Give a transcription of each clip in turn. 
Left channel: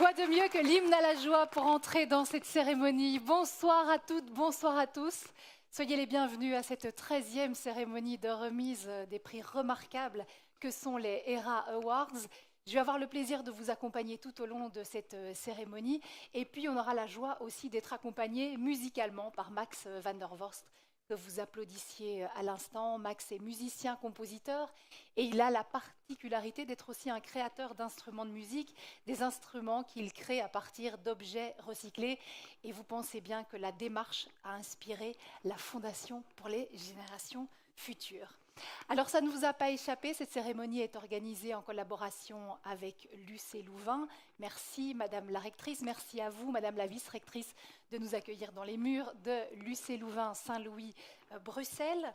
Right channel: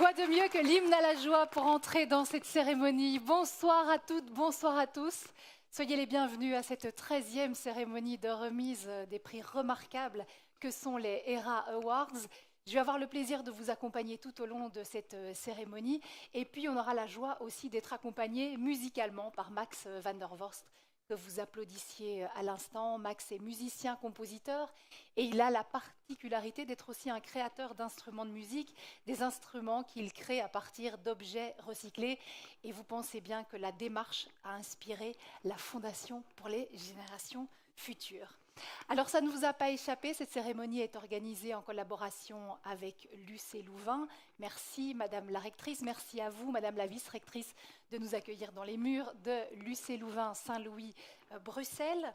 Quoi de mieux que l'hymne à la joie pour entrer dans cette cérémonie? Bonsoir à toutes, bonsoir à tous. Soyez les bienvenus à cette 13e cérémonie de remise des prix remarquables que sont les ERA Awards. Je vais avoir le plaisir de vous accompagner tout au long de cette cérémonie. Et puis, on aura la joie aussi d'être accompagné musicalement par Max van der Vorst, que vous applaudissiez à l'instant. Max est musicien, compositeur, et il a la particularité d'être aussi un créateur d'instruments de musique, des instruments qu'il crée à partir d'objets recyclés. Et vous pensez bien que la démarche a inspiré la Fondation pour les générations futures. Alors ça ne vous a pas échappé, cette cérémonie est organisée en collaboration avec l'UC Louvain. Merci Madame la rectrice, merci à vous Madame la vice-rectrice de nous accueillir dans les murs de l'UC Louvain Saint-Louis Bruxelles.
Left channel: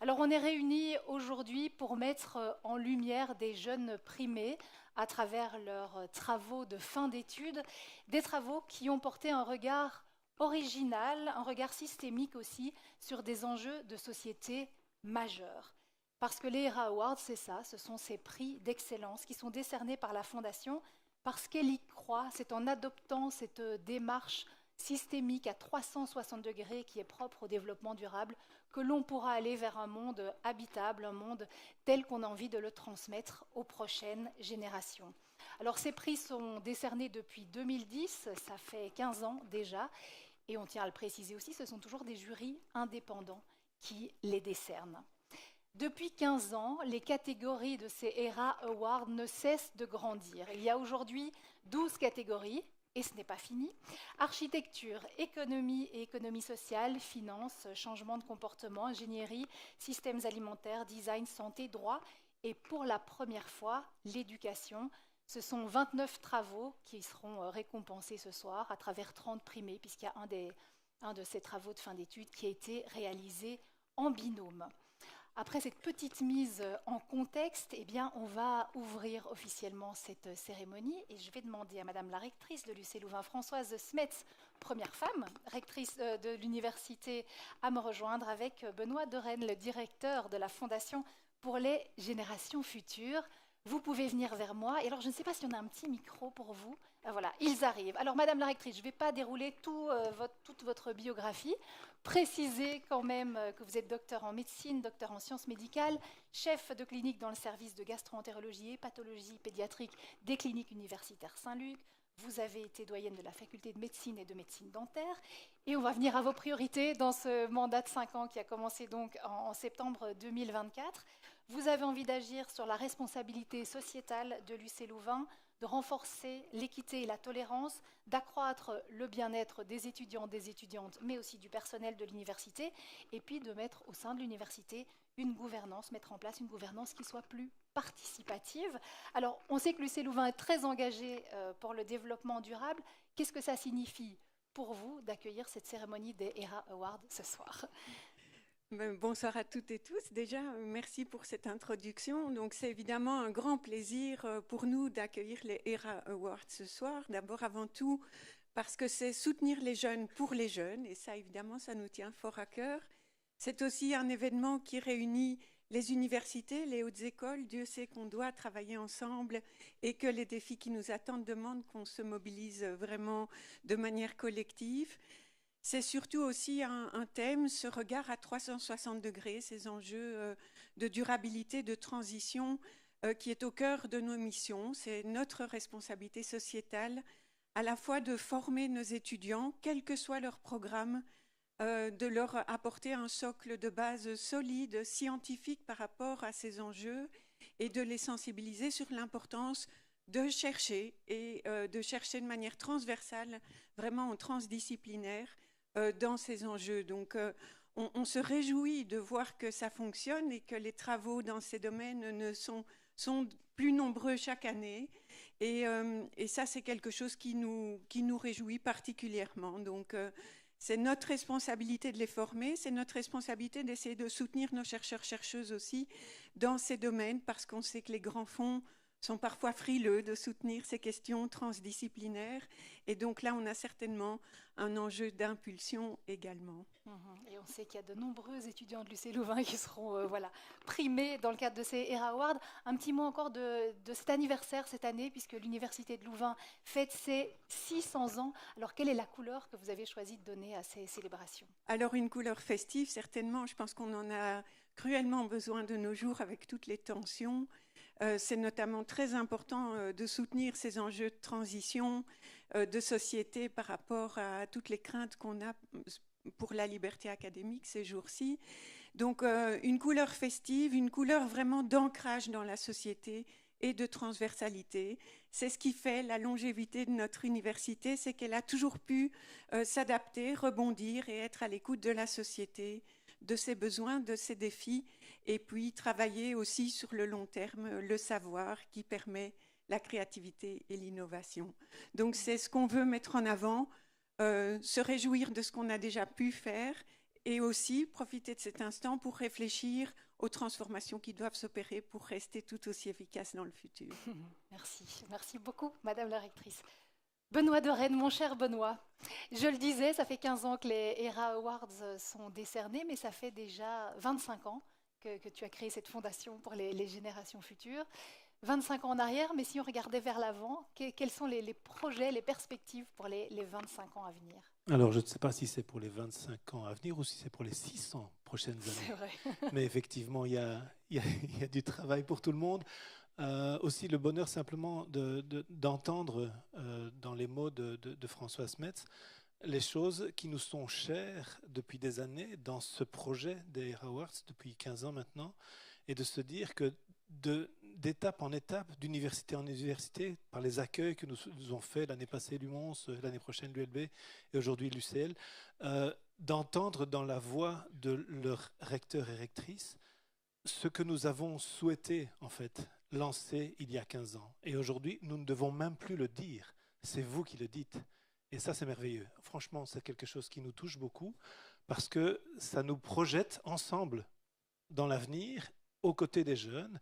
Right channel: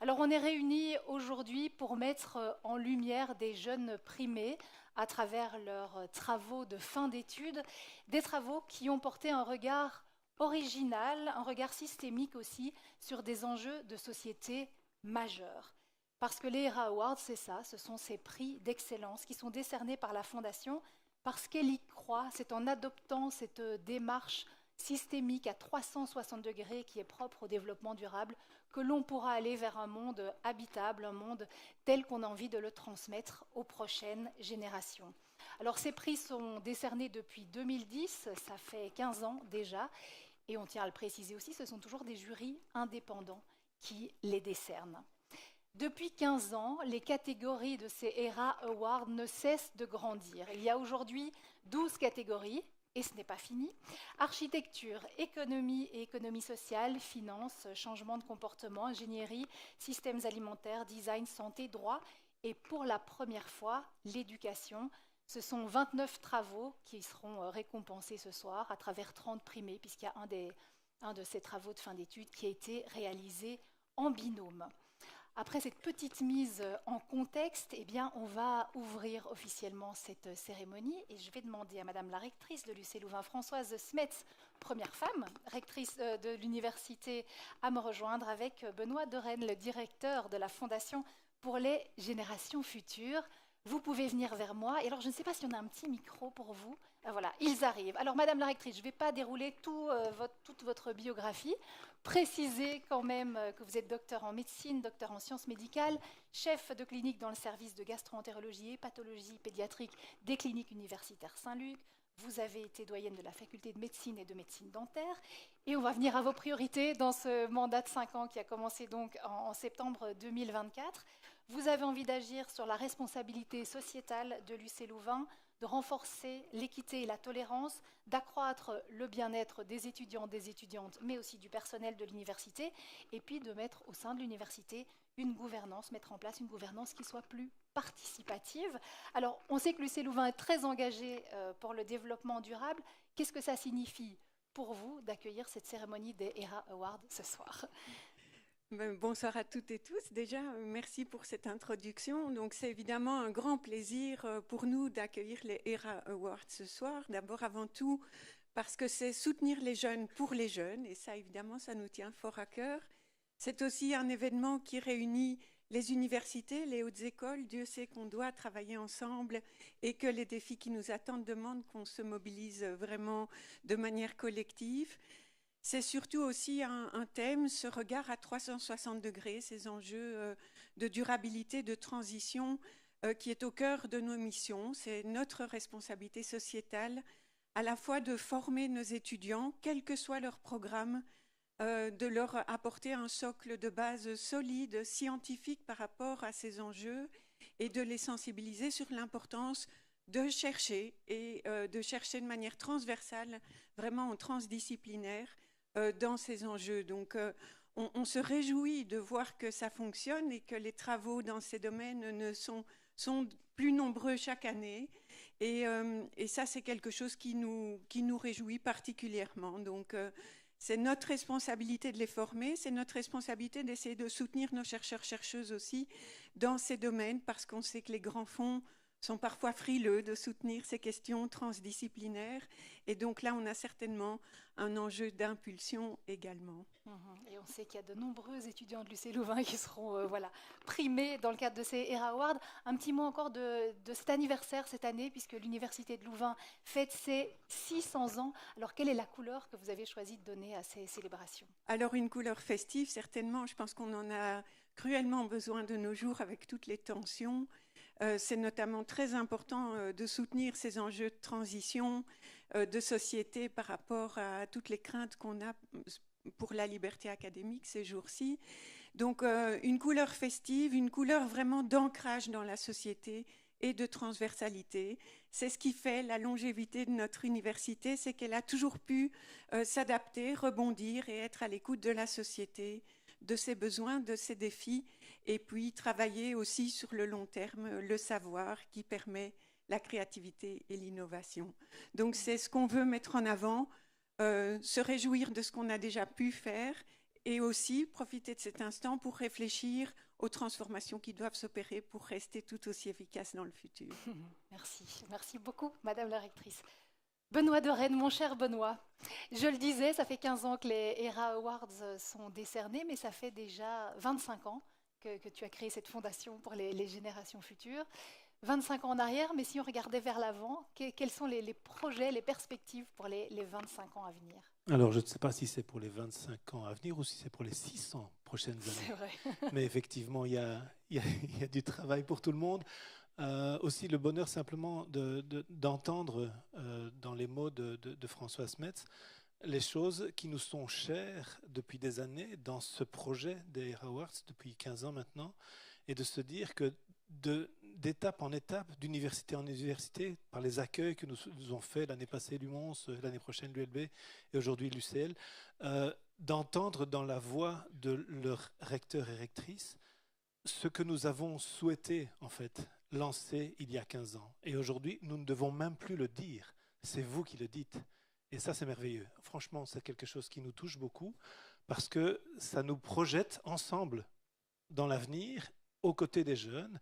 Alors on est réunis aujourd'hui pour mettre en lumière des jeunes primés à travers leurs travaux de fin d'études, des travaux qui ont porté un regard original, un regard systémique aussi sur des enjeux de société majeurs. Parce que les ERA Awards, c'est ça, ce sont ces prix d'excellence qui sont décernés par la Fondation parce qu'elle y croit. C'est en adoptant cette démarche systémique à 360 degrés qui est propre au développement durable que l'on pourra aller vers un monde habitable, un monde tel qu'on a envie de le transmettre aux prochaines générations. Alors ces prix sont décernés depuis 2010, ça fait 15 ans déjà, et on tient à le préciser aussi, ce sont toujours des jurys indépendants qui les décernent. Depuis 15 ans, les catégories de ces ERA Awards ne cessent de grandir. Il y a aujourd'hui 12 catégories, et ce n'est pas fini. Architecture, économie et économie sociale, finance, changement de comportement, ingénierie, systèmes alimentaires, design, santé, droit, et pour la première fois, l'éducation. Ce sont 29 travaux qui seront récompensés ce soir à travers 30 primés, puisqu'il y a un de ces travaux de fin d'études qui a été réalisé en binôme. Après cette petite mise en contexte, eh bien, on va ouvrir officiellement cette cérémonie et je vais demander à Madame la rectrice de l'UC Louvain, Françoise Smets, première femme, rectrice de l'université, à me rejoindre avec Benoît Dorenne, le directeur de la Fondation pour les générations futures. Vous pouvez venir vers moi. Et alors, je ne sais pas si on a un petit micro pour vous. Voilà, ils arrivent. Alors, Madame la rectrice, je ne vais pas dérouler toute votre biographie. Précisez quand même que vous êtes docteur en médecine, docteur en sciences médicales, chef de clinique dans le service de gastro-entérologie et pathologie pédiatrique des cliniques universitaires Saint-Luc. Vous avez été doyenne de la faculté de médecine et de médecine dentaire. Et on va venir à vos priorités dans ce mandat de 5 ans qui a commencé donc en septembre 2024. Vous avez envie d'agir sur la responsabilité sociétale de l'UC Louvain, de renforcer l'équité et la tolérance, d'accroître le bien-être des étudiants, des étudiantes, mais aussi du personnel de l'université, et puis de mettre au sein de l'université une gouvernance, mettre en place une gouvernance qui soit plus participative. Alors, on sait que l'UC Louvain est très engagé pour le développement durable. Qu'est-ce que ça signifie pour vous d'accueillir cette cérémonie des ERA Awards ce soir ? Bonsoir à toutes et tous. Déjà, merci pour cette introduction. Donc, c'est évidemment un grand plaisir pour nous d'accueillir les ERA Awards ce soir. D'abord, avant tout, parce que c'est soutenir les jeunes pour les jeunes. Et ça, évidemment, ça nous tient fort à cœur. C'est aussi un événement qui réunit les universités, les hautes écoles. Dieu sait qu'on doit travailler ensemble et que les défis qui nous attendent demandent qu'on se mobilise vraiment de manière collective. C'est surtout aussi un thème, ce regard à 360 degrés, ces enjeux de durabilité, de transition qui est au cœur de nos missions. C'est notre responsabilité sociétale, à la fois de former nos étudiants, quel que soit leur programme, de leur apporter un socle de base solide, scientifique par rapport à ces enjeux et de les sensibiliser sur l'importance de chercher et de chercher de manière transversale, vraiment transdisciplinaire dans ces enjeux. Donc, on se réjouit de voir que ça fonctionne et que les travaux dans ces domaines sont plus nombreux chaque année. Et ça, c'est quelque chose qui nous réjouit particulièrement. Donc, c'est notre responsabilité de les former, c'est notre responsabilité d'essayer de soutenir nos chercheurs-chercheuses aussi dans ces domaines, parce qu'on sait que les grands fonds sont parfois frileux de soutenir ces questions transdisciplinaires. Et donc là, on a certainement un enjeu d'impulsion également. Et on sait qu'il y a de nombreux étudiants de l'UC Louvain qui seront primés dans le cadre de ces ERA Awards. Un petit mot encore de cet anniversaire cette année, puisque l'Université de Louvain fête ses 600 ans. Alors, quelle est la couleur que vous avez choisi de donner à ces célébrations? Alors, une couleur festive, certainement. Je pense qu'on en a cruellement besoin de nos jours avec toutes les tensions. C'est notamment très important de soutenir ces enjeux de transition de société par rapport à toutes les craintes qu'on a pour la liberté académique ces jours-ci. Donc une couleur festive, une couleur vraiment d'ancrage dans la société et de transversalité. C'est ce qui fait la longévité de notre université, c'est qu'elle a toujours pu s'adapter, rebondir et être à l'écoute de la société, de ses besoins, de ses défis, et puis travailler aussi sur le long terme, le savoir qui permet la créativité et l'innovation. Donc c'est ce qu'on veut mettre en avant, se réjouir de ce qu'on a déjà pu faire et aussi profiter de cet instant pour réfléchir aux transformations qui doivent s'opérer pour rester tout aussi efficaces dans le futur. Merci beaucoup, Madame la rectrice. Benoît de Rennes, mon cher Benoît, je le disais, ça fait 15 ans que les ERA Awards sont décernés, mais ça fait déjà 25 ans que tu as créé cette fondation pour les générations futures. 25 ans en arrière, mais si on regardait vers l'avant, quels sont les projets, les perspectives pour les 25 ans à venir? Alors, je ne sais pas si c'est pour les 25 ans à venir ou si c'est pour les 600 prochaines années. C'est vrai. Mais effectivement, il y a du travail pour tout le monde. Aussi, le bonheur simplement d'entendre dans les mots de François Smets les choses qui nous sont chères depuis des années dans ce projet des Awards, depuis 15 ans maintenant, et de se dire que d'étape en étape, d'université en université, par les accueils que nous ont fait l'année passée l'UMONS, l'année prochaine l'ULB et aujourd'hui l'UCL, d'entendre dans la voix de leurs recteurs et rectrices ce que nous avons souhaité en fait lancer il y a 15 ans. Et aujourd'hui, nous ne devons même plus le dire, c'est vous qui le dites. Et ça, c'est merveilleux. Franchement, c'est quelque chose qui nous touche beaucoup parce que ça nous projette ensemble dans l'avenir, aux côtés des jeunes,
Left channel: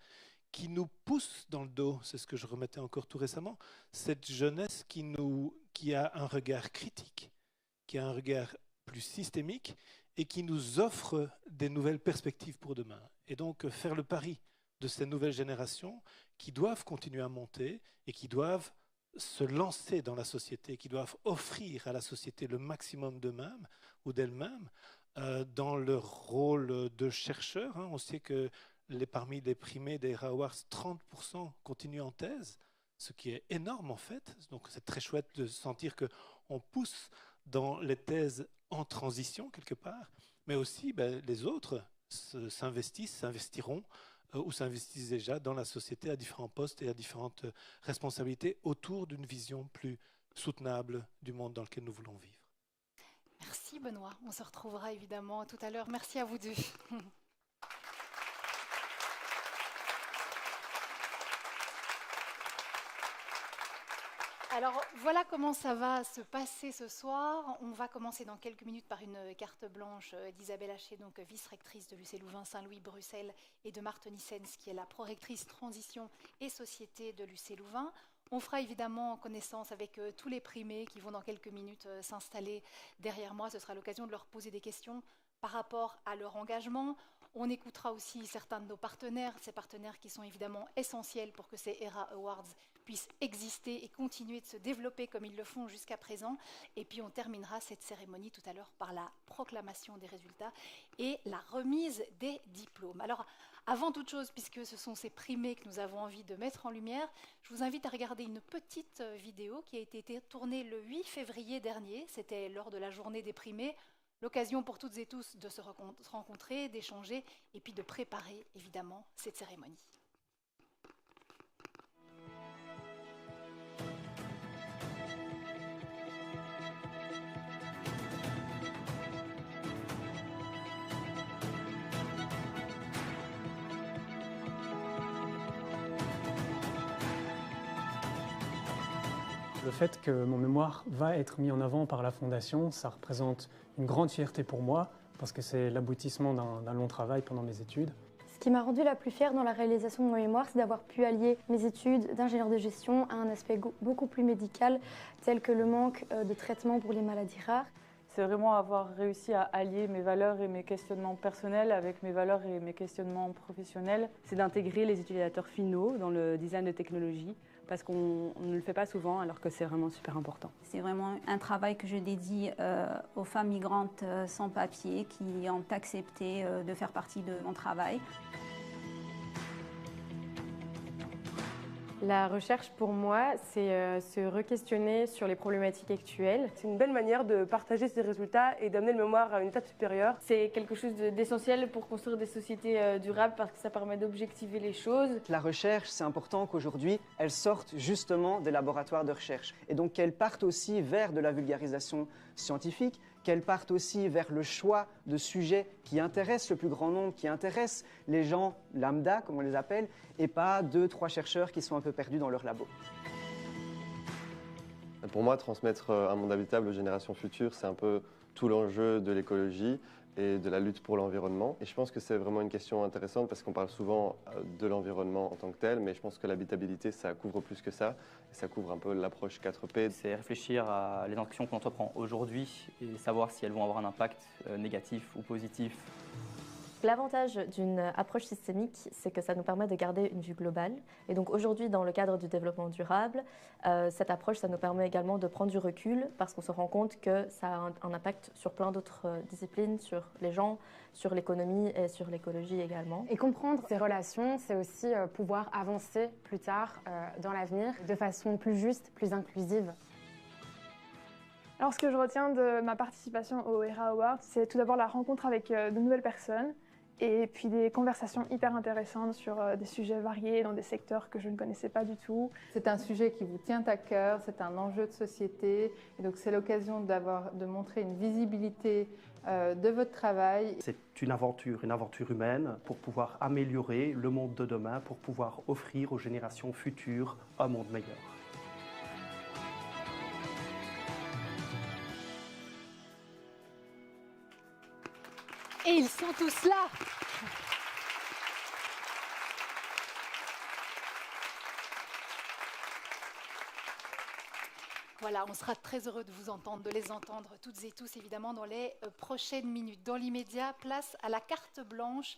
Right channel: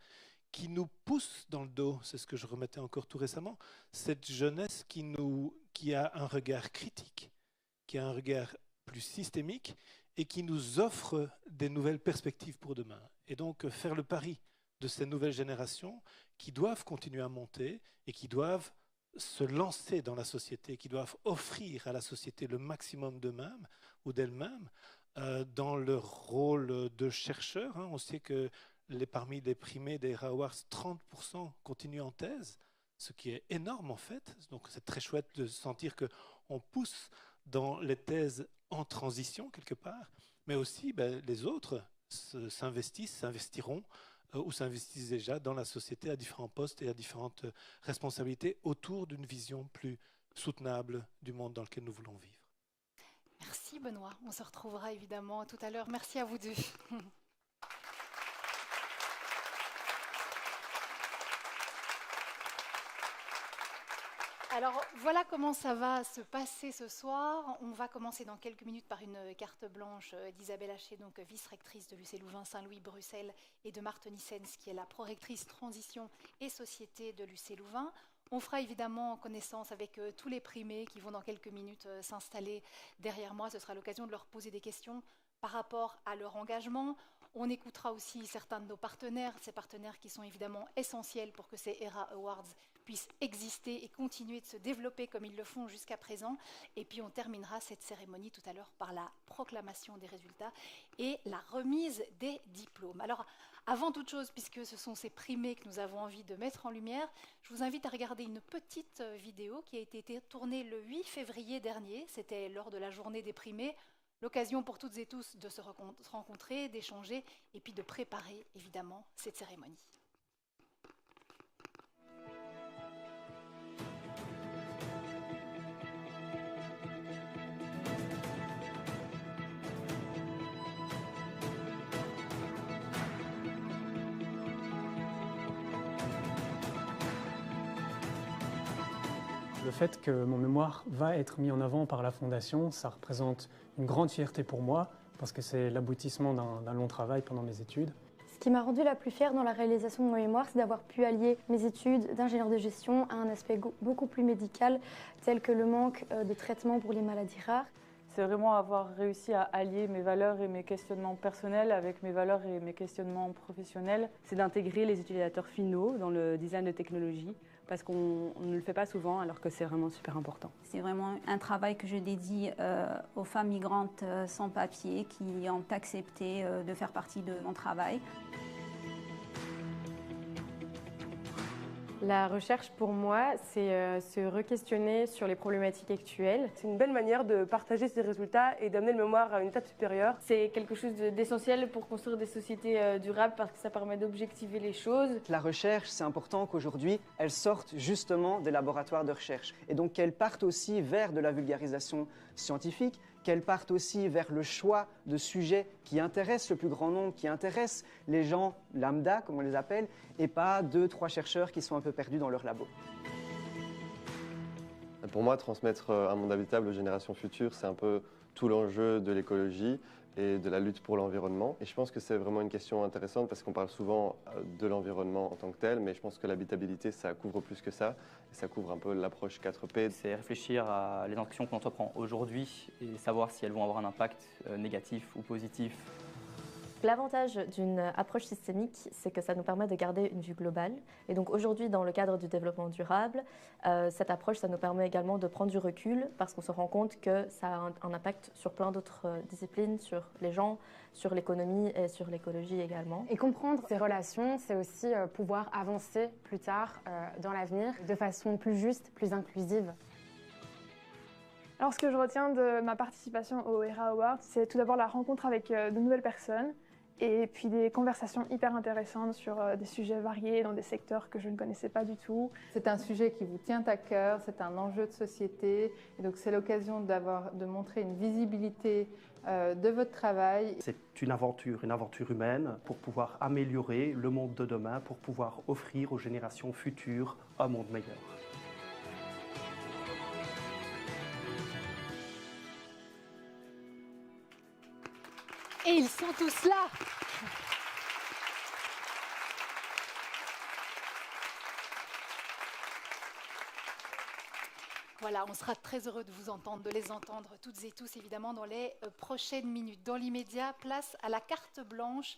qui nous pousse dans le dos, c'est ce que je remettais encore tout récemment, cette jeunesse qui a un regard critique, qui a un regard plus systémique et qui nous offre des nouvelles perspectives pour demain. Et donc faire le pari de ces nouvelles générations qui doivent continuer à monter et qui doivent se lancer dans la société, qui doivent offrir à la société le maximum d'eux-mêmes ou d'elles-mêmes dans leur rôle de chercheurs. On sait que parmi les primés des Awards, 30% continuent en thèse, ce qui est énorme en fait. Donc c'est très chouette de sentir qu'on pousse dans les thèses en transition quelque part, mais aussi les autres s'investiront ou s'investissent déjà dans la société à différents postes et à différentes responsabilités autour d'une vision plus soutenable du monde dans lequel nous voulons vivre. Merci Benoît, on se retrouvera évidemment tout à l'heure. Merci à vous deux. Alors voilà comment ça va se passer ce soir. On va commencer dans quelques minutes par une carte blanche d'Isabelle Haché, donc vice-rectrice de l'UC Louvain, Saint-Louis, Bruxelles, et de Marthe Nissens, qui est la prorectrice transition et société de l'UC Louvain. On fera évidemment connaissance avec tous les primés qui vont dans quelques minutes s'installer derrière moi. Ce sera l'occasion de leur poser des questions par rapport à leur engagement. On écoutera aussi certains de nos partenaires, ces partenaires qui sont évidemment essentiels pour que ces ERA Awards puissent exister et continuer de se développer comme ils le font jusqu'à présent. Et puis on terminera cette cérémonie tout à l'heure par la proclamation des résultats et la remise des diplômes. Alors, Avant toute chose, puisque ce sont ces primés que nous avons envie de mettre en lumière, je vous invite à regarder une petite vidéo qui a été tournée le 8 février dernier. C'était lors de la journée des primés, l'occasion pour toutes et tous de se rencontrer, d'échanger et puis de préparer évidemment cette cérémonie. Le fait que mon mémoire va être mis en avant par la Fondation, ça représente une grande fierté pour moi, parce que c'est l'aboutissement d'un long travail pendant mes études. Ce qui m'a rendue la plus fière dans la réalisation de mon mémoire, c'est d'avoir pu allier mes études d'ingénieur de gestion à un aspect beaucoup plus médical, tel que le manque de traitements pour les maladies rares. C'est vraiment avoir réussi à allier mes valeurs et mes questionnements personnels avec mes valeurs et mes questionnements professionnels. C'est d'intégrer les utilisateurs finaux dans le design de technologie, parce qu'on ne le fait pas souvent alors que c'est vraiment super important. C'est vraiment un travail que je dédie aux femmes migrantes sans papier qui ont accepté de faire partie de mon travail. La recherche, pour moi, c'est se re-questionner sur les problématiques actuelles. C'est une belle manière de partager ses résultats et d'amener le mémoire à une étape supérieure. C'est quelque chose d'essentiel pour construire des sociétés durables parce que ça permet d'objectiver les choses. La recherche, c'est important qu'aujourd'hui, elle sorte justement des laboratoires de recherche et donc qu'elle parte aussi vers de la vulgarisation scientifique, qu'elle parte aussi vers le choix de sujets qui intéressent le plus grand nombre, qui intéressent les gens lambda, comme on les appelle, et pas 2-3 chercheurs qui sont un peu perdus dans leur labo. Pour moi, transmettre un monde habitable aux générations futures, c'est un peu tout l'enjeu de l'écologie et de la lutte pour l'environnement. Et je pense que c'est vraiment une question intéressante parce qu'on parle souvent de l'environnement en tant que tel, mais je pense que l'habitabilité, ça couvre plus que ça. Ça couvre un peu l'approche 4P. C'est réfléchir à les actions qu'on entreprend aujourd'hui et savoir si elles vont avoir un impact négatif ou positif. L'avantage d'une approche systémique, c'est que ça nous permet de garder une vue globale. Et donc aujourd'hui, dans le cadre du développement durable, cette approche, ça nous permet également de prendre du recul parce qu'on se rend compte que ça a un impact sur plein d'autres disciplines, sur les gens, sur l'économie et sur l'écologie également. Et comprendre ces relations, c'est aussi pouvoir avancer plus tard dans l'avenir de façon plus juste, plus inclusive. Alors ce que je retiens de ma participation au ERA Awards, c'est tout d'abord la rencontre avec de nouvelles personnes et puis des conversations hyper intéressantes sur des sujets variés dans des secteurs que je ne connaissais pas du tout. C'est un sujet qui vous tient à cœur, c'est un enjeu de société et donc c'est l'occasion de montrer une visibilité de votre travail. C'est une aventure humaine pour pouvoir améliorer le monde de demain, pour pouvoir offrir aux générations futures un monde meilleur. Et ils sont tous là. Voilà, on sera très heureux de vous entendre, de les entendre toutes et tous, évidemment, dans les prochaines minutes. Dans l'immédiat, place à la carte blanche.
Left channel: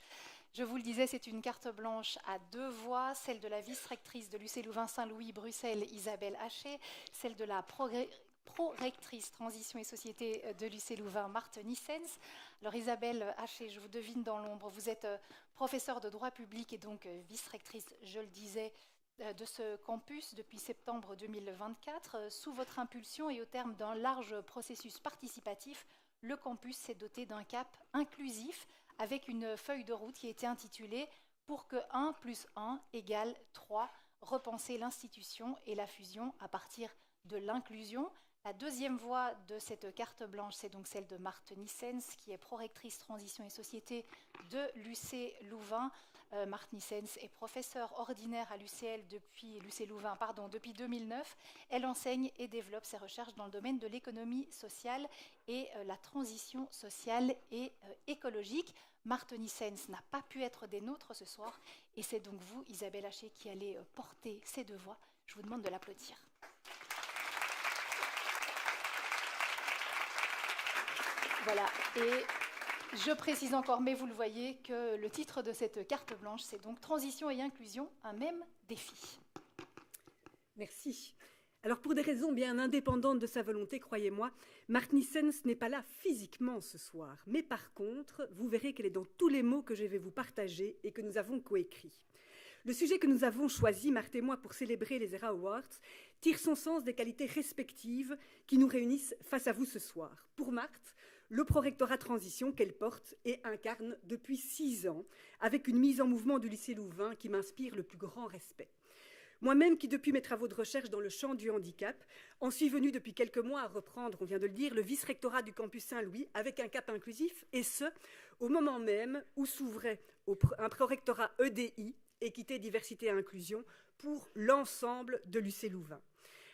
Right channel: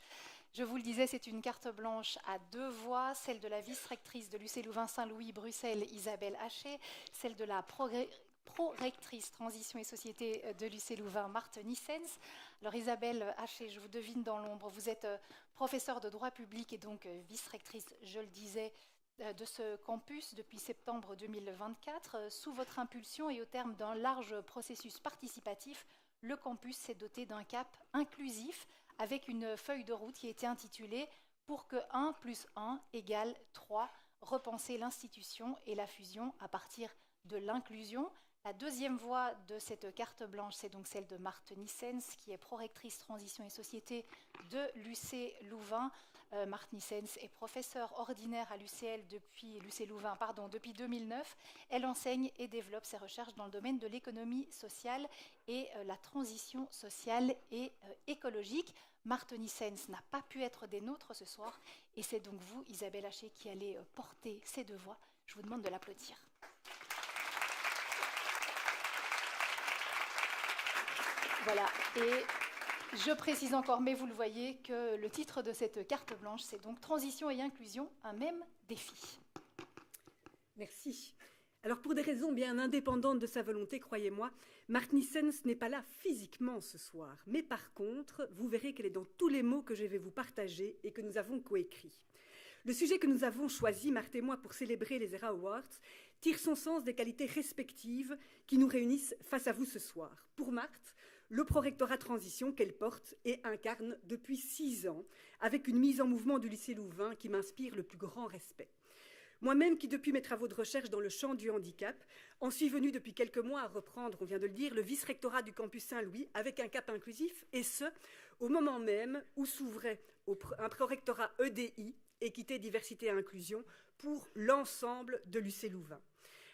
Je vous le disais, c'est une carte blanche à 2 voix, celle de la vice-rectrice de l'UC Louvain-Saint-Louis, Bruxelles, Isabelle Haché, celle de la pro-rectrice Transition et Société de l'UC Louvain, Marthe Nissens. Alors Isabelle Haché, je vous devine dans l'ombre, vous êtes professeure de droit public et donc vice-rectrice, je le disais, de ce campus depuis septembre 2024. Sous votre impulsion et au terme d'un large processus participatif, le campus s'est doté d'un cap inclusif avec une feuille de route qui a été intitulée « Pour que 1 + 1 = 3, repenser l'institution et la fusion à partir de l'inclusion ». La deuxième voie de cette carte blanche, c'est donc celle de Marthe Nissens, qui est prorectrice Transition et Société de l'UC Louvain. Marthe Nissens est professeure ordinaire à l'UCL depuis 2009. Elle enseigne et développe ses recherches dans le domaine de l'économie sociale et la transition sociale et écologique. Marthe Nissens n'a pas pu être des nôtres ce soir et c'est donc vous, Isabelle Haché, qui allez porter ces 2 voix. Je vous demande de l'applaudir. Voilà, et je précise encore, mais vous le voyez, que le titre de cette carte blanche, c'est donc Transition et inclusion, un même défi. Merci. Alors pour des raisons bien indépendantes de sa volonté, croyez-moi, Mark Nissens n'est pas là physiquement ce soir. Mais par contre, vous verrez qu'elle est dans tous les mots que je vais vous partager et que nous avons coécrits. Le sujet que nous avons choisi, Marthe et moi, pour célébrer les ERA Awards, tire son sens des qualités respectives qui nous réunissent face à vous ce soir. Pour Marthe, le prorectorat transition qu'elle porte et incarne depuis 6 ans, avec une mise en mouvement du lycée Louvain qui m'inspire le plus grand respect. Moi-même, qui depuis mes travaux de recherche dans le champ du handicap, en suis venue depuis quelques mois à reprendre, on vient de le dire, le vice-rectorat du campus Saint-Louis avec un cap inclusif, et ce, au moment même où s'ouvrait un prorectorat EDI, équité, diversité et inclusion, pour l'ensemble de l'UC Louvain.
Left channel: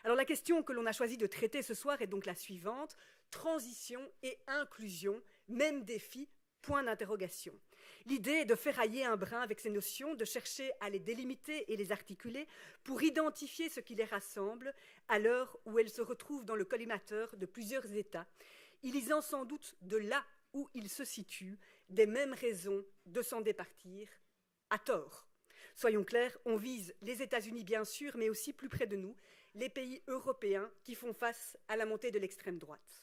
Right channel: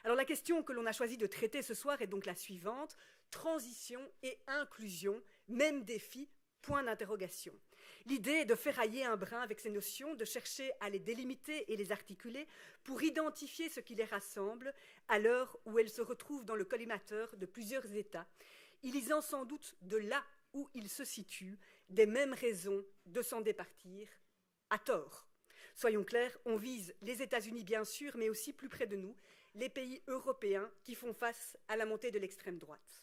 Alors la question que l'on a choisi de traiter ce soir est donc la suivante: transition et inclusion, même défi, point d'interrogation. L'idée est de ferrailler un brin avec ces notions, de chercher à les délimiter et les articuler pour identifier ce qui les rassemble à l'heure où elles se retrouvent dans le collimateur de plusieurs États, élisant sans doute de là où ils se situent des mêmes raisons de s'en départir, à tort. Soyons clairs, on vise les États-Unis bien sûr, mais aussi plus près de nous, les pays européens qui font face à la montée de l'extrême droite.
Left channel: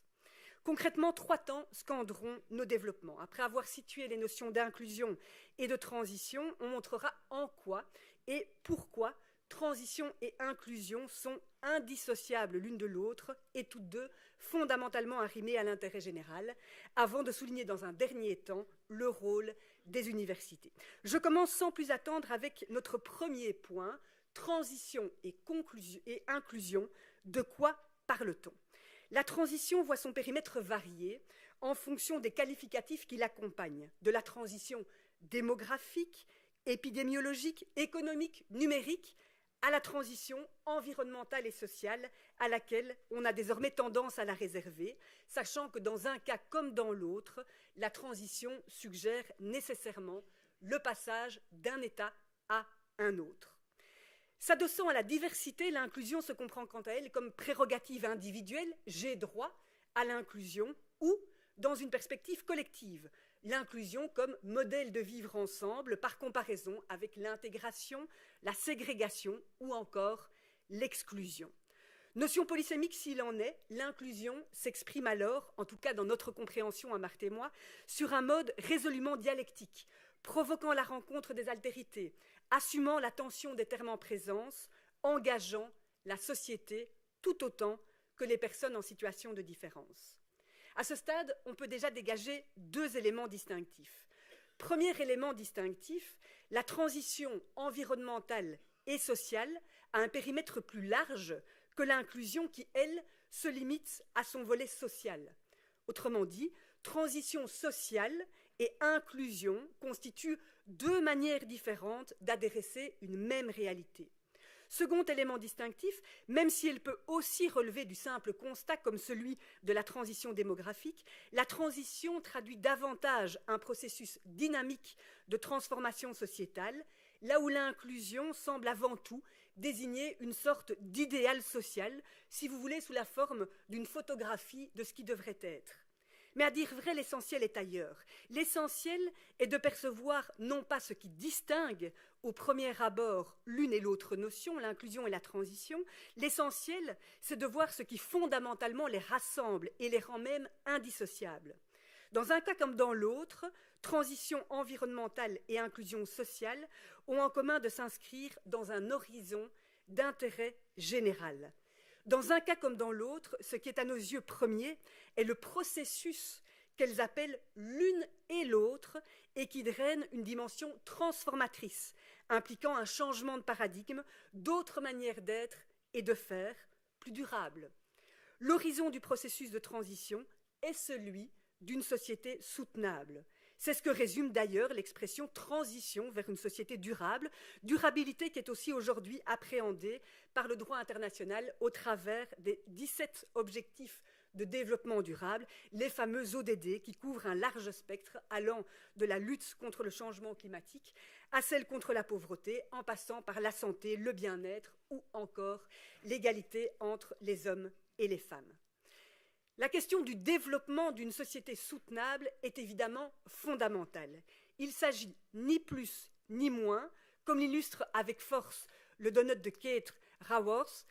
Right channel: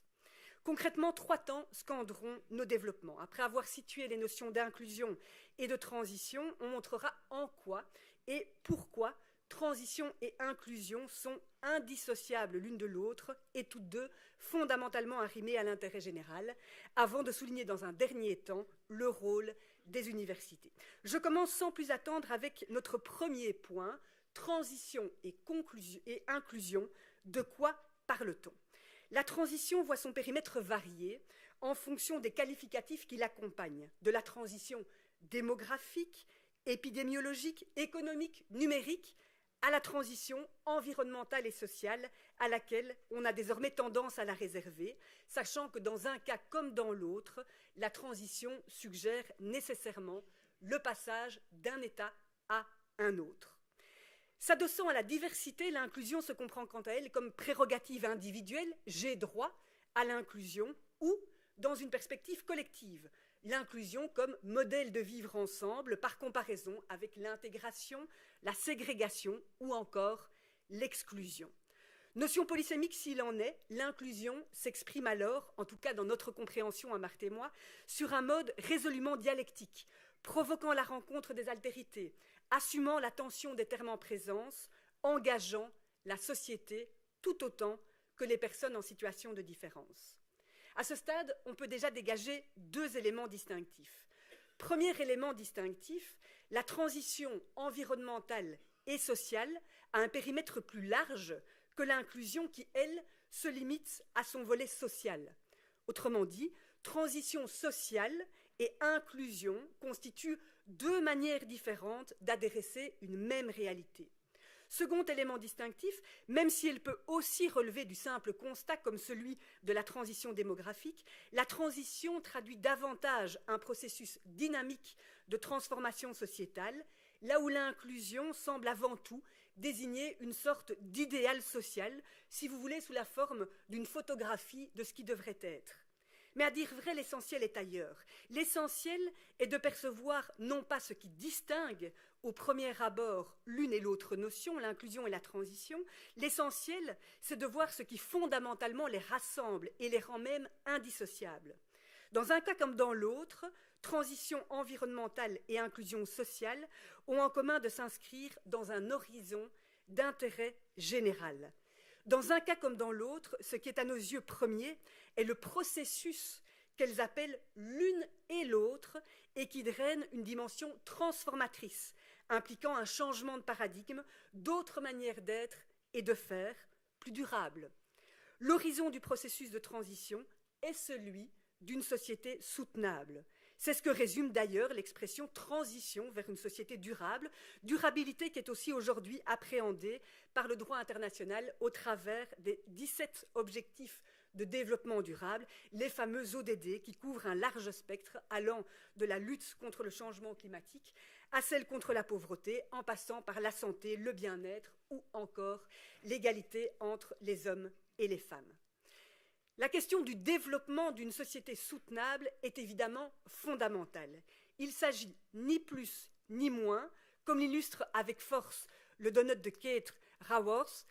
Concrètement, 3 temps scanderont nos développements. Après avoir situé les notions d'inclusion et de transition, on montrera en quoi et pourquoi transition et inclusion sont indissociables l'une de l'autre et toutes deux fondamentalement arrimées à l'intérêt général, avant de souligner dans un dernier temps le rôle des universités. Je commence sans plus attendre avec notre premier point, transition et inclusion. De quoi parle-t-on ? La transition voit son périmètre varier en fonction des qualificatifs qui l'accompagnent, de la transition démographique, épidémiologique, économique, numérique, à la transition environnementale et sociale à laquelle on a désormais tendance à la réserver, sachant que dans un cas comme dans l'autre, la transition suggère nécessairement le passage d'un état à un autre. S'adossant à la diversité, l'inclusion se comprend quant à elle comme prérogative individuelle, j'ai droit à l'inclusion, ou dans une perspective collective, l'inclusion comme modèle de vivre ensemble par comparaison avec l'intégration, la ségrégation ou encore l'exclusion. Notion polysémique s'il en est, l'inclusion s'exprime alors, en tout cas dans notre compréhension à Marthe et moi, sur un mode résolument dialectique, provoquant la rencontre des altérités, assumant la tension des termes en présence, engageant la société tout autant que les personnes en situation de différence. À ce stade, on peut déjà dégager 2 éléments distinctifs. Premier élément distinctif, la transition environnementale et sociale a un périmètre plus large que l'inclusion qui, elle, se limite à son volet social. Autrement dit, transition sociale et inclusion constituent 2 manières différentes d'adresser une même réalité. Second élément distinctif, même si elle peut aussi relever du simple constat comme celui de la transition démographique, la transition traduit davantage un processus dynamique de transformation sociétale, là où l'inclusion semble avant tout désigner une sorte d'idéal social, si vous voulez, sous la forme d'une photographie de ce qui devrait être. Mais à dire vrai, l'essentiel est ailleurs. L'essentiel est de percevoir non pas ce qui distingue au premier abord l'une et l'autre notion, l'inclusion et la transition. L'essentiel, c'est de voir ce qui fondamentalement les rassemble et les rend même indissociables. Dans un cas comme dans l'autre, transition environnementale et inclusion sociale ont en commun de s'inscrire dans un horizon d'intérêt général. Dans un cas comme dans l'autre, ce qui est à nos yeux premier est le processus qu'elles appellent l'une et l'autre et qui draine une dimension transformatrice, impliquant un changement de paradigme, d'autres manières d'être et de faire plus durables. L'horizon du processus de transition est celui d'une société soutenable. C'est ce que résume d'ailleurs l'expression transition vers une société durable, durabilité qui est aussi aujourd'hui appréhendée par le droit international au travers des 17 objectifs de développement durable, les fameux ODD qui couvrent un large spectre allant de la lutte contre le changement climatique à celle contre la pauvreté, en passant par la santé, le bien-être ou encore l'égalité entre les hommes et les femmes. La question du développement d'une société soutenable est évidemment fondamentale. Il s'agit ni plus ni moins, comme l'illustre avec force le donut de Kate Raworth,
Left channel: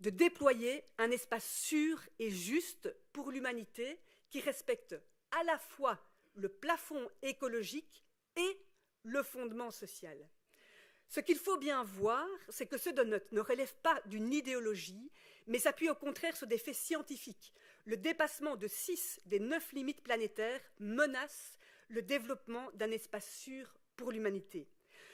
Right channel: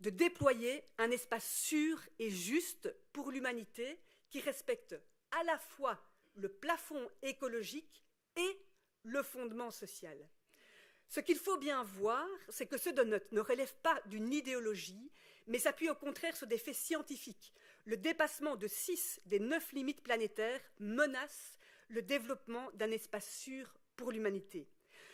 de déployer un espace sûr et juste pour l'humanité qui respecte à la fois le plafond écologique et le fondement social. Ce qu'il faut bien voir, c'est que ce donut ne relève pas d'une idéologie, mais s'appuie au contraire sur des faits scientifiques. Le dépassement de 6 des 9 limites planétaires menace le développement d'un espace sûr pour l'humanité.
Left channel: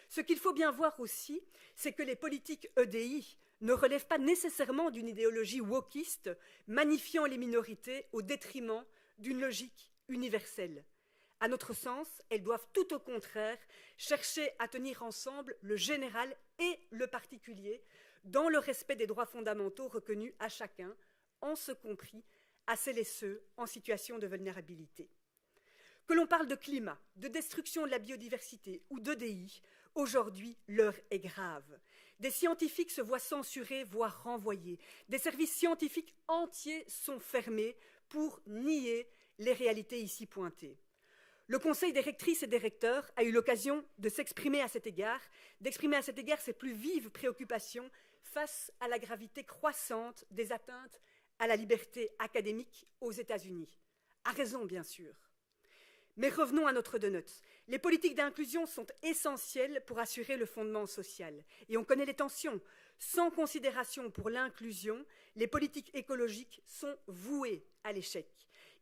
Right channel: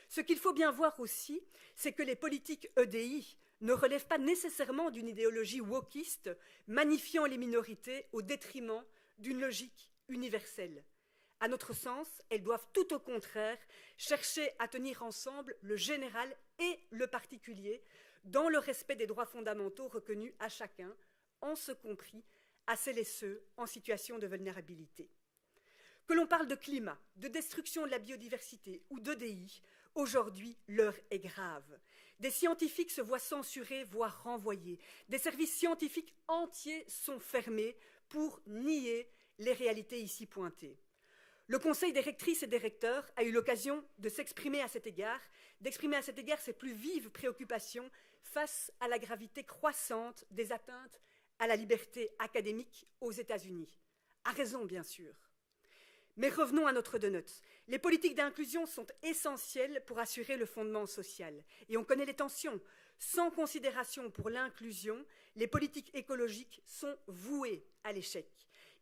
Ce qu'il faut bien voir aussi, c'est que les politiques EDI ne relèvent pas nécessairement d'une idéologie wokiste, magnifiant les minorités au détriment d'une logique universelle. À notre sens, elles doivent tout au contraire chercher à tenir ensemble le général et le particulier dans le respect des droits fondamentaux reconnus à chacun, en ce compris à celles et ceux en situation de vulnérabilité. Que l'on parle de climat, de destruction de la biodiversité ou d'EDI, aujourd'hui, l'heure est grave. Des scientifiques se voient censurés, voire renvoyés. Des services scientifiques entiers sont fermés pour nier les réalités ici pointées. Le Conseil des rectrices et des recteurs a eu l'occasion de s'exprimer à cet égard, d'exprimer à cet égard ses plus vives préoccupations face à la gravité croissante des atteintes à la liberté académique aux États-Unis. À raison, bien sûr. Mais revenons à notre donut. Les politiques d'inclusion sont essentielles pour assurer le fondement social. Et on connaît les tensions. Sans considération pour l'inclusion, les politiques écologiques sont vouées à l'échec.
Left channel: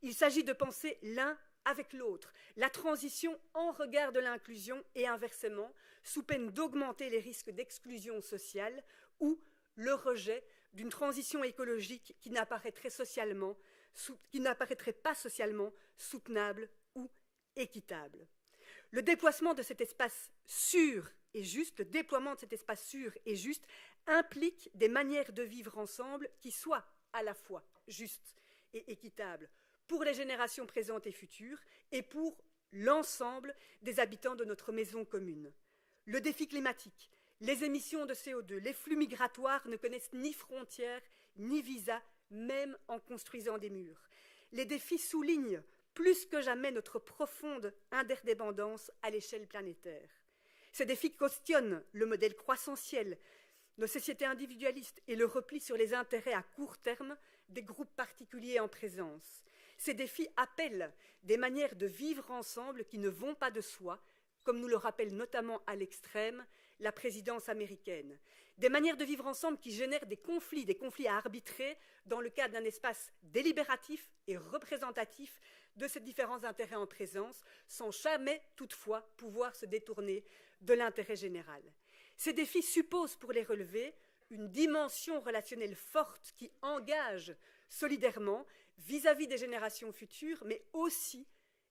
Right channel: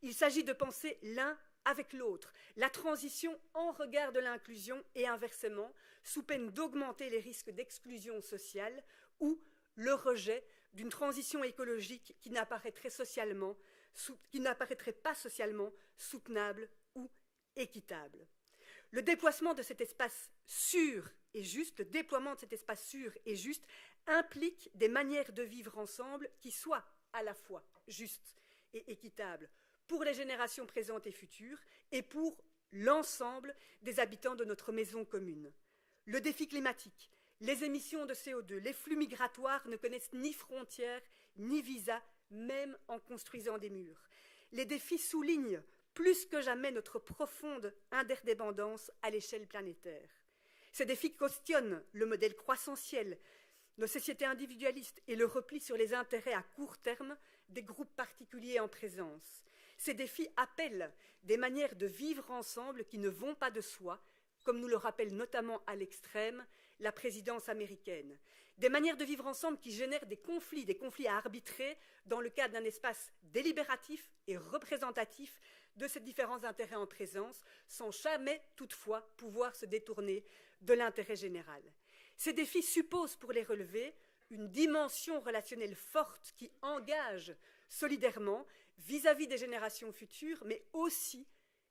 Il s'agit de penser l'un avec l'autre, la transition en regard de l'inclusion et inversement, sous peine d'augmenter les risques d'exclusion sociale ou le rejet d'une transition écologique qui n'apparaîtrait pas socialement soutenable ou équitable. Le déploiement de cet espace sûr et juste, implique des manières de vivre ensemble qui soient à la fois justes et équitables pour les générations présentes et futures et pour l'ensemble des habitants de notre maison commune. Le défi climatique, les émissions de CO2, les flux migratoires ne connaissent ni frontières ni visas, même en construisant des murs. Les défis soulignent plus que jamais notre profonde interdépendance à l'échelle planétaire. Ces défis questionnent le modèle croissantiel, nos sociétés individualistes et le repli sur les intérêts à court terme des groupes particuliers en présence. Ces défis appellent des manières de vivre ensemble qui ne vont pas de soi, comme nous le rappelle notamment à l'extrême la présidence américaine. Des manières de vivre ensemble qui génèrent des conflits à arbitrer dans le cadre d'un espace délibératif et représentatif de ces différents intérêts en présence, sans jamais toutefois pouvoir se détourner de l'intérêt général. Ces défis supposent, pour les relever, une dimension relationnelle forte qui engage solidairement vis-à-vis des générations futures, mais aussi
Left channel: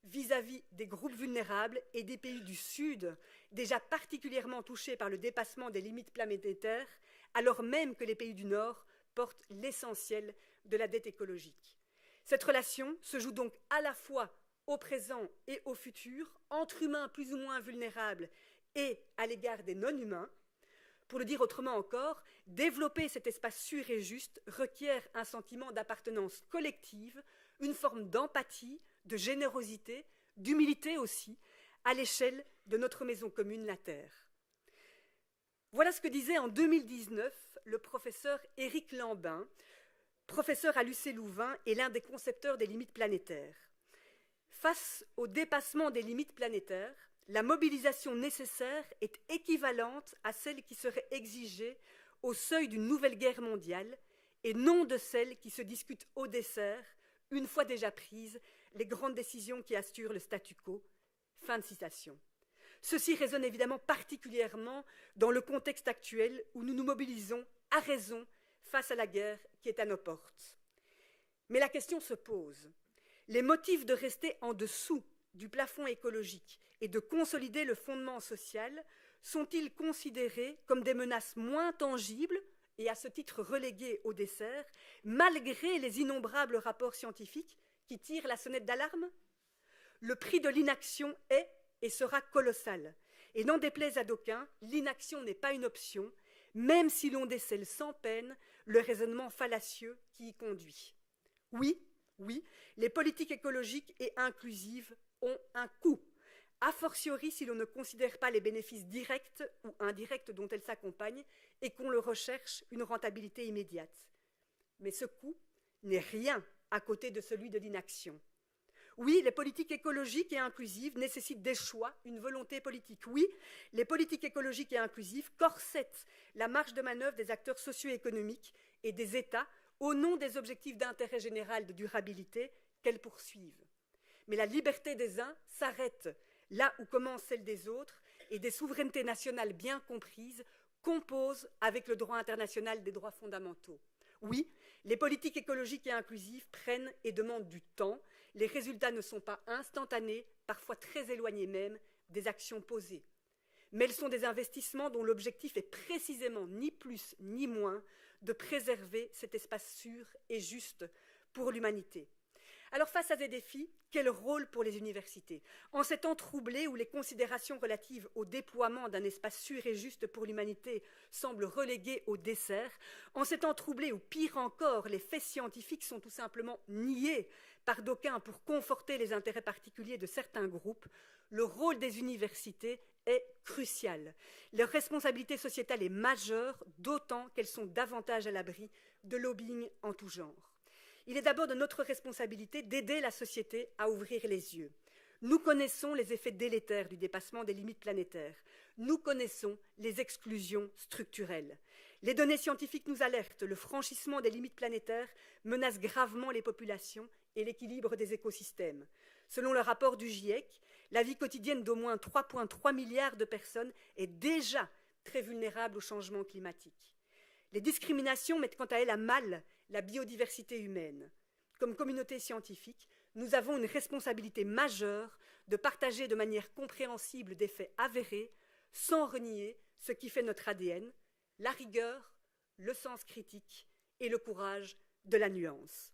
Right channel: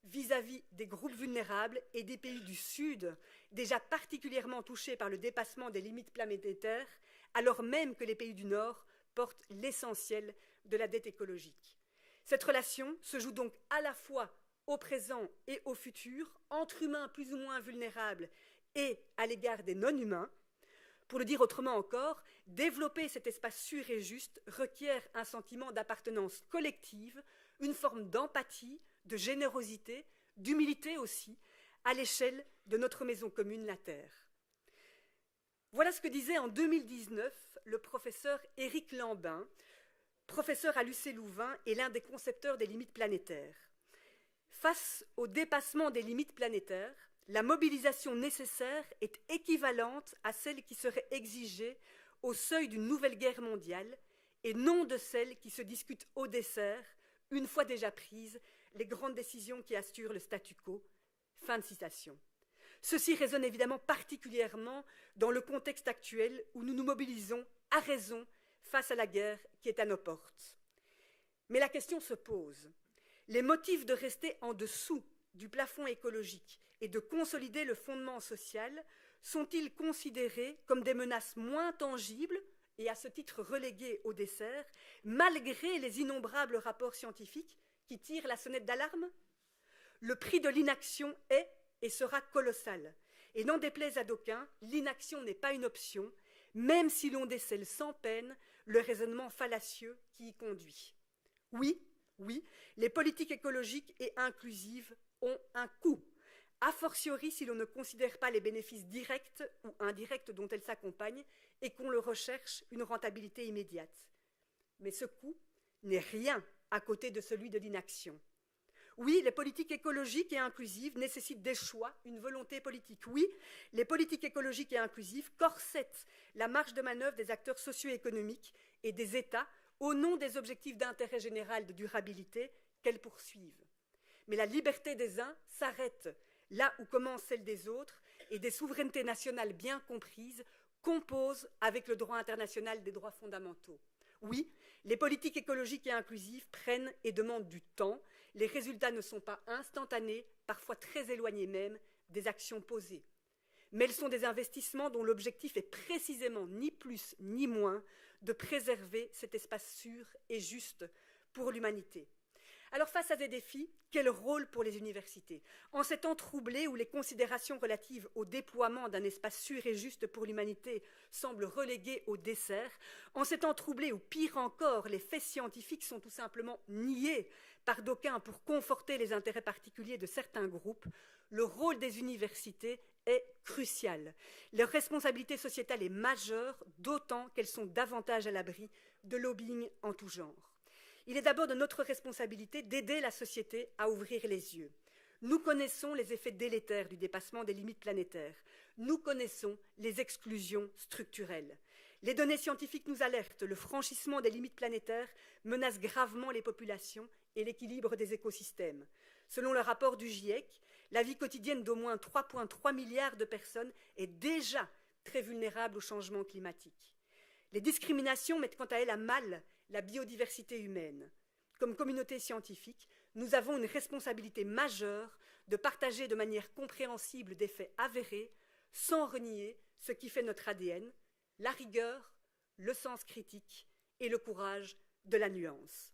vis-à-vis des groupes vulnérables et des pays du Sud, déjà particulièrement touchés par le dépassement des limites planétaires, alors même que les pays du Nord portent l'essentiel de la dette écologique. Cette relation se joue donc à la fois au présent et au futur, entre humains plus ou moins vulnérables et à l'égard des non-humains. Pour le dire autrement encore, développer cet espace sûr et juste requiert un sentiment d'appartenance collective, une forme d'empathie, de générosité, d'humilité aussi, à l'échelle de notre maison commune, la Terre. Voilà ce que disait en 2019 le professeur Éric Lambin, professeur à l'UC Louvain et l'un des concepteurs des limites planétaires. Face au dépassement des limites planétaires, la mobilisation nécessaire est équivalente à celle qui serait exigée au seuil d'une nouvelle guerre mondiale et non de celle qui se discute au dessert, une fois déjà prises les grandes décisions qui assurent le statu quo. Fin de citation. Ceci résonne évidemment particulièrement dans le contexte actuel où nous nous mobilisons à raison face à la guerre qui est à nos portes. Mais la question se pose. Les motifs de rester en dessous du plafond écologique et de consolider le fondement social sont-ils considérés comme des menaces moins tangibles et à ce titre reléguées au dessert, malgré les innombrables rapports scientifiques qui tirent la sonnette d'alarme? Le prix de l'inaction est et sera colossal. Et n'en déplaise à d'aucuns, l'inaction n'est pas une option, même si l'on décèle sans peine le raisonnement fallacieux qui y conduit. Oui, les politiques écologiques et inclusives ont un coût, a fortiori si l'on ne considère pas les bénéfices directs ou indirects dont elles s'accompagnent et qu'on leur recherche une rentabilité immédiate. Mais ce coût n'est rien à côté de celui de l'inaction. Oui, les politiques écologiques et inclusives nécessitent des choix, une volonté politique. Oui, les politiques écologiques et inclusives corsettent la marge de manœuvre des acteurs socio-économiques et des États au nom des objectifs d'intérêt général de durabilité qu'elles poursuivent. Mais la liberté des uns s'arrête là où commence celle des autres et des souverainetés nationales bien comprises composent avec le droit international des droits fondamentaux. Oui, les politiques écologiques et inclusives prennent et demandent du temps. Les résultats ne sont pas instantanés, parfois très éloignés même des actions posées. Mais elles sont des investissements dont l'objectif est précisément ni plus ni moins de préserver cet espace sûr et juste pour l'humanité. Alors face à ces défis, quel rôle pour les universités? En ces temps troublés où les considérations relatives au déploiement d'un espace sûr et juste pour l'humanité semblent reléguées au dessert, en ces temps troublés où, pire encore, les faits scientifiques sont tout simplement niés par d'aucuns pour conforter les intérêts particuliers de certains groupes, le rôle des universités est crucial. Leur responsabilité sociétale est majeure, d'autant qu'elles sont davantage à l'abri de lobbying en tout genre. Il est d'abord de notre responsabilité d'aider la société à ouvrir les yeux. Nous connaissons les effets délétères du dépassement des limites planétaires. Nous connaissons les exclusions structurelles. Les données scientifiques nous alertent. Le franchissement des limites planétaires menace gravement les populations et l'équilibre des écosystèmes. Selon le rapport du GIEC, la vie quotidienne d'au moins 3,3 milliards de personnes est déjà très vulnérable au changement climatique. Les discriminations mettent quant à elles à mal la biodiversité humaine. Comme communauté scientifique, nous avons une responsabilité majeure de partager de manière compréhensible des faits avérés, sans renier ce qui fait notre ADN, la rigueur, le sens critique et le courage de la nuance.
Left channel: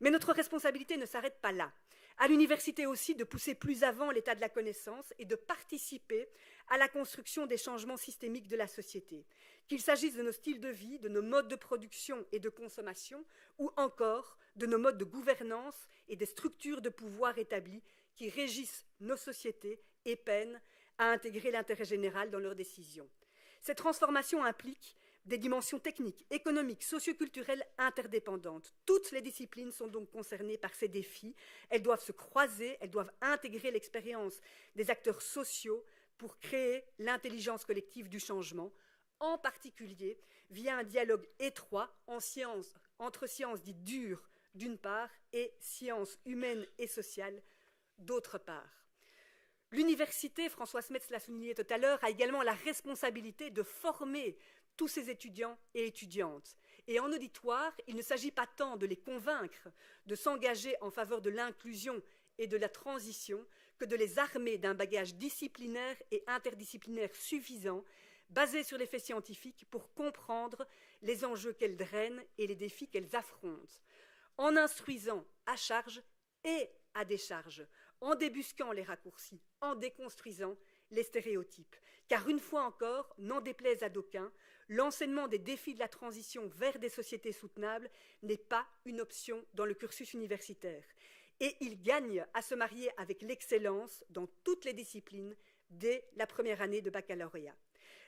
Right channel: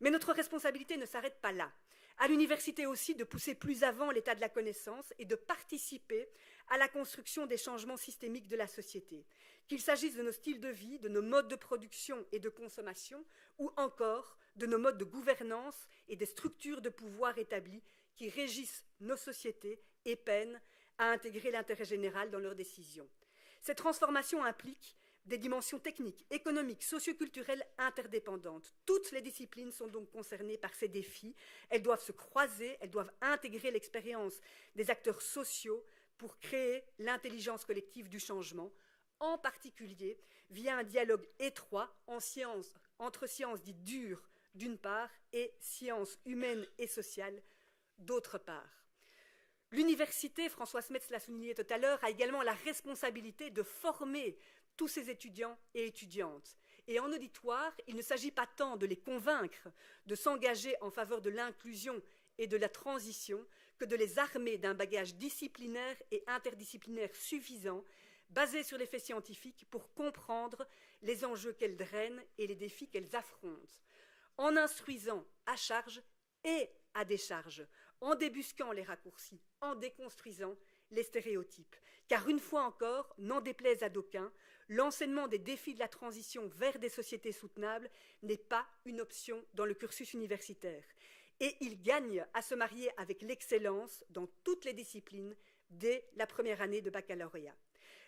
Mais notre responsabilité ne s'arrête pas là. À l'université aussi de pousser plus avant l'état de la connaissance et de participer à la construction des changements systémiques de la société, qu'il s'agisse de nos styles de vie, de nos modes de production et de consommation, ou encore de nos modes de gouvernance et des structures de pouvoir établies qui régissent nos sociétés et peinent à intégrer l'intérêt général dans leurs décisions. Cette transformation implique des dimensions techniques, économiques, socioculturelles interdépendantes. Toutes les disciplines sont donc concernées par ces défis. Elles doivent se croiser, elles doivent intégrer l'expérience des acteurs sociaux pour créer l'intelligence collective du changement, en particulier via un dialogue étroit entre sciences dites dures d'une part et sciences humaines et sociales d'autre part. L'université, François Smets l'a souligné tout à l'heure, a également la responsabilité de former tous ces étudiants et étudiantes. Et en auditoire, il ne s'agit pas tant de les convaincre de s'engager en faveur de l'inclusion et de la transition que de les armer d'un bagage disciplinaire et interdisciplinaire suffisant, basé sur les faits scientifiques pour comprendre les enjeux qu'elles drainent et les défis qu'elles affrontent, en instruisant à charge et à décharge, en débusquant les raccourcis, en déconstruisant les stéréotypes. Car une fois encore, n'en déplaise à d'aucuns, l'enseignement des défis de la transition vers des sociétés soutenables n'est pas une option dans le cursus universitaire. Et il gagne à se marier avec l'excellence dans toutes les disciplines dès la première année de baccalauréat.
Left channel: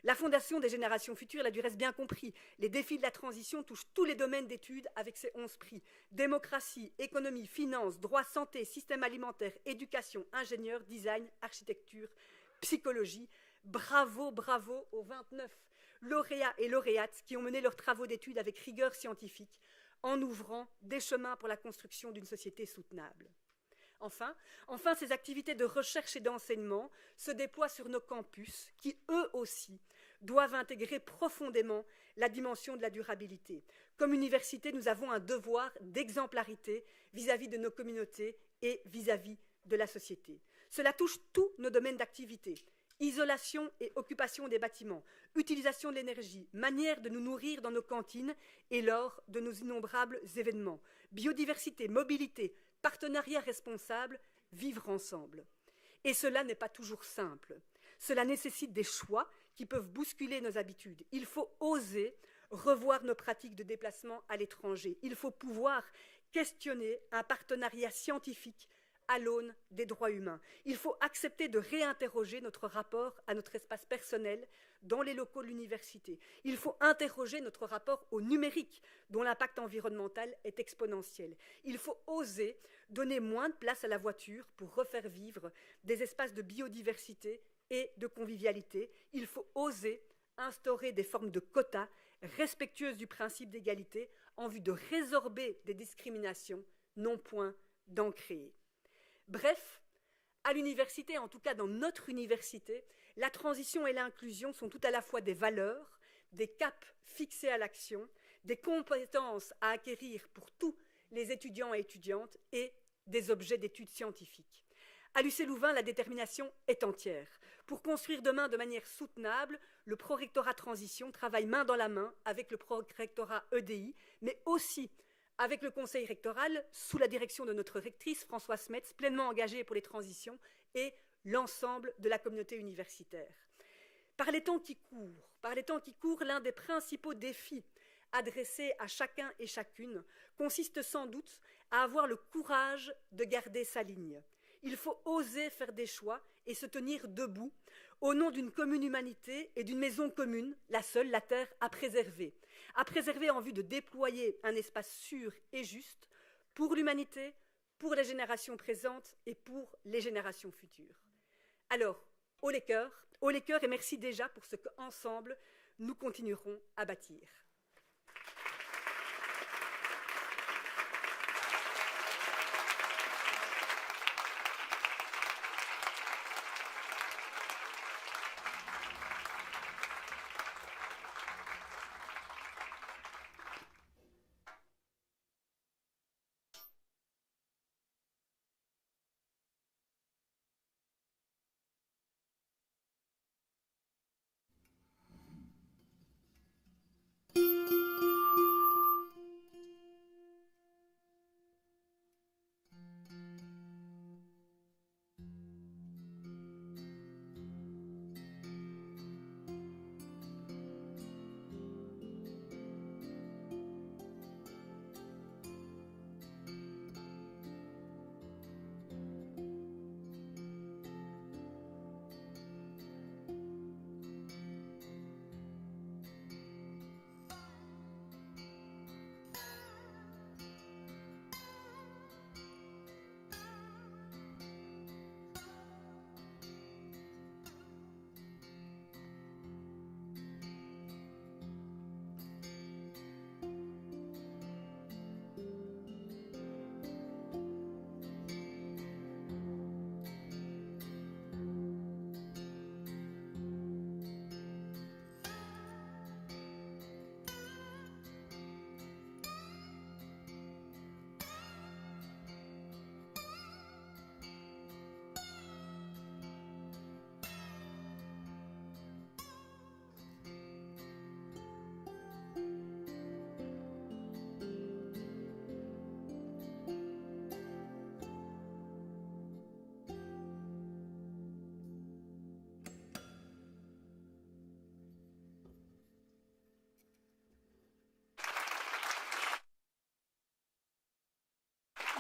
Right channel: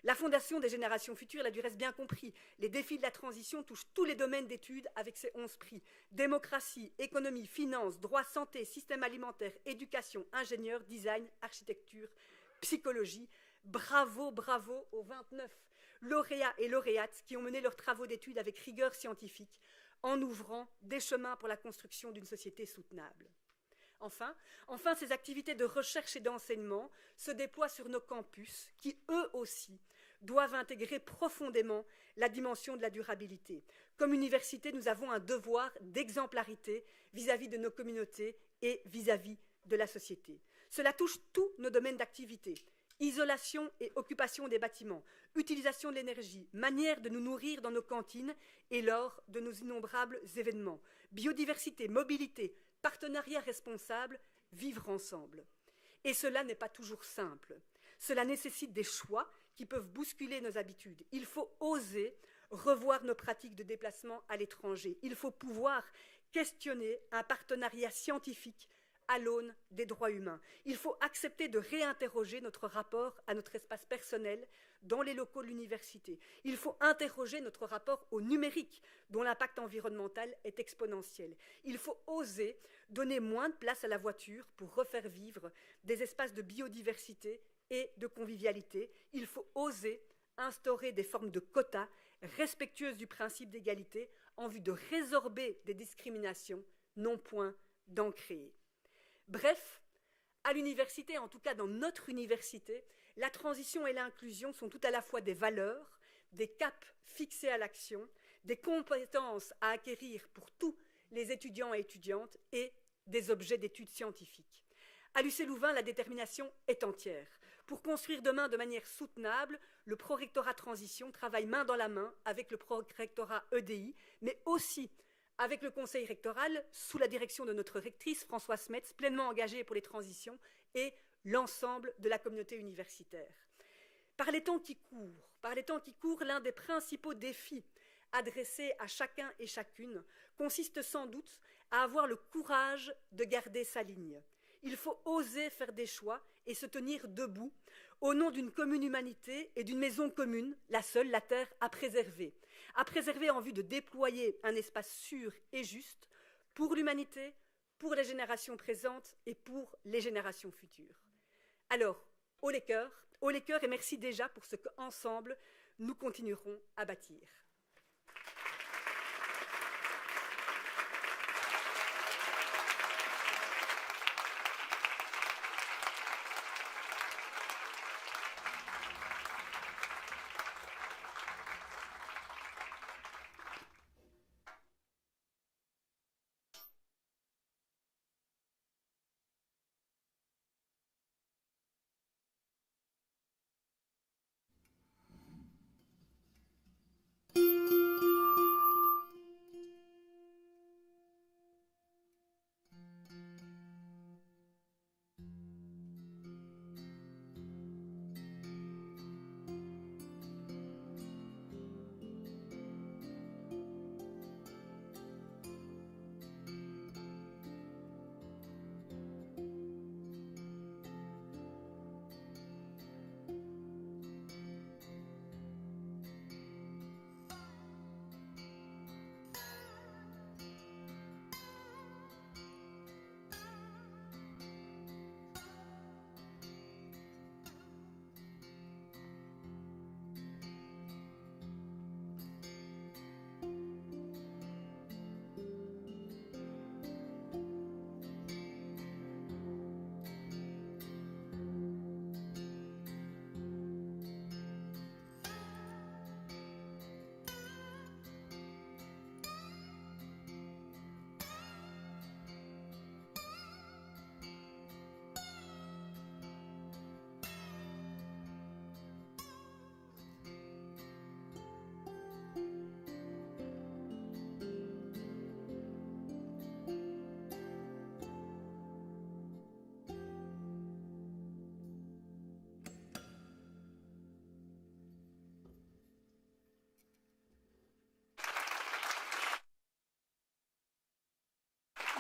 La Fondation des générations futures l'a du reste bien compris. Les défis de la transition touchent tous les domaines d'études avec ses 11 prix. Démocratie, économie, finance, droit, santé, système alimentaire, éducation, ingénieur, design, architecture, psychologie. Bravo, bravo aux 29 lauréats et lauréates qui ont mené leurs travaux d'études avec rigueur scientifique en ouvrant des chemins pour la construction d'une société soutenable. Enfin, ces activités de recherche et d'enseignement se déploient sur nos campus qui, eux aussi, doivent intégrer profondément la dimension de la durabilité. Comme université, nous avons un devoir d'exemplarité vis-à-vis de nos communautés et vis-à-vis de la société. Cela touche tous nos domaines d'activité. Isolation et occupation des bâtiments, utilisation de l'énergie, manière de nous nourrir dans nos cantines et lors de nos innombrables événements, biodiversité, mobilité, partenariat responsable, vivre ensemble. Et cela n'est pas toujours simple. Cela nécessite des choix qui peuvent bousculer nos habitudes. Il faut oser revoir nos pratiques de déplacement à l'étranger. Il faut pouvoir questionner un partenariat scientifique à l'aune des droits humains. Il faut accepter de réinterroger notre rapport à notre espace personnel dans les locaux de l'université. Il faut interroger notre rapport au numérique, dont l'impact environnemental est exponentiel. Il faut oser donner moins de place à la voiture pour refaire vivre des espaces de biodiversité et de convivialité. Il faut oser instaurer des formes de quotas respectueuses du principe d'égalité en vue de résorber des discriminations, non point d'en créer. Bref, à l'université, en tout cas dans notre université, la transition et l'inclusion sont tout à la fois des valeurs, des caps fixés à l'action, des compétences à acquérir pour tous les étudiants et étudiantes et des objets d'études scientifiques. À l'UC Louvain, la détermination est entière. Pour construire demain de manière soutenable, le prorectorat transition travaille main dans la main avec le prorectorat EDI, mais aussi avec le conseil rectoral, sous la direction de notre rectrice Françoise Smets, pleinement engagée pour les transitions, et l'ensemble de la communauté universitaire. Par les temps qui courent, l'un des principaux défis adressés à chacun et chacune consiste sans doute à avoir le courage de garder sa ligne. Il faut oser faire des choix et se tenir debout au nom d'une commune humanité et d'une maison commune, la seule, la terre, à préserver en vue de déployer un espace sûr et juste pour l'humanité, pour les générations présentes et pour les générations futures. Alors, haut les cœurs et merci déjà pour ce qu'ensemble nous continuerons à bâtir.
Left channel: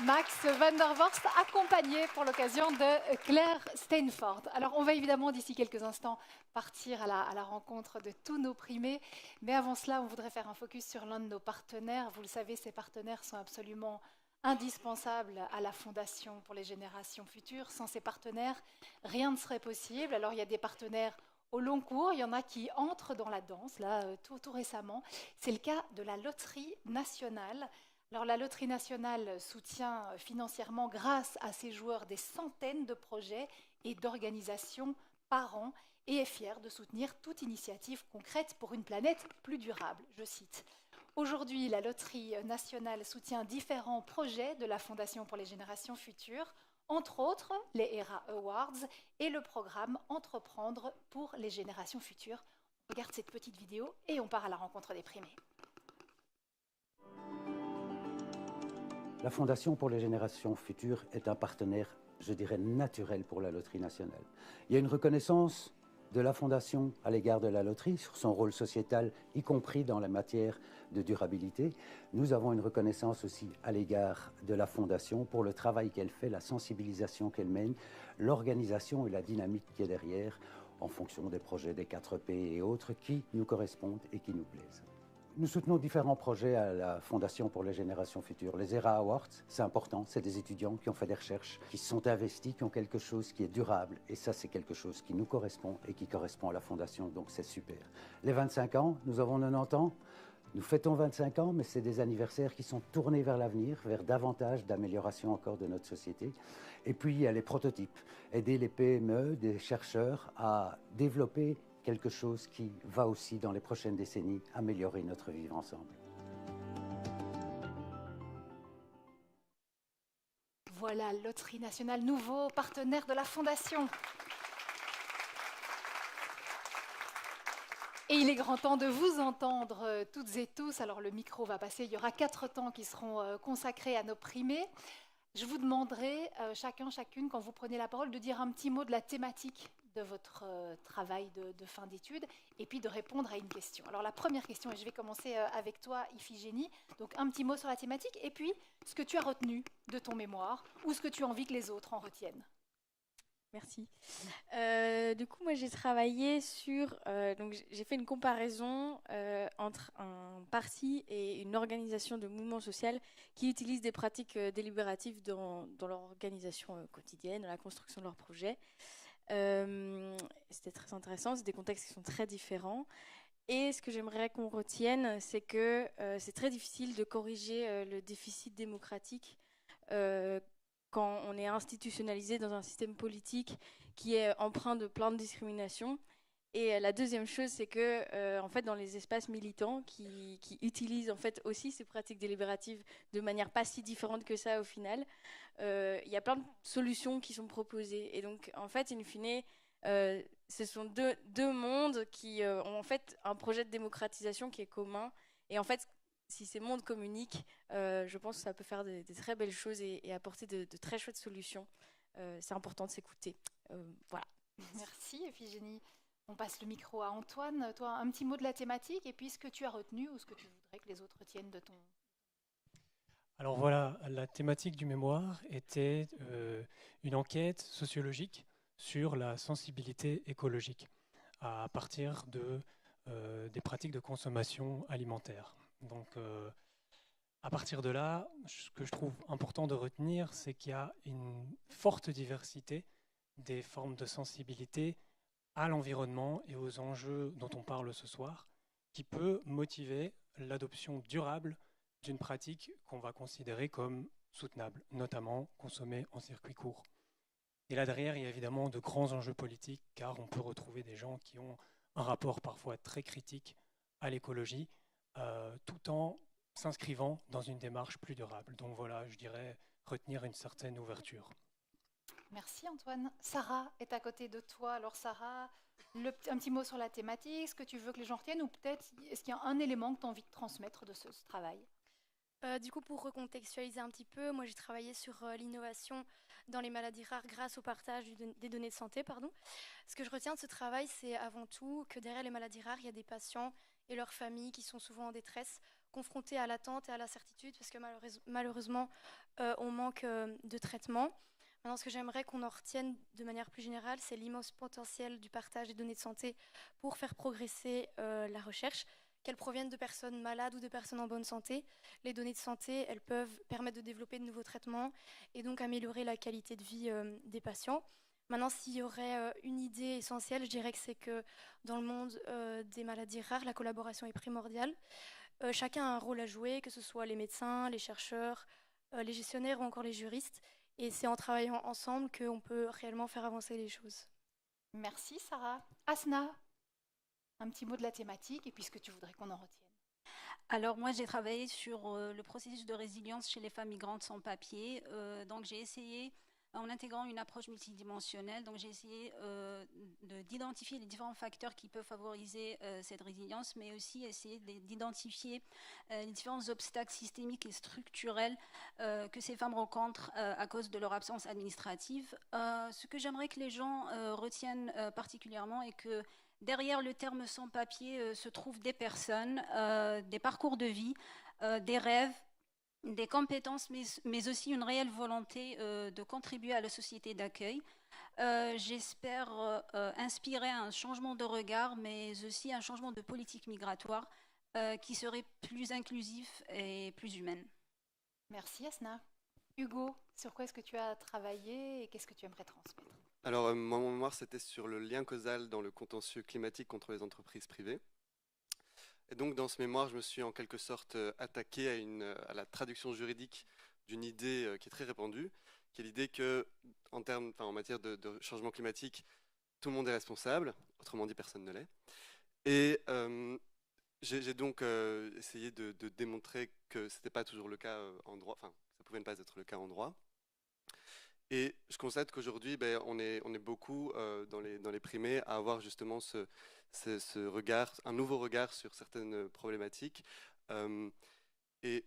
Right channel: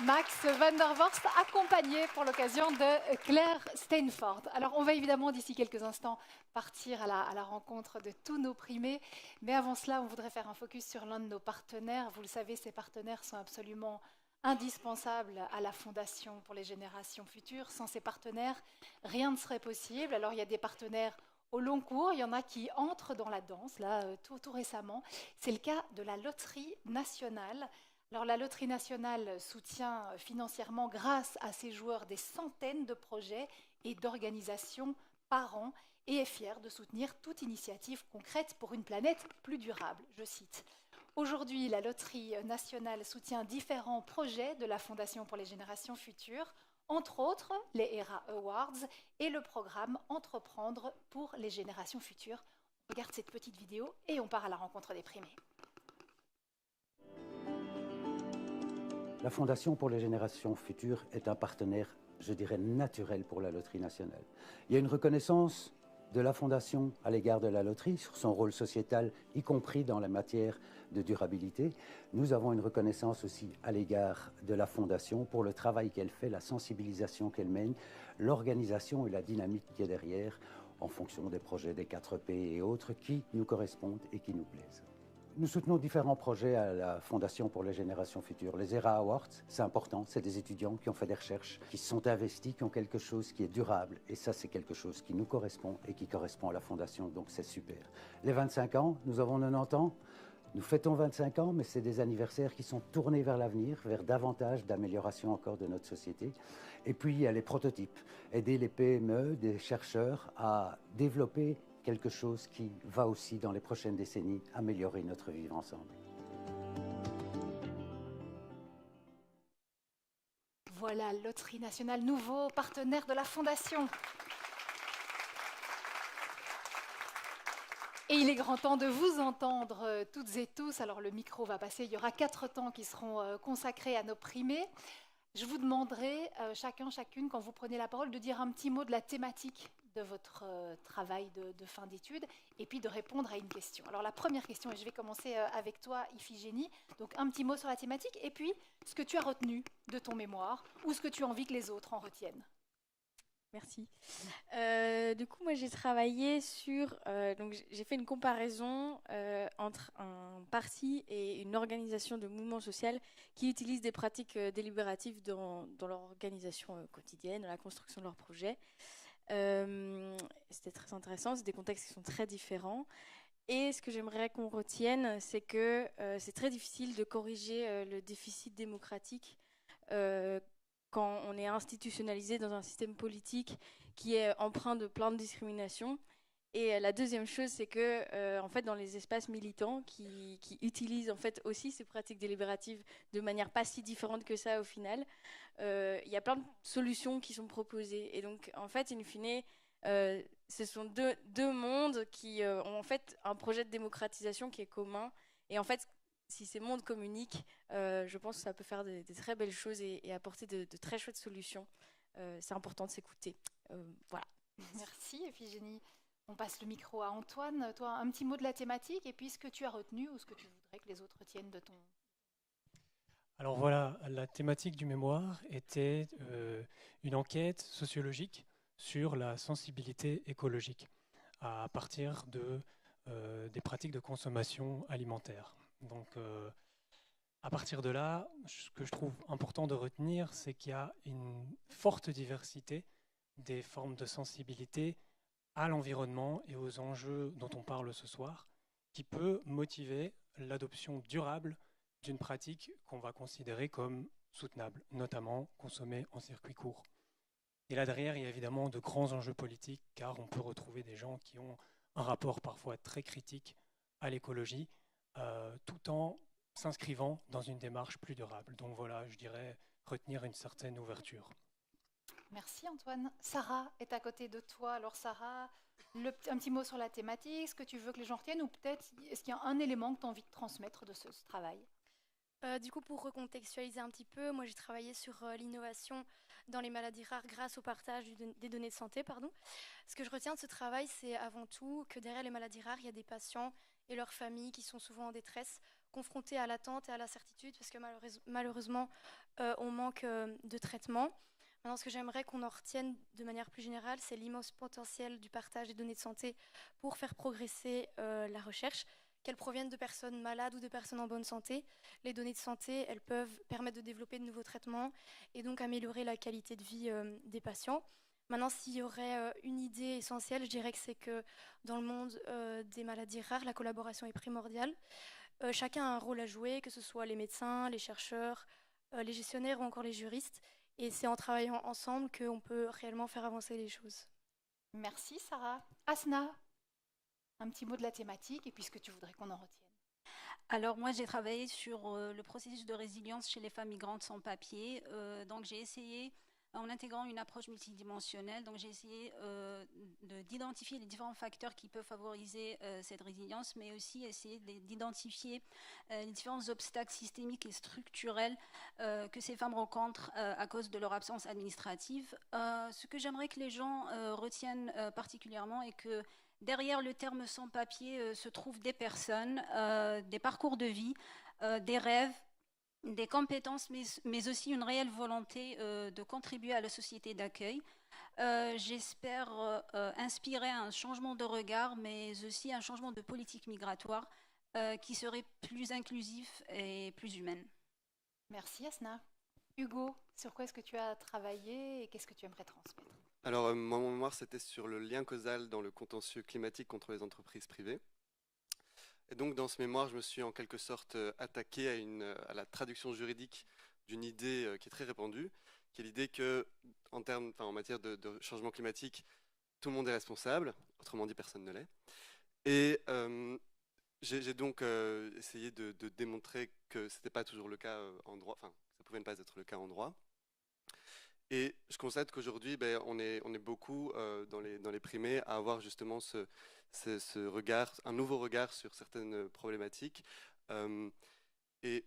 Max van der Vorst, accompagné pour l'occasion de Claire Steinfort. Alors, on va évidemment d'ici quelques instants partir à la rencontre de tous nos primés, mais avant cela, on voudrait faire un focus sur l'un de nos partenaires. Vous le savez, ces partenaires sont absolument indispensables à la Fondation pour les générations futures. Sans ces partenaires, rien ne serait possible. Alors, il y a des partenaires au long cours, il y en a qui entrent dans la danse, là, tout récemment. C'est le cas de la Loterie nationale. Alors, la Loterie nationale soutient financièrement, grâce à ses joueurs, des centaines de projets et d'organisations par an et est fière de soutenir toute initiative concrète pour une planète plus durable, je cite. Aujourd'hui, la Loterie nationale soutient différents projets de la Fondation pour les générations futures, entre autres les ERA Awards et le programme Entreprendre pour les générations futures. On regarde cette petite vidéo et on part à la rencontre des primés. La Fondation pour les générations futures est un partenaire, je dirais, naturel pour la Loterie nationale. Il y a une reconnaissance de la Fondation à l'égard de la loterie sur son rôle sociétal, y compris dans la matière de durabilité. Nous avons une reconnaissance aussi à l'égard de la Fondation pour le travail qu'elle fait, la sensibilisation qu'elle mène, l'organisation et la dynamique qui est derrière, en fonction des projets des 4P et autres qui nous correspondent et qui nous plaisent. Nous soutenons différents projets à la Fondation pour les générations futures. Les ERA Awards, c'est important, c'est des étudiants qui ont fait des recherches, qui se sont investis, qui ont quelque chose qui est durable. Et ça, c'est quelque chose qui nous correspond et qui correspond à la Fondation, donc c'est super. Les 25 ans, nous avons 90 ans. Nous fêtons 25 ans, mais c'est des anniversaires qui sont tournés vers l'avenir, vers davantage d'amélioration encore de notre société. Et puis, il y a les prototypes. Aider les PME, des chercheurs à développer quelque chose qui va aussi, dans les prochaines décennies, améliorer notre vivre ensemble. Voilà, Loterie Nationale, nouveau partenaire de la Fondation. Et il est grand temps de vous entendre toutes et tous. Alors le micro va passer, il y aura 4 temps qui seront consacrés à nos primés. Je vous demanderai chacun, chacune, quand vous prenez la parole, de dire un petit mot de la thématique de votre travail de fin d'études et puis de répondre à une question. Alors la première question, et je vais commencer avec toi Iphigénie, donc un petit mot sur la thématique et puis ce que tu as retenu de ton mémoire ou ce que tu as envie que les autres en retiennent. Merci. Du coup, moi, j'ai travaillé sur... donc, j'ai fait une comparaison entre un parti et une organisation de mouvement social qui utilisent des pratiques délibératives dans leur organisation quotidienne, dans la construction de leurs projets. C'était très intéressant, c'est des contextes qui sont très différents. Et ce que j'aimerais qu'on retienne, c'est que c'est très difficile de corriger le déficit démocratique quand on est institutionnalisé dans un système politique qui est empreint de plein de discriminations. Et la deuxième chose, c'est que en fait, dans les espaces militants qui utilisent en fait aussi ces pratiques délibératives de manière pas si différente que ça au final, il y a plein de solutions qui sont proposées. Et donc, en fait, in fine, ce sont deux mondes qui ont en fait un projet de démocratisation qui est commun. Et en fait, si ces mondes communiquent, je pense que ça peut faire des très belles choses et apporter de très chouettes solutions. C'est important de s'écouter. Voilà. Merci Iphigénie. On passe le micro à Antoine. Toi, un petit mot de la thématique et puis ce que tu as retenu ou ce que tu voudrais que les autres retiennent de ton... Alors voilà, la thématique du mémoire était une enquête sociologique sur la sensibilité écologique à partir des pratiques de consommation alimentaire. Donc, à partir de là, ce que je trouve important de retenir, c'est qu'il y a une forte diversité des formes de sensibilité à l'environnement et aux enjeux dont on parle ce soir, qui peut motiver l'adoption durable d'une pratique qu'on va considérer comme soutenable, notamment consommée en circuit court. Et là derrière, il y a évidemment de grands enjeux politiques, car on peut retrouver des gens qui ont un rapport parfois très critique à l'écologie, tout en s'inscrivant dans une démarche plus durable. Donc voilà, je dirais retenir une certaine ouverture. Merci Antoine. Sarah est à côté de toi. Alors Sarah, un petit mot sur la thématique, ce que tu veux que les gens retiennent ou peut-être est-ce qu'il y a un élément que tu as envie de transmettre de ce travail ? Du coup, pour recontextualiser un petit peu, moi j'ai travaillé sur l'innovation dans les maladies rares grâce au partage des données de santé. Ce que je retiens de ce travail, c'est avant tout que derrière les maladies rares, il y a des patients et leurs familles qui sont souvent en détresse, confrontés à l'attente et à l'incertitude parce que malheureusement, on manque de traitement. Maintenant, ce que j'aimerais qu'on en retienne de manière plus générale, c'est l'immense potentiel du partage des données de santé pour faire progresser la recherche, qu'elles proviennent de personnes malades ou de personnes en bonne santé. Les données de santé, elles peuvent permettre de développer de nouveaux traitements et donc améliorer la qualité de vie des patients. Maintenant, s'il y aurait une idée essentielle, je dirais que c'est que dans le monde des maladies rares, la collaboration est primordiale. Chacun a un rôle à jouer, que ce soit les médecins, les chercheurs, les gestionnaires ou encore les juristes. Et c'est en travaillant ensemble qu'on peut réellement faire avancer les choses. Merci Sarah. Asna, un petit mot de la thématique et puis ce que tu voudrais qu'on en retienne. Alors moi j'ai travaillé sur le processus de résilience chez les femmes migrantes sans papier. Donc j'ai essayé, en intégrant une approche multidimensionnelle, donc j'ai essayé d'identifier les différents facteurs qui peuvent favoriser cette résilience, mais aussi essayer d'identifier les différents obstacles systémiques et structurels que ces femmes rencontrent à cause de leur absence administrative. Ce que j'aimerais que les gens retiennent particulièrement est que derrière le terme sans-papier se trouvent des personnes, des parcours de vie, des rêves, des compétences, mais aussi une réelle volonté de contribuer à la société d'accueil. J'espère inspirer un changement de regard, mais aussi un changement de politique migratoire qui serait plus inclusif et plus humaine. Merci Asna. Hugo, sur quoi est-ce que tu as travaillé et qu'est-ce que tu aimerais transmettre? Alors, mon mémoire, c'était sur le lien causal dans le contentieux climatique contre les entreprises privées. Et donc, dans ce mémoire, je me suis en quelque sorte attaqué à la traduction juridique d'une idée qui est très répandue, qui est l'idée que, en matière de changement climatique, tout le monde est responsable, autrement dit, personne ne l'est. Et j'ai donc essayé de démontrer que ce n'était pas toujours le cas en droit, enfin, ça pouvait ne pas être le cas en droit. Et je constate qu'aujourd'hui, on est beaucoup dans les primés à avoir justement ce regard, un nouveau regard sur certaines problématiques. Et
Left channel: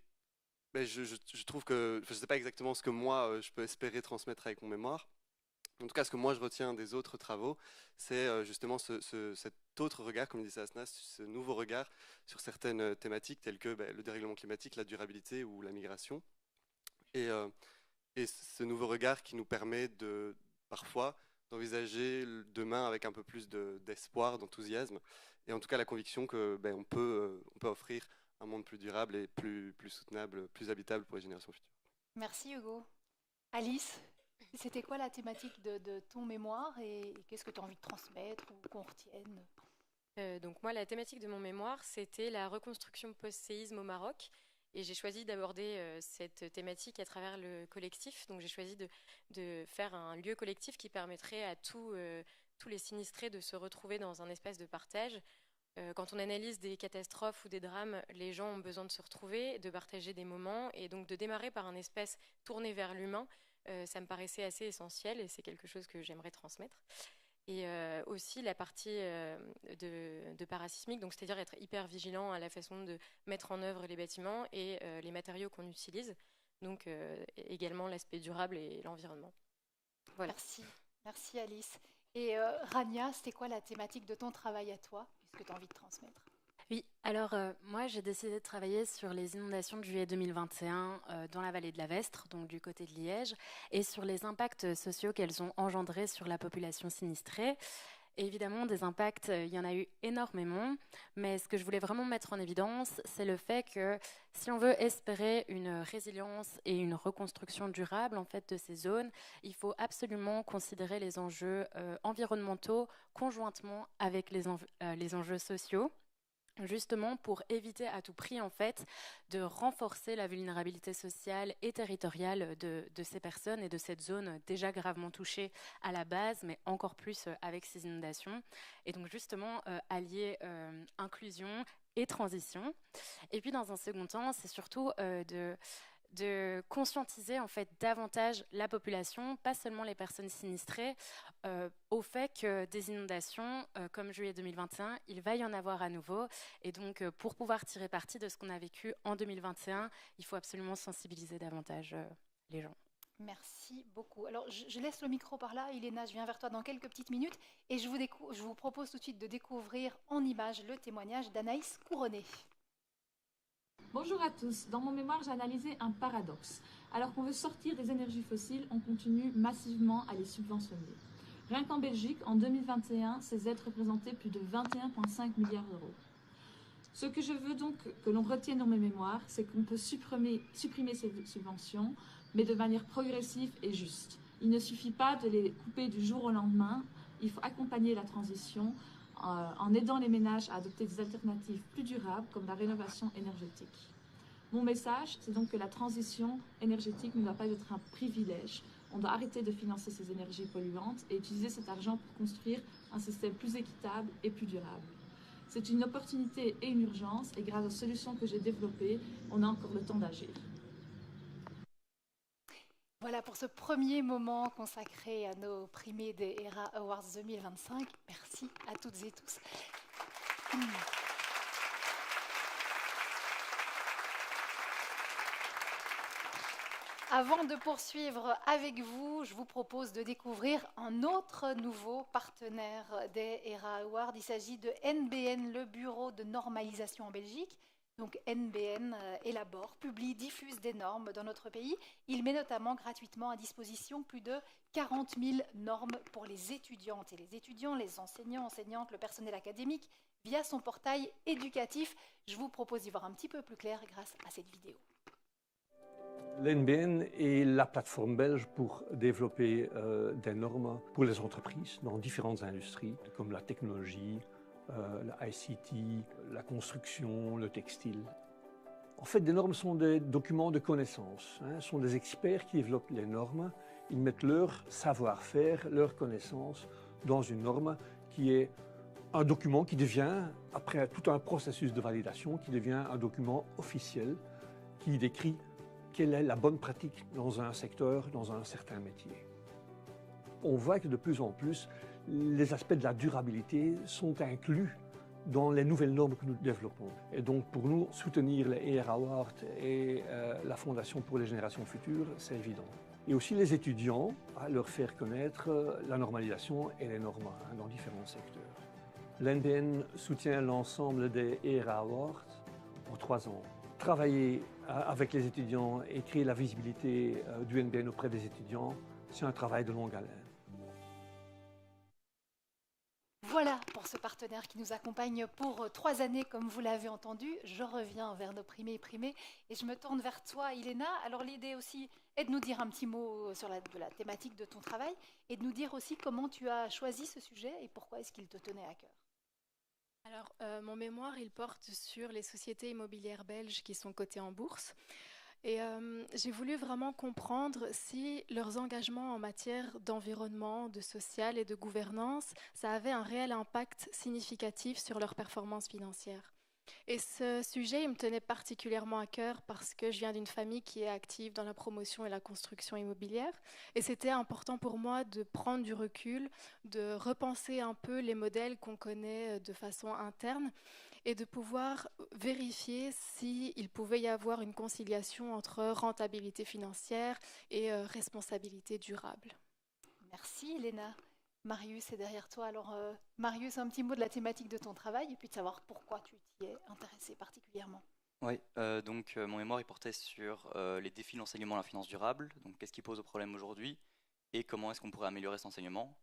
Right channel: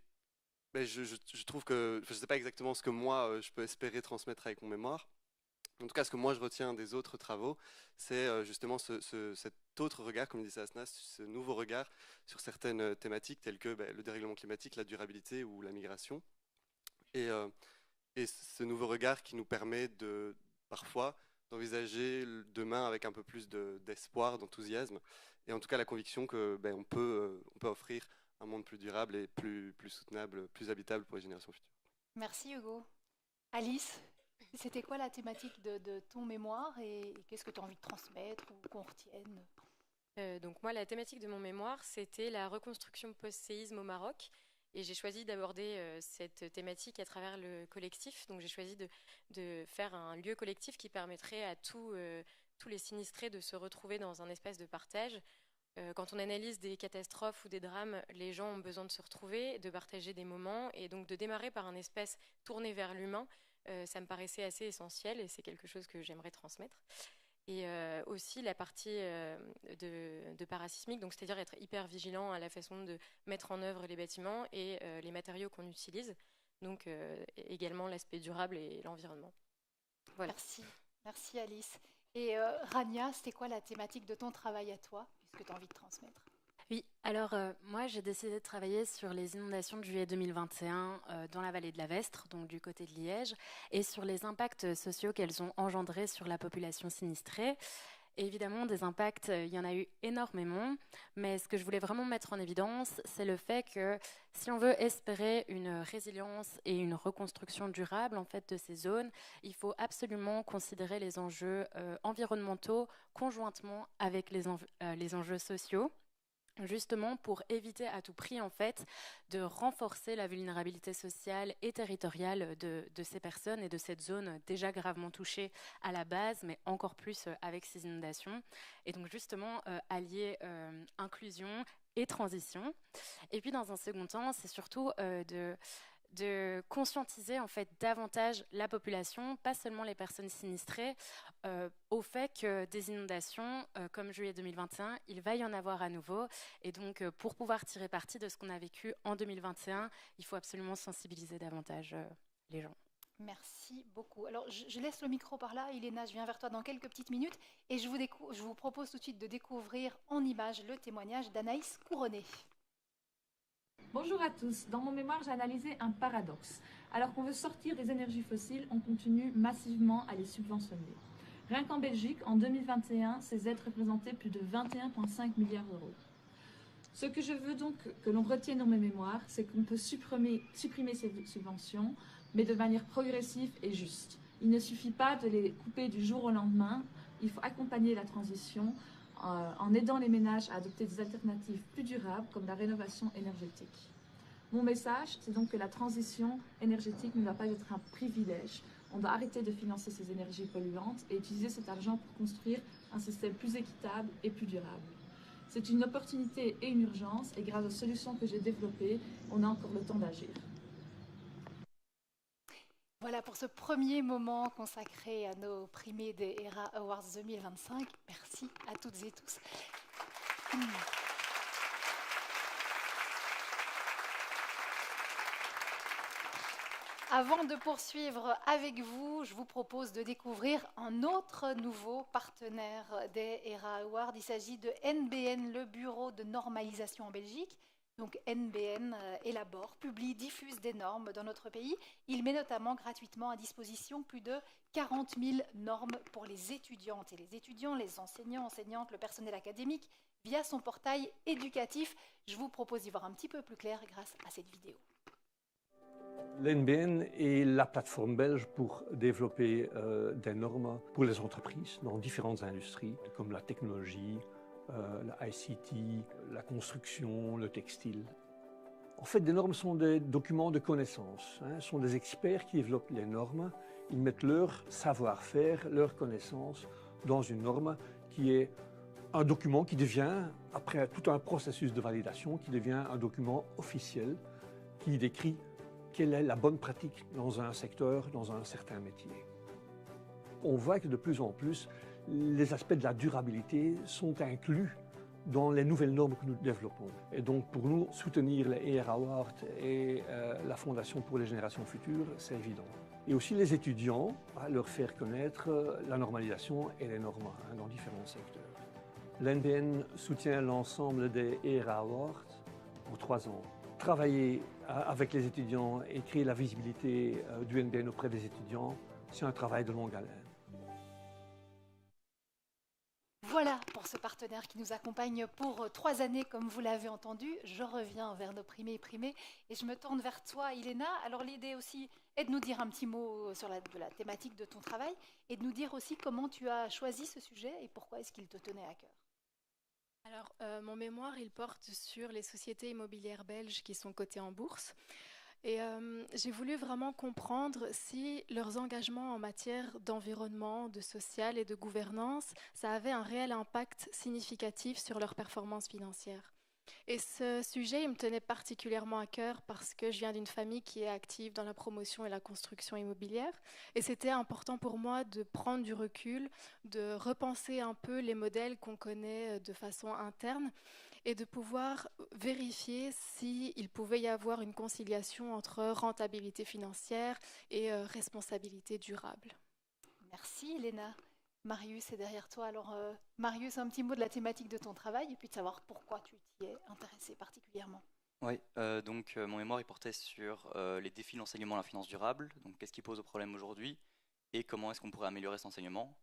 je trouve que, je ne sais pas exactement ce que moi, je peux espérer transmettre avec mon mémoire. En tout cas, ce que moi, je retiens des autres travaux, c'est justement cet autre regard, comme disait Asna, ce nouveau regard sur certaines thématiques telles que le dérèglement climatique, la durabilité ou la migration. Et ce nouveau regard qui nous permet parfois d'envisager demain avec un peu plus d'espoir, d'enthousiasme, et en tout cas la conviction que on peut offrir un monde plus durable et plus soutenable, plus habitable pour les générations futures. Merci Hugo. Alice, c'était quoi la thématique de ton mémoire et qu'est-ce que tu as envie de transmettre ou qu'on retienne? Donc moi, la thématique de mon mémoire, c'était la reconstruction post-séisme au Maroc. Et j'ai choisi d'aborder cette thématique à travers le collectif. Donc j'ai choisi de faire un lieu collectif qui permettrait à tous les sinistrés de se retrouver dans un espace de partage. Quand on analyse des catastrophes ou des drames, les gens ont besoin de se retrouver, de partager des moments. Et donc de démarrer par un espace tourné vers l'humain, ça me paraissait assez essentiel et c'est quelque chose que j'aimerais transmettre. Et aussi la partie de parasismique, donc c'est-à-dire être hyper vigilant à la façon de mettre en œuvre les bâtiments et les matériaux qu'on utilise, donc également l'aspect durable et l'environnement. Voilà. Merci Alice. Et Rania, c'était quoi la thématique de ton travail à toi, puisque tu as envie de transmettre? Oui, alors moi j'ai décidé de travailler sur les inondations de juillet 2021 dans la vallée de la Vestre, donc du côté de Liège, et sur les impacts sociaux qu'elles ont engendrés sur la population sinistrée. Et évidemment, des impacts, il y en a eu énormément, mais ce que je voulais vraiment mettre en évidence, c'est le fait que si on veut espérer une résilience et une reconstruction durable en fait de ces zones, il faut absolument considérer les enjeux environnementaux conjointement avec les enjeux sociaux, justement pour éviter à tout prix en fait de renforcer la vulnérabilité sociale et territoriale de ces personnes et de cette zone déjà gravement touchée à la base, mais encore plus avec ces inondations. Et donc justement allier inclusion et transition. Et puis dans un second temps, c'est surtout de conscientiser en fait davantage la population, pas seulement les personnes sinistrées, au fait que des inondations comme juillet 2021, il va y en avoir à nouveau. Et donc pour pouvoir tirer parti de ce qu'on a vécu en 2021, il faut absolument sensibiliser davantage les gens. Merci beaucoup. Alors je laisse le micro par là. Iléna, je viens vers toi dans quelques petites minutes et je vous propose tout de suite de découvrir en images le témoignage d'Anaïs Couronné. Bonjour à tous. Dans mon mémoire, j'ai analysé un paradoxe. Alors qu'on veut sortir des énergies fossiles, on continue massivement à les subventionner. Rien qu'en Belgique, en 2021, ces aides représentaient plus de 21,5 milliards d'euros. Ce que je veux donc que l'on retienne dans mes mémoires, c'est qu'on peut supprimer ces subventions, mais de manière progressive et juste. Il ne suffit pas de les couper du jour au lendemain. Il faut accompagner la transition en aidant les ménages à adopter des alternatives plus durables comme la rénovation énergétique. Mon message, c'est donc que la transition énergétique ne doit pas être un privilège. On doit arrêter de financer ces énergies polluantes et utiliser cet argent pour construire un système plus équitable et plus durable. C'est une opportunité et une urgence et grâce aux solutions que j'ai développées, on a encore le temps d'agir. Voilà pour ce premier moment consacré à nos primés des ERA Awards 2025. Merci à toutes et tous. Avant de poursuivre avec vous, je vous propose de découvrir un autre nouveau partenaire des ERA Awards. Il s'agit de NBN, le Bureau de normalisation en Belgique. Donc NBN élabore, publie, diffuse des normes dans notre pays. Il met notamment gratuitement à disposition plus de 40 000 normes pour les étudiantes et les étudiants, les enseignants, enseignantes, le personnel académique, via son portail éducatif. Je vous propose d'y voir un petit peu plus clair grâce à cette vidéo. L'NBN est la plateforme belge pour développer des normes pour les entreprises dans différentes industries, comme la technologie, la ICT, la construction, le textile. En fait, des normes sont des documents de connaissances. Ce sont des experts qui développent les normes. Ils mettent leur savoir-faire, leurs connaissances dans une norme qui est un document qui devient, après tout un processus de validation, qui devient un document officiel qui décrit quelle est la bonne pratique dans un secteur, dans un certain métier. On voit que de plus en plus, les aspects de la durabilité sont inclus dans les nouvelles normes que nous développons. Et donc pour nous, soutenir les ERA Awards et la Fondation pour les générations futures, c'est évident. Et aussi les étudiants, à leur faire connaître la normalisation et les normes dans différents secteurs. L'NBN soutient l'ensemble des ERA Awards pour 3 ans. Travailler avec les étudiants et créer la visibilité du NBN auprès des étudiants, c'est un travail de longue haleine. Voilà pour ce partenaire qui nous accompagne pour 3 années, comme vous l'avez entendu. Je reviens vers nos primés et primées et je me tourne vers toi, Iléna. Alors l'idée aussi est de nous dire un petit mot sur la thématique de ton travail et de nous dire aussi comment tu as choisi ce sujet et pourquoi est-ce qu'il te tenait à cœur. Alors, mon mémoire, il porte sur les sociétés immobilières belges qui sont cotées en bourse. Et j'ai voulu vraiment comprendre si leurs engagements en matière d'environnement, de social et de gouvernance, ça avait un réel impact significatif sur leurs performances financières. Et ce sujet, il me tenait particulièrement à cœur parce que je viens d'une famille qui est active dans la promotion et la construction immobilière. Et c'était important pour moi de prendre du recul, de repenser un peu les modèles qu'on connaît de façon interne et de pouvoir vérifier s'il pouvait y avoir une conciliation entre rentabilité financière et responsabilité durable. Merci, Iléna. Marius est derrière toi. Alors, Marius, un petit mot de la thématique de ton travail et puis de savoir pourquoi tu t'y es intéressé particulièrement. Oui, donc mon mémoire il portait sur les défis de l'enseignement à la finance durable, donc qu'est-ce qui pose au problème aujourd'hui et comment est-ce qu'on pourrait améliorer cet enseignement.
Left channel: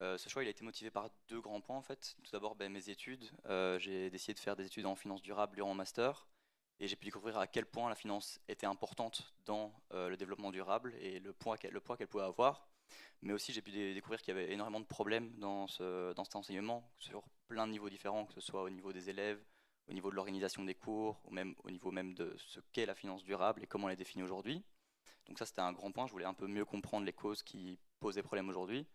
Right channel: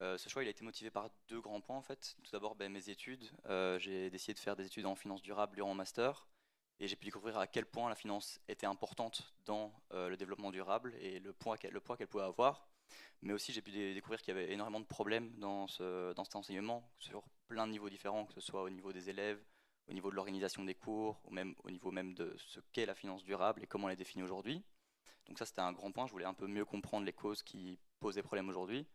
Ce choix il a été motivé par 2 grands points en fait. Tout d'abord mes études, j'ai décidé de faire des études en finance durable durant mon master et j'ai pu découvrir à quel point la finance était importante dans le développement durable et le poids qu'elle pouvait avoir. Mais aussi, j'ai pu découvrir qu'il y avait énormément de problèmes dans cet enseignement, sur plein de niveaux différents, que ce soit au niveau des élèves, au niveau de l'organisation des cours, ou même au niveau même de ce qu'est la finance durable et comment elle est définie aujourd'hui. Donc ça, c'était un grand point. Je voulais un peu mieux comprendre les causes qui posaient problème aujourd'hui.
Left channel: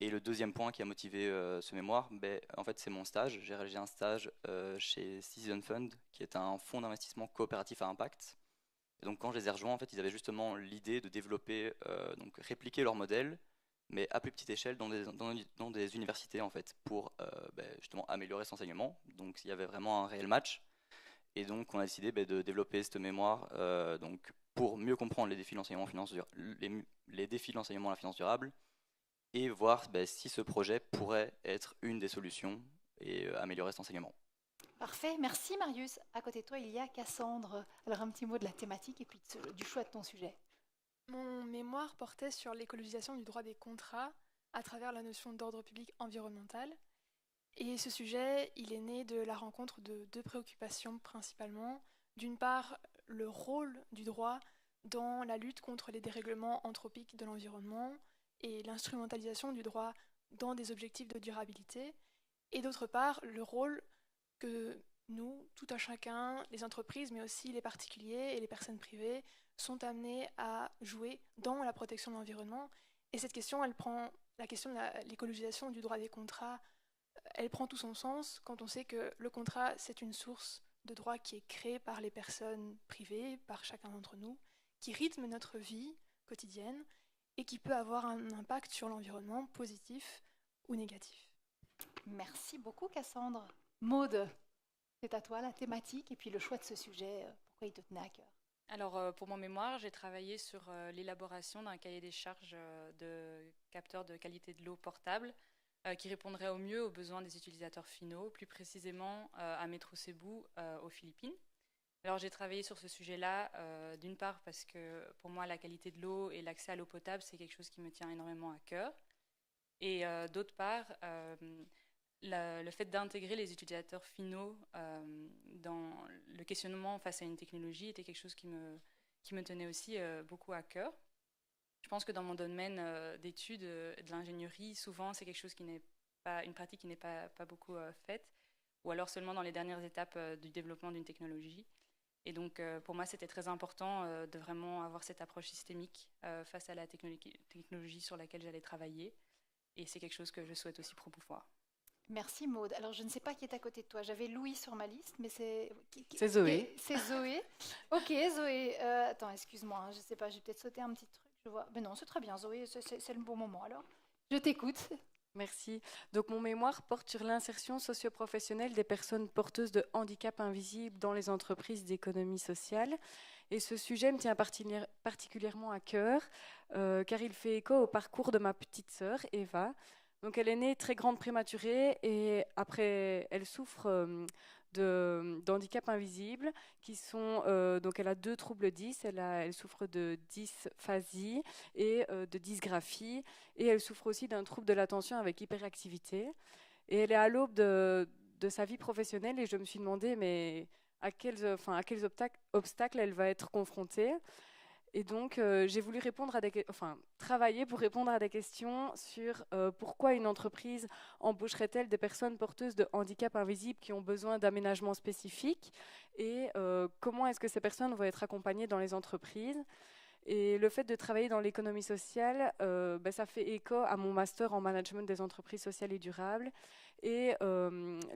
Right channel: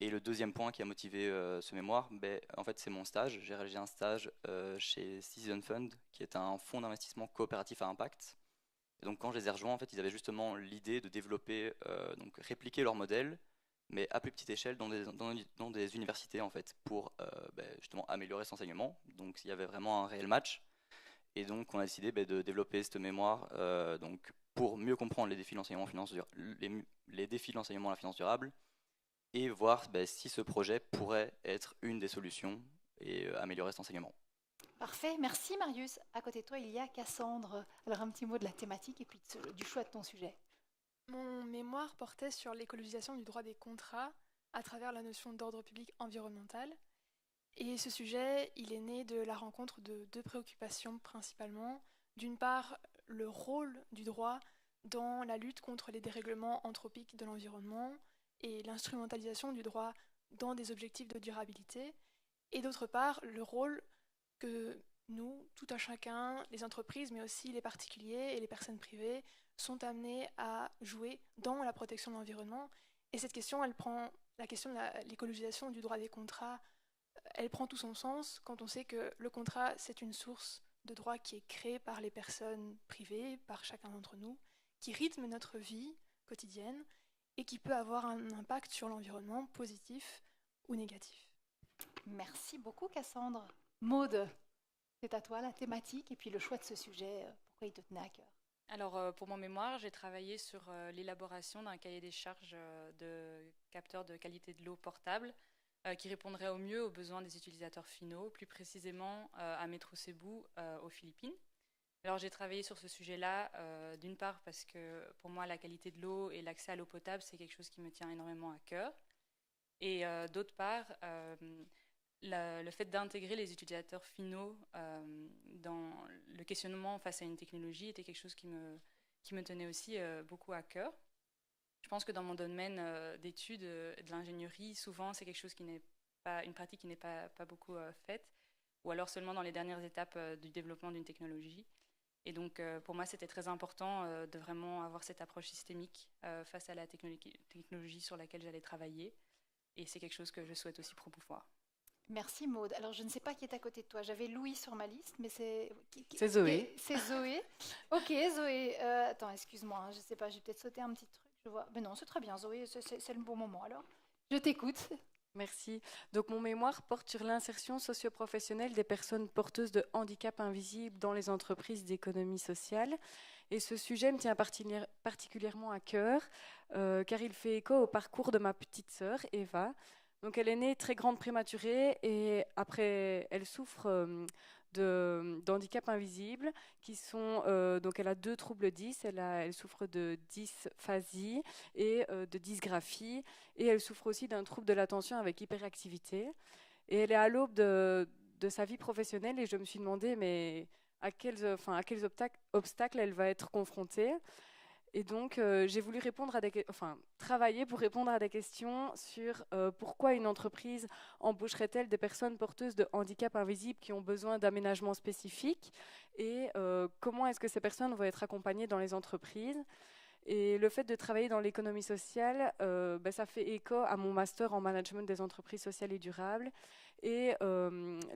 Et le deuxième point qui a motivé ce mémoire, en fait, c'est mon stage. J'ai réalisé un stage chez Citizen Fund, qui est un fonds d'investissement coopératif à impact. Et donc quand je les ai rejoints, en fait, ils avaient justement l'idée de développer, donc répliquer leur modèle, mais à plus petite échelle dans des universités en fait, pour justement améliorer cet enseignement. Donc il y avait vraiment un réel match. Et donc on a décidé de développer cette mémoire donc, pour mieux comprendre les défis de l'enseignement les défis de l'enseignement à la finance durable et voir si ce projet pourrait être une des solutions et améliorer cet enseignement. Parfait, merci Marius. À côté de toi, il y a Cassandre. Alors un petit mot de la thématique et puis du choix de ton sujet. Mon mémoire portait sur l'écologisation du droit des contrats à travers la notion d'ordre public environnemental. Et ce sujet, il est né de la rencontre de 2 préoccupations principalement. D'une part, le rôle du droit dans la lutte contre les dérèglements anthropiques de l'environnement et l'instrumentalisation du droit dans des objectifs de durabilité. Et d'autre part, le rôle que nous, tout un chacun, les entreprises, mais aussi les particuliers et les personnes privées, sont amenés à jouer dans la protection de l'environnement. Et cette question, la question de l'écologisation du droit des contrats, elle prend tout son sens quand on sait que le contrat, c'est une source de droit qui est créée par les personnes privées, par chacun d'entre nous, qui rythme notre vie quotidienne et qui peut avoir un impact sur l'environnement positif ou négatif. Merci beaucoup Cassandre. Maude, c'est à toi la thématique et puis le choix de ce sujet, pourquoi il te tenait à cœur. Alors pour mon mémoire, j'ai travaillé sur l'élaboration d'un cahier des charges de capteurs de qualité de l'eau portable qui répondrait au mieux aux besoins des utilisateurs finaux, plus précisément à Metro Cebu aux Philippines. Alors j'ai travaillé sur ce sujet-là, d'une part parce que pour moi la qualité de l'eau et l'accès à l'eau potable c'est quelque chose qui me tient énormément à cœur. Et d'autre part, le fait d'intégrer les utilisateurs finaux dans le questionnement face à une technologie était quelque chose qui me tenait aussi beaucoup à cœur. Je pense que dans mon domaine d'études de l'ingénierie, souvent c'est quelque chose qui n'est pas une pratique qui n'est pas beaucoup faite, ou alors seulement dans les dernières étapes du développement d'une technologie. Et donc pour moi c'était très important de vraiment avoir cette approche systémique face à la technologie sur laquelle j'allais travailler. Et c'est quelque chose que je souhaite aussi promouvoir. Merci Maude. Alors je ne sais pas qui est à côté de toi. J'avais Louis sur ma liste, mais c'est... C'est Zoé. C'est Zoé. Ok Zoé. Attends, excuse-moi, hein, je sais pas, j'ai peut-être sauté un petit truc. Je vois. Mais non, c'est très bien Zoé, c'est le bon moment alors. Je t'écoute. Merci. Donc mon mémoire porte sur l'insertion socio-professionnelle des personnes porteuses de handicap invisibles dans les entreprises d'économie sociale. Et ce sujet me tient particulièrement à cœur, car il fait écho au parcours de ma petite sœur, Eva. Donc elle est née très grande prématurée et après elle souffre d'handicap invisible qui sont donc elle a 2 troubles 10, elle souffre de dysphasie et de dysgraphie et elle souffre aussi d'un trouble de l'attention avec hyperactivité et elle est à l'aube de sa vie professionnelle et je me suis demandé mais à quels obstacles elle va être confrontée. Et donc, j'ai voulu travailler pour répondre à des questions sur pourquoi une entreprise embaucherait-elle des personnes porteuses de handicap invisible qui ont besoin d'aménagements spécifiques et comment est-ce que ces personnes vont être accompagnées dans les entreprises. Et le fait de travailler dans l'économie sociale, ça fait écho à mon master en management des entreprises sociales et durables. Et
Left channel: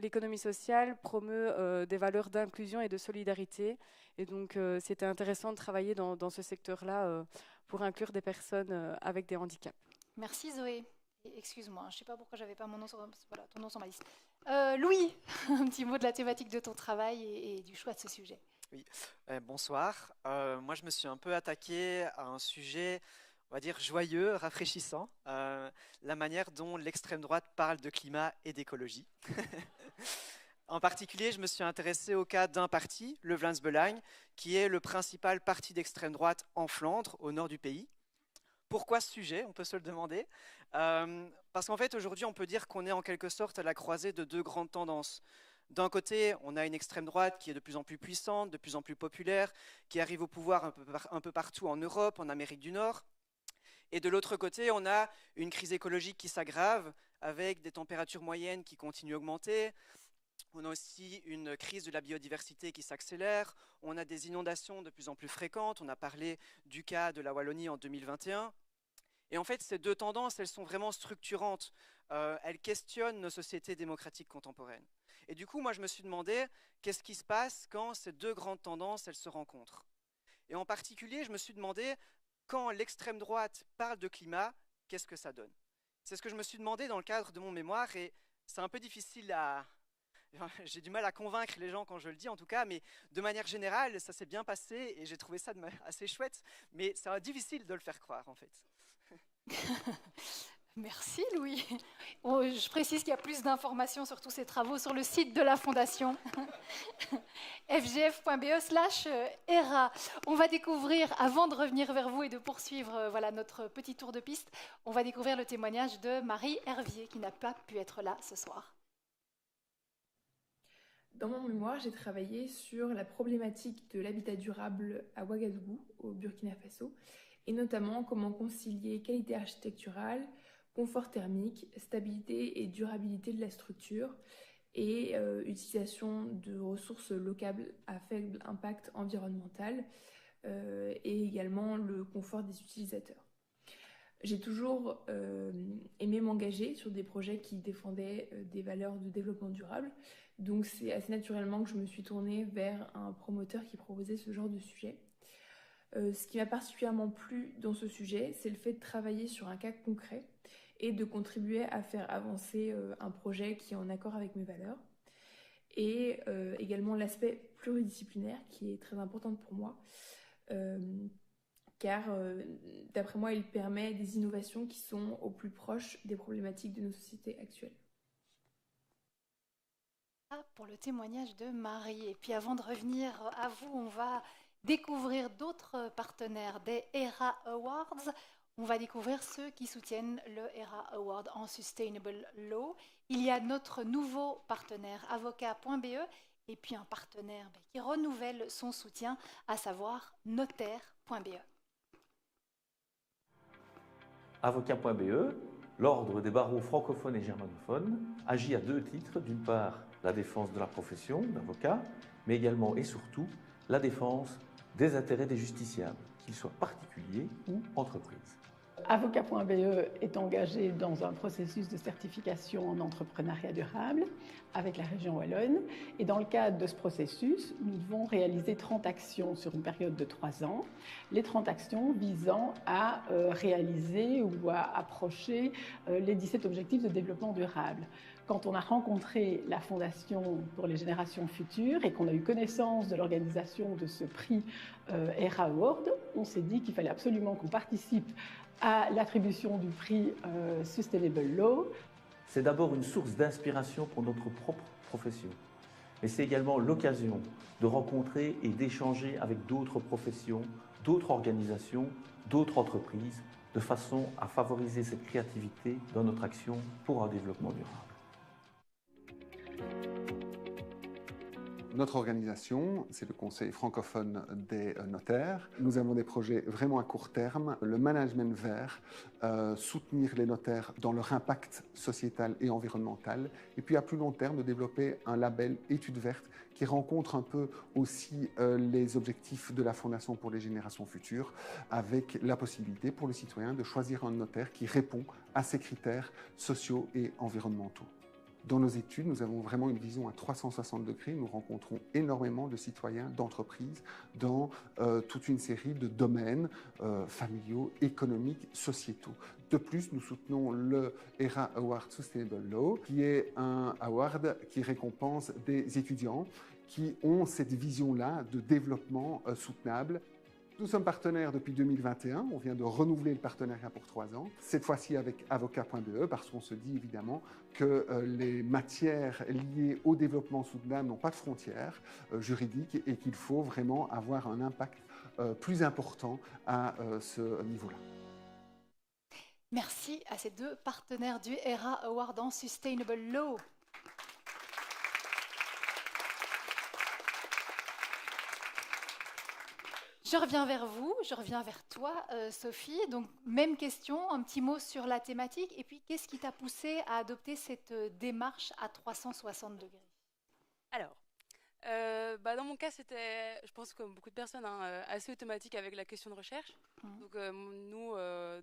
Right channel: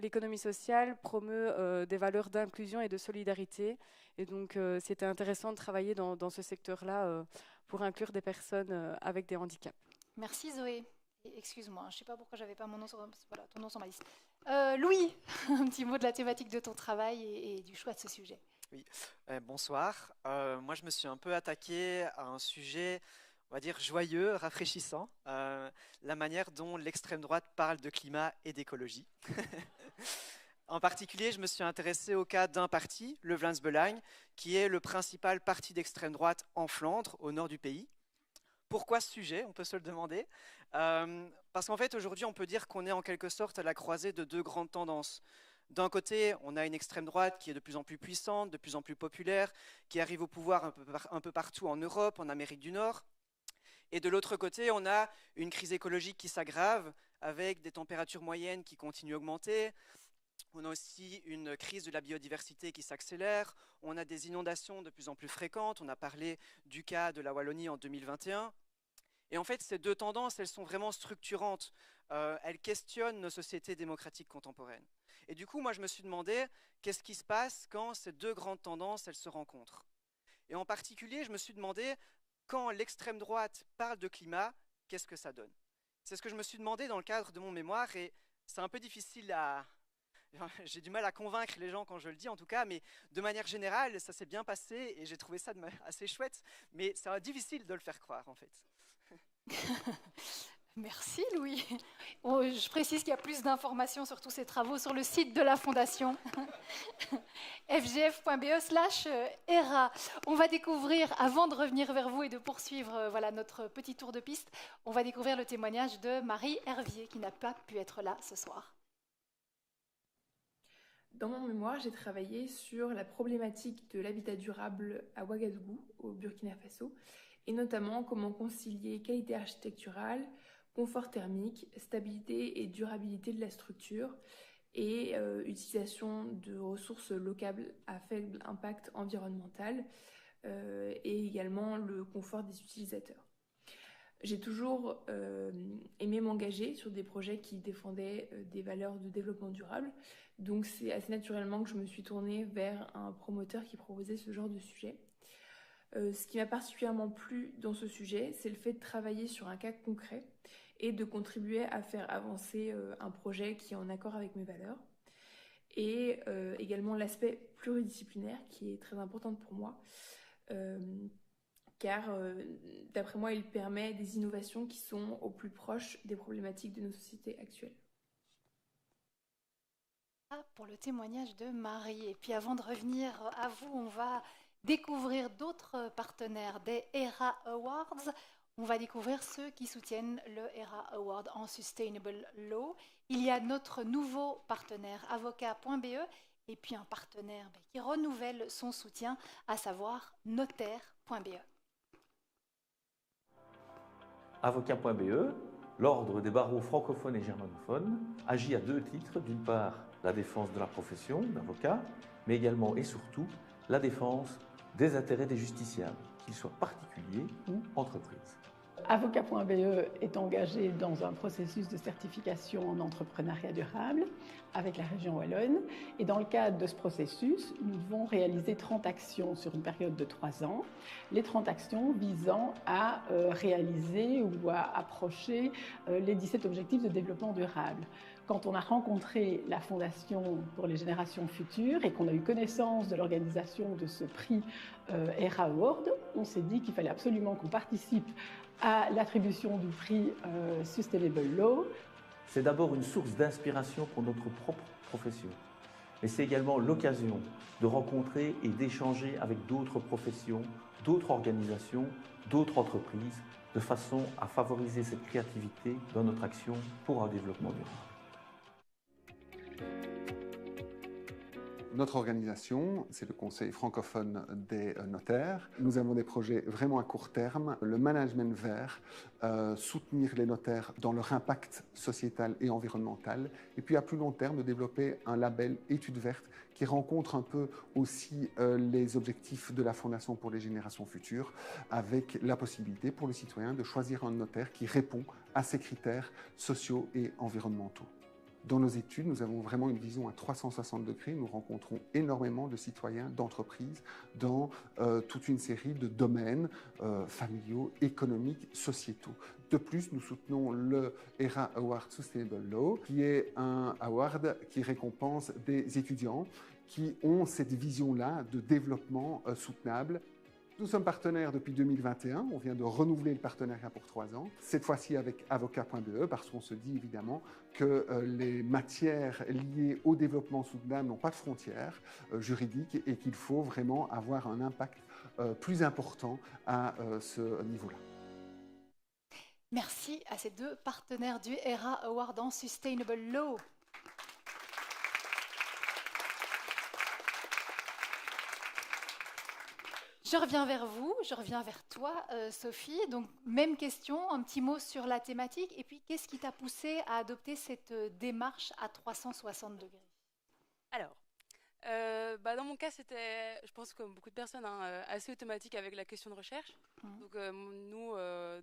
l'économie sociale promeut des valeurs d'inclusion et de solidarité. Et donc, c'était intéressant de travailler dans ce secteur-là pour inclure des personnes avec des handicaps. Merci Zoé. Excuse-moi, je ne sais pas pourquoi j'avais pas mon nom ton nom sur ma liste. Louis, un petit mot de la thématique de ton travail et du choix de ce sujet. Oui, bonsoir. Moi, je me suis un peu attaqué à un sujet, on va dire, joyeux, rafraîchissant, la manière dont l'extrême droite parle de climat et d'écologie. En particulier, je me suis intéressé au cas d'un parti, le Vlaams Belang, qui est le principal parti d'extrême droite en Flandre, au nord du pays. Pourquoi ce sujet? On peut se le demander. Parce qu'en fait, aujourd'hui, on peut dire qu'on est en quelque sorte à la croisée de 2 grandes tendances. D'un côté, on a une extrême droite qui est de plus en plus puissante, de plus en plus populaire, qui arrive au pouvoir un peu partout en Europe, en Amérique du Nord. Et de l'autre côté, on a une crise écologique qui s'aggrave, avec des températures moyennes qui continuent à augmenter. On a aussi une crise de la biodiversité qui s'accélère. On a des inondations de plus en plus fréquentes. On a parlé du cas de la Wallonie en 2021. Et en fait, ces 2 tendances, elles sont vraiment structurantes. Elles questionnent nos sociétés démocratiques contemporaines. Et du coup, moi, je me suis demandé qu'est-ce qui se passe quand ces 2 grandes tendances, elles se rencontrent. Et en particulier, je me suis demandé quand l'extrême droite parle de climat, qu'est-ce que ça donne? C'est ce que je me suis demandé dans le cadre de mon mémoire et c'est un peu difficile à... J'ai du mal à convaincre les gens quand je le dis en tout cas, mais de manière générale, ça s'est bien passé et j'ai trouvé ça assez chouette, mais c'est difficile de le faire croire en fait. Merci Louis. Je précise qu'il y a plus d'informations sur tous ces travaux sur le site de la Fondation, fgf.be/ERA. On va découvrir, avant de revenir vers vous et de poursuivre notre petit tour de piste, on va découvrir le témoignage de Marie Hervier qui n'a pas pu être là ce soir. Dans mon mémoire, j'ai travaillé sur la problématique de l'habitat durable à Ouagadougou, au Burkina Faso, et notamment comment concilier qualité architecturale, confort thermique, stabilité et durabilité de la structure et utilisation de ressources locales à faible impact environnemental et également le confort des utilisateurs. J'ai toujours aimé m'engager sur des projets qui défendaient des valeurs de développement durable, donc c'est assez naturellement que je me suis tournée vers un promoteur qui proposait ce genre de sujet. Ce qui m'a particulièrement plu dans ce sujet, c'est le fait de travailler sur un cas concret et de contribuer à faire avancer un projet qui est en accord avec mes valeurs. Et également l'aspect pluridisciplinaire qui est très important pour moi, car d'après moi, il permet des innovations qui sont au plus proche des problématiques de nos sociétés actuelles. sera pour le témoignage de Marie. Et puis avant de revenir à vous, on va découvrir d'autres partenaires des ERA Awards. On va découvrir ceux qui soutiennent le ERA Award en Sustainable Law. Il y a notre nouveau partenaire avocat.be et puis un partenaire qui renouvelle son soutien, à savoir notaire.be. Avocat.be, l'ordre des barreaux francophones et germanophones, agit à deux titres. D'une part, la défense de la profession d'avocat, mais également et surtout la défense des intérêts des justiciables, qu'ils soient particuliers ou entreprises. Avocat.be est engagé dans un processus de certification en entrepreneuriat durable avec la région Wallonne. Et dans le cadre de ce processus, nous devons réaliser 30 actions sur une période de 3 ans. Les 30 actions visant à réaliser ou à approcher les 17 objectifs de développement durable. Quand on a rencontré la Fondation pour les générations futures et qu'on a eu connaissance de l'organisation de ce prix ERA Award, on s'est dit qu'il fallait absolument qu'on participe à l'attribution du prix Sustainable Law. C'est d'abord une source d'inspiration pour notre propre profession. Mais c'est également l'occasion de rencontrer et d'échanger avec d'autres professions, d'autres organisations, d'autres entreprises, de façon à favoriser cette créativité dans notre action pour un développement durable. Notre organisation, c'est le Conseil francophone des notaires. Nous avons des projets vraiment à court terme, le management vert, soutenir les notaires dans leur impact sociétal et environnemental, et puis à plus long terme, de développer un label études vertes qui rencontre un peu aussi les objectifs de la Fondation pour les générations futures, avec la possibilité pour le citoyen de choisir un notaire qui répond à ces critères sociaux et environnementaux. Dans nos études, nous avons vraiment une vision à 360 degrés. Nous rencontrons énormément de citoyens, d'entreprises dans toute une série de domaines familiaux, économiques, sociétaux. De plus, nous soutenons le ERA Award Sustainable Law, qui est un award qui récompense des étudiants qui ont cette vision-là de développement soutenable. Nous sommes partenaires depuis 2021, on vient de renouveler le partenariat pour 3 ans, cette fois-ci avec avocat.be, parce qu'on se dit évidemment que les matières liées au développement soutenable n'ont pas de frontières juridiques et qu'il faut vraiment avoir un impact plus important à ce niveau-là. Merci à ces deux partenaires du ERA Award en Sustainable Law. Je reviens vers vous, je reviens vers toi, Sophie. Donc, même question, un petit mot sur la thématique. Et puis, qu'est-ce qui t'a poussé à adopter cette démarche à 360 degrés? Alors, dans mon cas, c'était, je pense comme beaucoup de personnes, assez automatique avec la question de recherche. Donc, nous,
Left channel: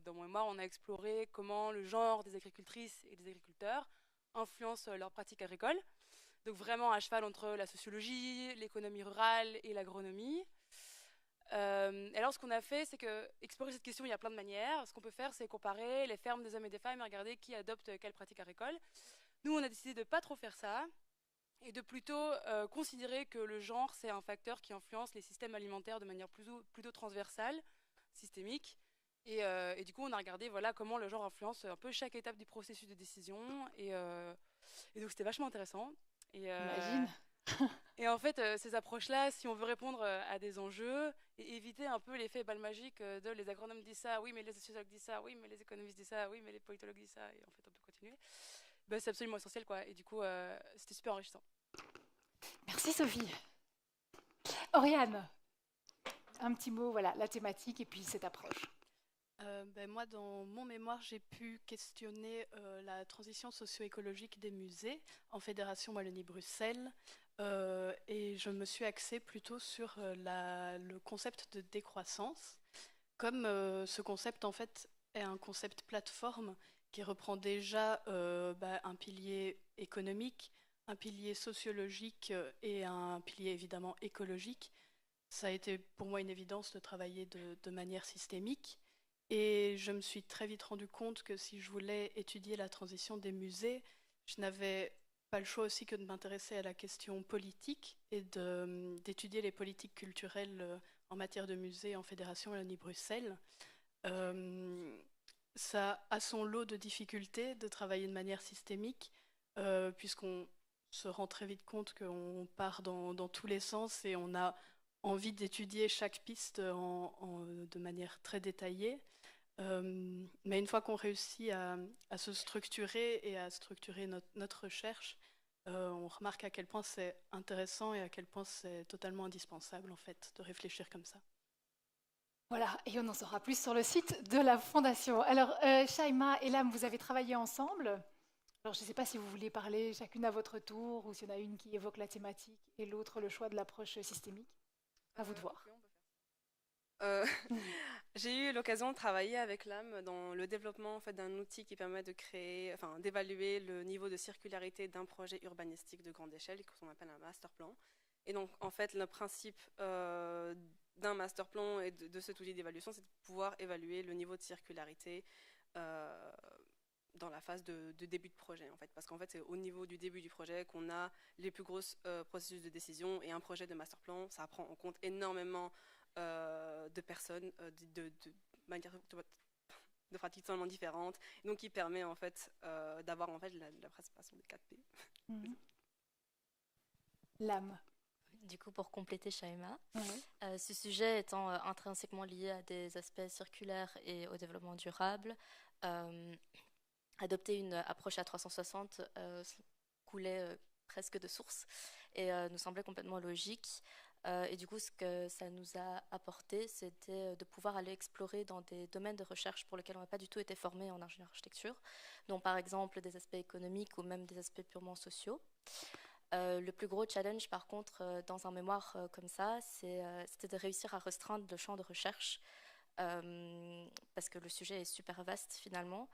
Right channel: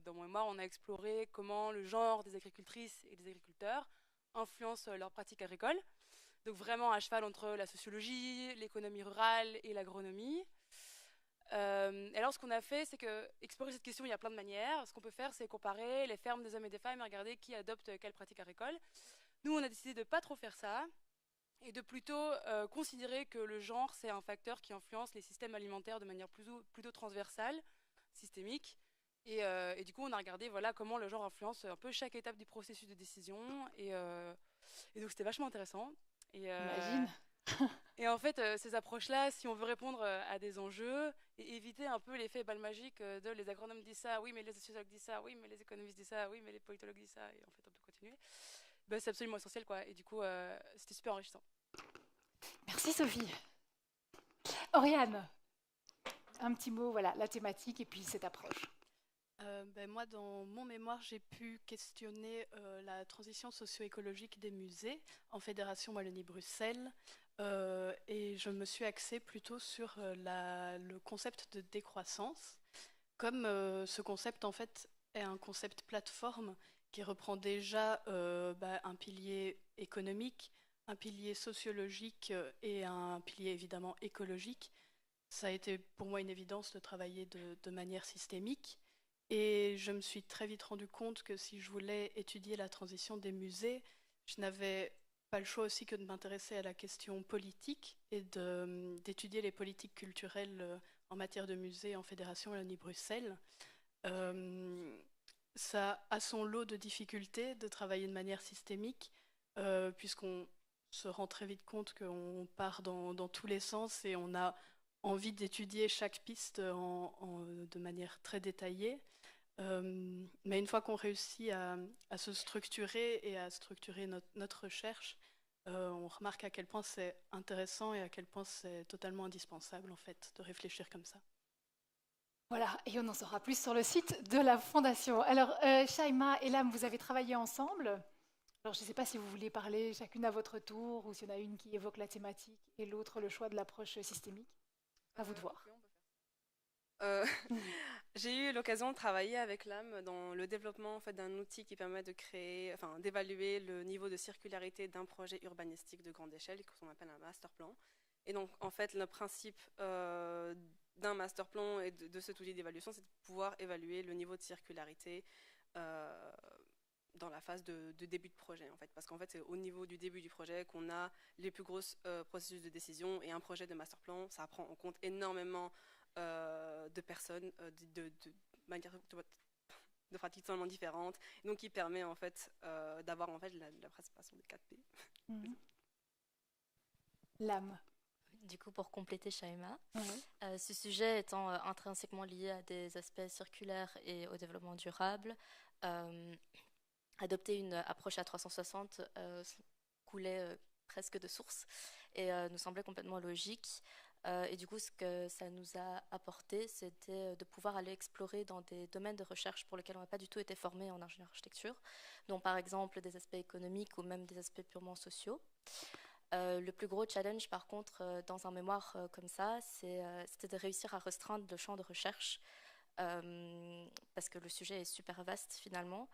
dans mon mémoire, on a exploré comment le genre des agricultrices et des agriculteurs influence leurs pratiques agricoles. Donc, vraiment à cheval entre la sociologie, l'économie rurale et l'agronomie. Et alors, ce qu'on a fait, c'est que explorer cette question, il y a plein de manières. Ce qu'on peut faire, c'est comparer les fermes des hommes et des femmes et regarder qui adopte quelle pratique agricole. Nous, on a décidé de ne pas trop faire ça et de plutôt considérer que le genre, c'est un facteur qui influence les systèmes alimentaires de manière plutôt transversale, systémique. Et du coup, on a regardé comment le genre influence un peu chaque étape du processus de décision. Et donc, c'était vachement intéressant. Imagine. Et en fait, ces approches-là, si on veut répondre à des enjeux et éviter un peu l'effet balle magique de les agronomes disent ça, oui, mais les sociologues disent ça, oui, mais les économistes disent ça, oui, mais les politologues disent ça, et en fait, on peut continuer. C'est absolument essentiel, quoi. Et du coup, c'était super enrichissant. Merci, Sophie. Oriane, un petit mot, la thématique et puis cette approche. Moi, dans mon mémoire, j'ai pu questionner la transition socio-écologique des musées en Fédération Wallonie-Bruxelles et je me suis axée plutôt sur le concept de décroissance. Comme ce concept, en fait, est un concept plateforme qui reprend déjà un pilier économique, un pilier sociologique et un pilier évidemment écologique, ça a été pour moi une évidence de travailler de manière systémique. Et je me suis très vite rendu compte que si je voulais étudier la transition des musées, je n'avais pas le choix aussi que de m'intéresser à la question politique et d'étudier les politiques culturelles en matière de musées en Fédération Wallonie-Bruxelles. Ça a son lot de difficultés de travailler de manière systémique, puisqu'on se rend très vite compte qu'on part dans tous les sens et on a envie d'étudier chaque piste de manière très détaillée. Mais une fois qu'on réussit à se structurer et à structurer notre recherche, on remarque à quel point c'est intéressant et à quel point c'est totalement indispensable en fait de réfléchir comme ça. Voilà, et on en saura plus sur le site de la Fondation. Alors, Shaima et Lam, vous avez travaillé ensemble. Alors, je ne sais pas si vous voulez parler chacune à votre tour ou s'il y en a une qui évoque la thématique et l'autre le choix de l'approche systémique. À vous de voir. J'ai eu l'occasion de travailler avec l'AM dans le développement en fait, d'un outil qui permet de créer, enfin, d'évaluer le niveau de circularité d'un projet urbanistique de grande échelle, qu'on appelle un master plan. Et donc, en fait, le principe d'un master plan et de cet outil d'évaluation, c'est de pouvoir évaluer le niveau de circularité dans la phase de début de projet, en fait. Parce qu'en fait, c'est au niveau du début du projet qu'on a les plus grosses processus de décision. Et un projet de master plan, ça prend en compte énormément de personnes, de manière de pratiques totalement différentes, donc qui permet en fait d'avoir en fait la participation de 4P. L'âme. Du coup, pour compléter Shaima, ce sujet étant intrinsèquement lié à des aspects circulaires et au développement durable, adopter une approche à 360 coulait presque de source et nous semblait complètement logique. Et du coup, ce que ça nous a apporté, c'était de pouvoir aller explorer dans des domaines de recherche pour lesquels on n'a pas du tout été formé en ingénierie architecture, dont par exemple des aspects économiques ou même des aspects purement sociaux. Le plus gros challenge, par contre, dans un mémoire comme ça, c'était de réussir à restreindre le champ de recherche, parce que le sujet est super vaste finalement,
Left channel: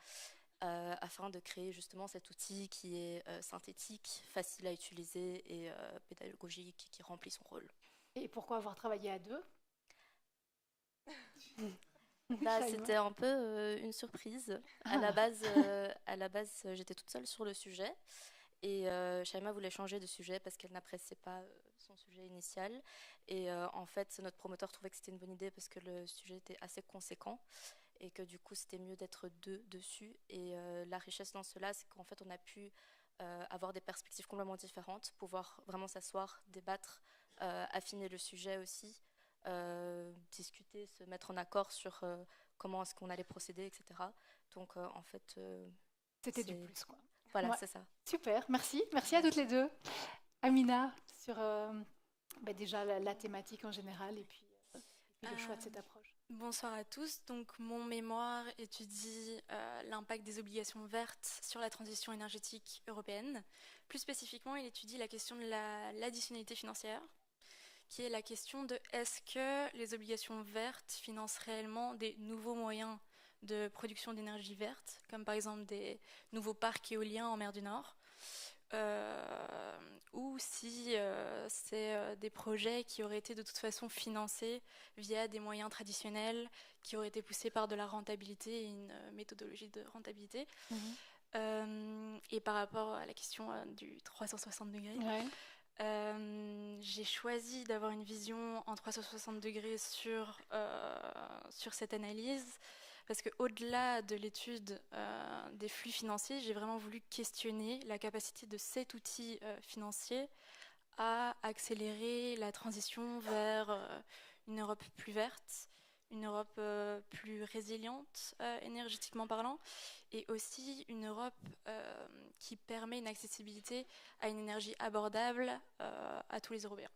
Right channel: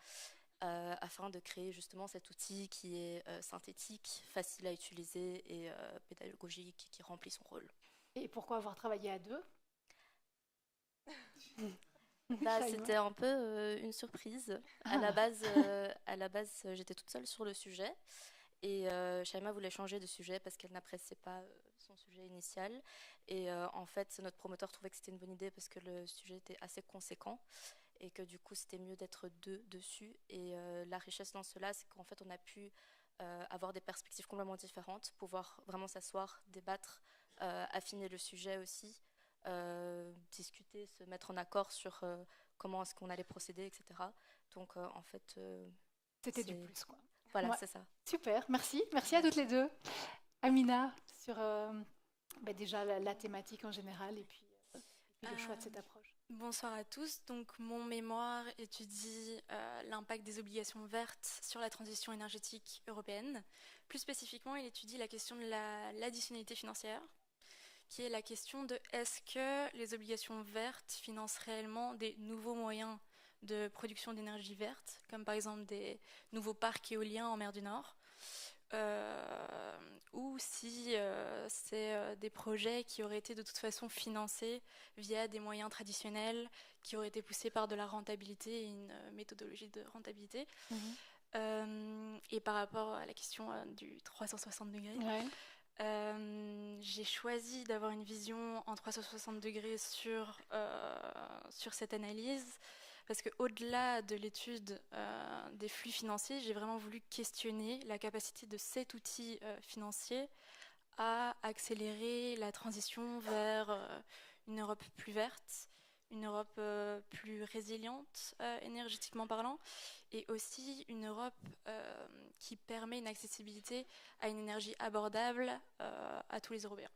afin de créer justement cet outil qui est synthétique, facile à utiliser et pédagogique, qui remplit son rôle. Et pourquoi avoir travaillé à deux? C'était un peu une surprise. À la base, j'étais toute seule sur le sujet. Et Shaima voulait changer de sujet parce qu'elle n'appréciait pas son sujet initial. Et en fait, notre promoteur trouvait que c'était une bonne idée parce que le sujet était assez conséquent et que du coup, c'était mieux d'être deux dessus. Et la richesse dans cela, c'est qu'en fait, on a pu avoir des perspectives complètement différentes, pouvoir vraiment s'asseoir, débattre, affiner le sujet aussi, discuter, se mettre en accord sur comment est-ce qu'on allait procéder, etc. Donc, en fait... c'était du plus, quoi. Voilà, Ouais. c'est ça. Super, merci. Merci à toutes les deux. Amina, sur déjà la thématique en général et puis le choix de cette approche. Bonsoir à tous. Donc, mon mémoire étudie l'impact des obligations vertes sur la transition énergétique européenne. Plus spécifiquement, il étudie la question de l'additionnalité financière, qui est la question de est-ce que les obligations vertes financent réellement des nouveaux moyens de production d'énergie verte, comme par exemple des nouveaux parcs éoliens en mer du Nord, ou si c'est des projets qui auraient été de toute façon financés via des moyens traditionnels, qui auraient été poussés par de la rentabilité et une méthodologie de rentabilité. Et par rapport à la question du 360 degrés, j'ai choisi d'avoir une vision en 360 degrés sur cette analyse, parce qu'au-delà de l'étude des flux financiers, j'ai vraiment voulu questionner la capacité de cet outil financier à accélérer la transition vers une Europe plus verte, une Europe plus résiliente énergétiquement parlant, et aussi une Europe qui permet une accessibilité à une énergie abordable à tous les Européens.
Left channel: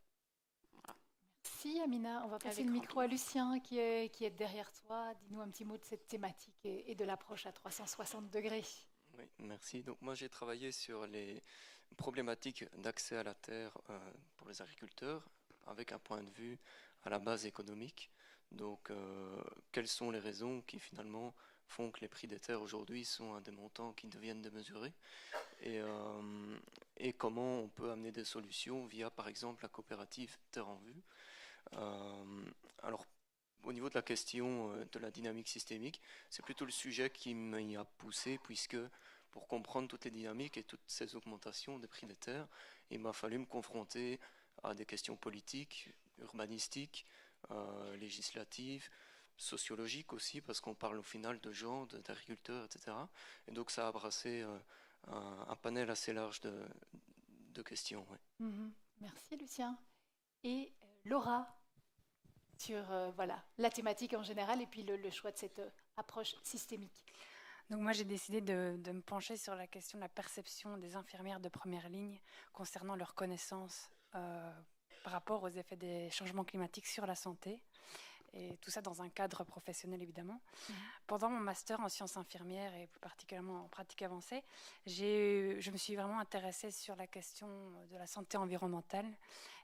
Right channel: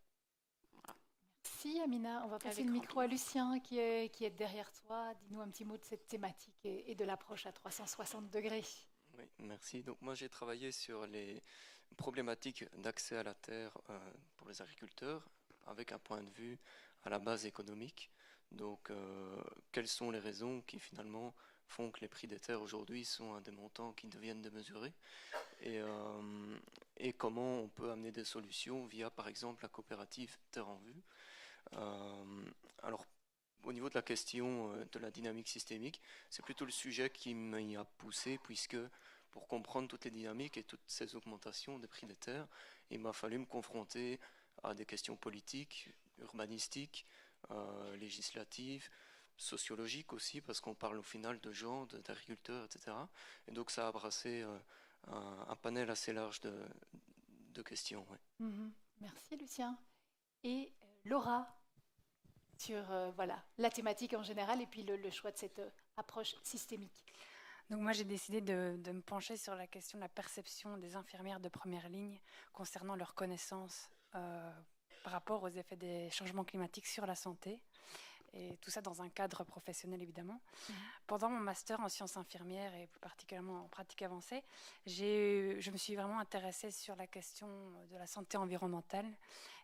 Merci Amina, on va passer le micro à Lucien qui est derrière toi. Dis-nous un petit mot de cette thématique et de l'approche à 360 degrés. Oui, merci. Donc moi j'ai travaillé sur les problématiques d'accès à la terre pour les agriculteurs avec un point de vue à la base économique. Donc quelles sont les raisons qui finalement font que les prix des terres aujourd'hui sont à des montants qui deviennent démesurés et comment on peut amener des solutions via par exemple la coopérative Terre en Vue. Alors, au niveau de la question de la dynamique systémique, c'est plutôt le sujet qui m'y a poussé, puisque pour comprendre toutes les dynamiques et toutes ces augmentations des prix des terres, il m'a fallu me confronter à des questions politiques, urbanistiques, législatives, sociologiques aussi, parce qu'on parle au final de gens, d'agriculteurs, etc. Et donc ça a brassé un panel assez large de questions. Ouais. Merci Lucien. Et Laura, sur voilà, la thématique en général et puis le choix de cette approche systémique. Donc moi j'ai décidé de me pencher sur la question de la perception des infirmières de première ligne concernant leurs connaissances par rapport aux effets des changements climatiques sur la santé. Et tout ça dans un cadre professionnel évidemment. Pendant mon master en sciences infirmières et plus particulièrement en pratique avancée, je me suis vraiment intéressée sur la question de la santé environnementale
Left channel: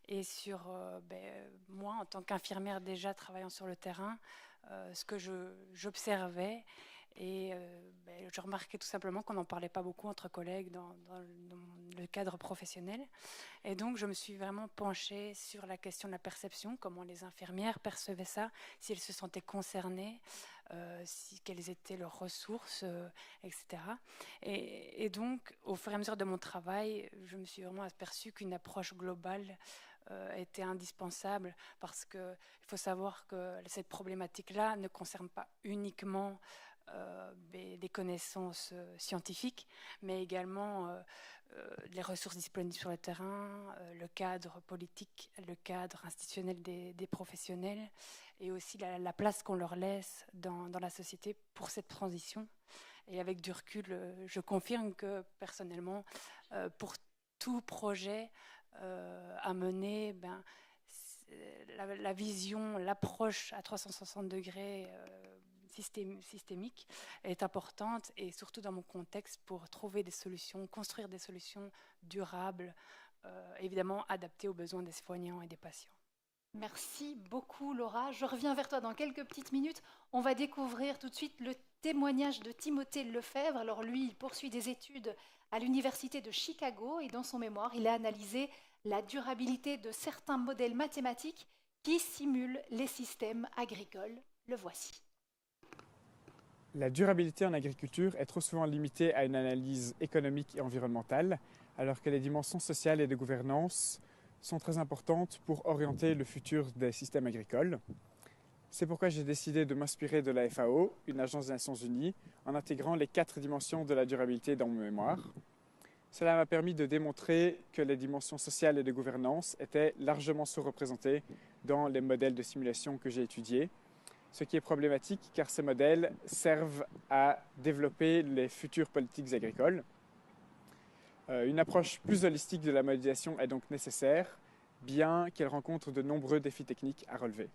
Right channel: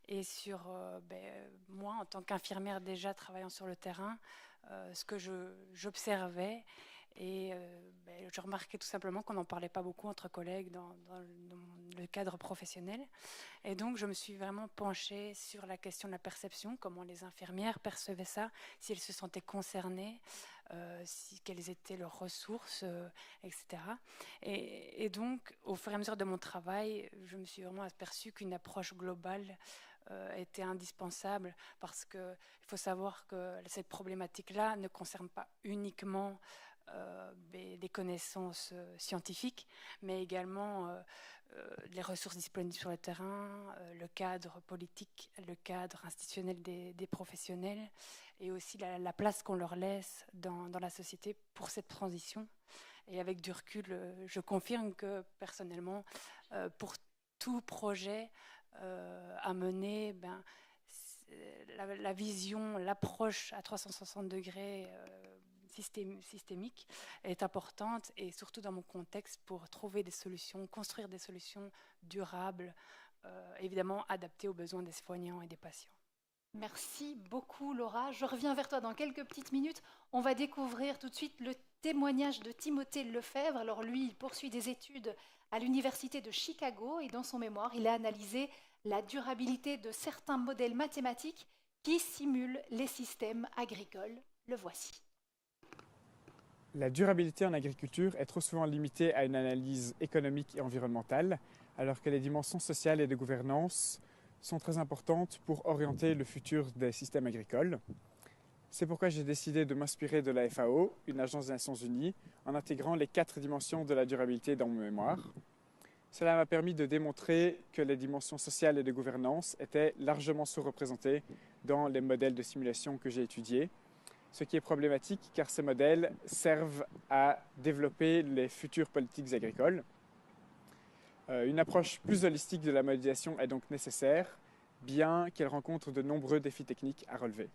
et sur moi en tant qu'infirmière déjà travaillant sur le terrain, ce que j'observais. Et je remarquais tout simplement qu'on n'en parlait pas beaucoup entre collègues dans le cadre professionnel. Et donc, je me suis vraiment penchée sur la question de la perception, comment les infirmières percevaient ça, si elles se sentaient concernées, quelles étaient leurs ressources, etc. Et donc, au fur et à mesure de mon travail, je me suis vraiment aperçue qu'une approche globale était indispensable parce qu'il faut savoir que cette problématique-là ne concerne pas uniquement des connaissances scientifiques, mais également les ressources disponibles sur le terrain, le cadre politique, le cadre institutionnel des professionnels et aussi la place qu'on leur laisse dans la société pour cette transition. Et avec du recul, je confirme que personnellement, pour tout projet à mener, la vision, l'approche à 360 degrés systémique est importante et surtout dans mon contexte pour trouver des solutions, construire des solutions durables, évidemment adaptées aux besoins des soignants et des patients. Merci beaucoup Laura. Je reviens vers toi dans quelques petites minutes. On va découvrir tout de suite le témoignage de Timothée Lefebvre. Alors lui, il poursuit des études à l'université de Chicago et dans son mémoire, il a analysé la durabilité de certains modèles mathématiques qui simulent les systèmes agricoles. Le voici. La durabilité en agriculture est trop souvent limitée à une analyse économique et environnementale, alors que les dimensions sociales et de gouvernance sont très importantes pour orienter le futur des systèmes agricoles. C'est pourquoi j'ai décidé de m'inspirer de la FAO, une agence des Nations Unies, en intégrant les 4 dimensions de la durabilité dans mon mémoire. Cela m'a permis de démontrer que les dimensions sociales et de gouvernance étaient largement sous-représentées dans les modèles de simulation que j'ai étudiés, ce qui est problématique car ces modèles servent à développer les futures politiques agricoles. Une approche plus holistique de la modélisation est donc nécessaire, bien qu'elle rencontre de nombreux défis techniques à relever.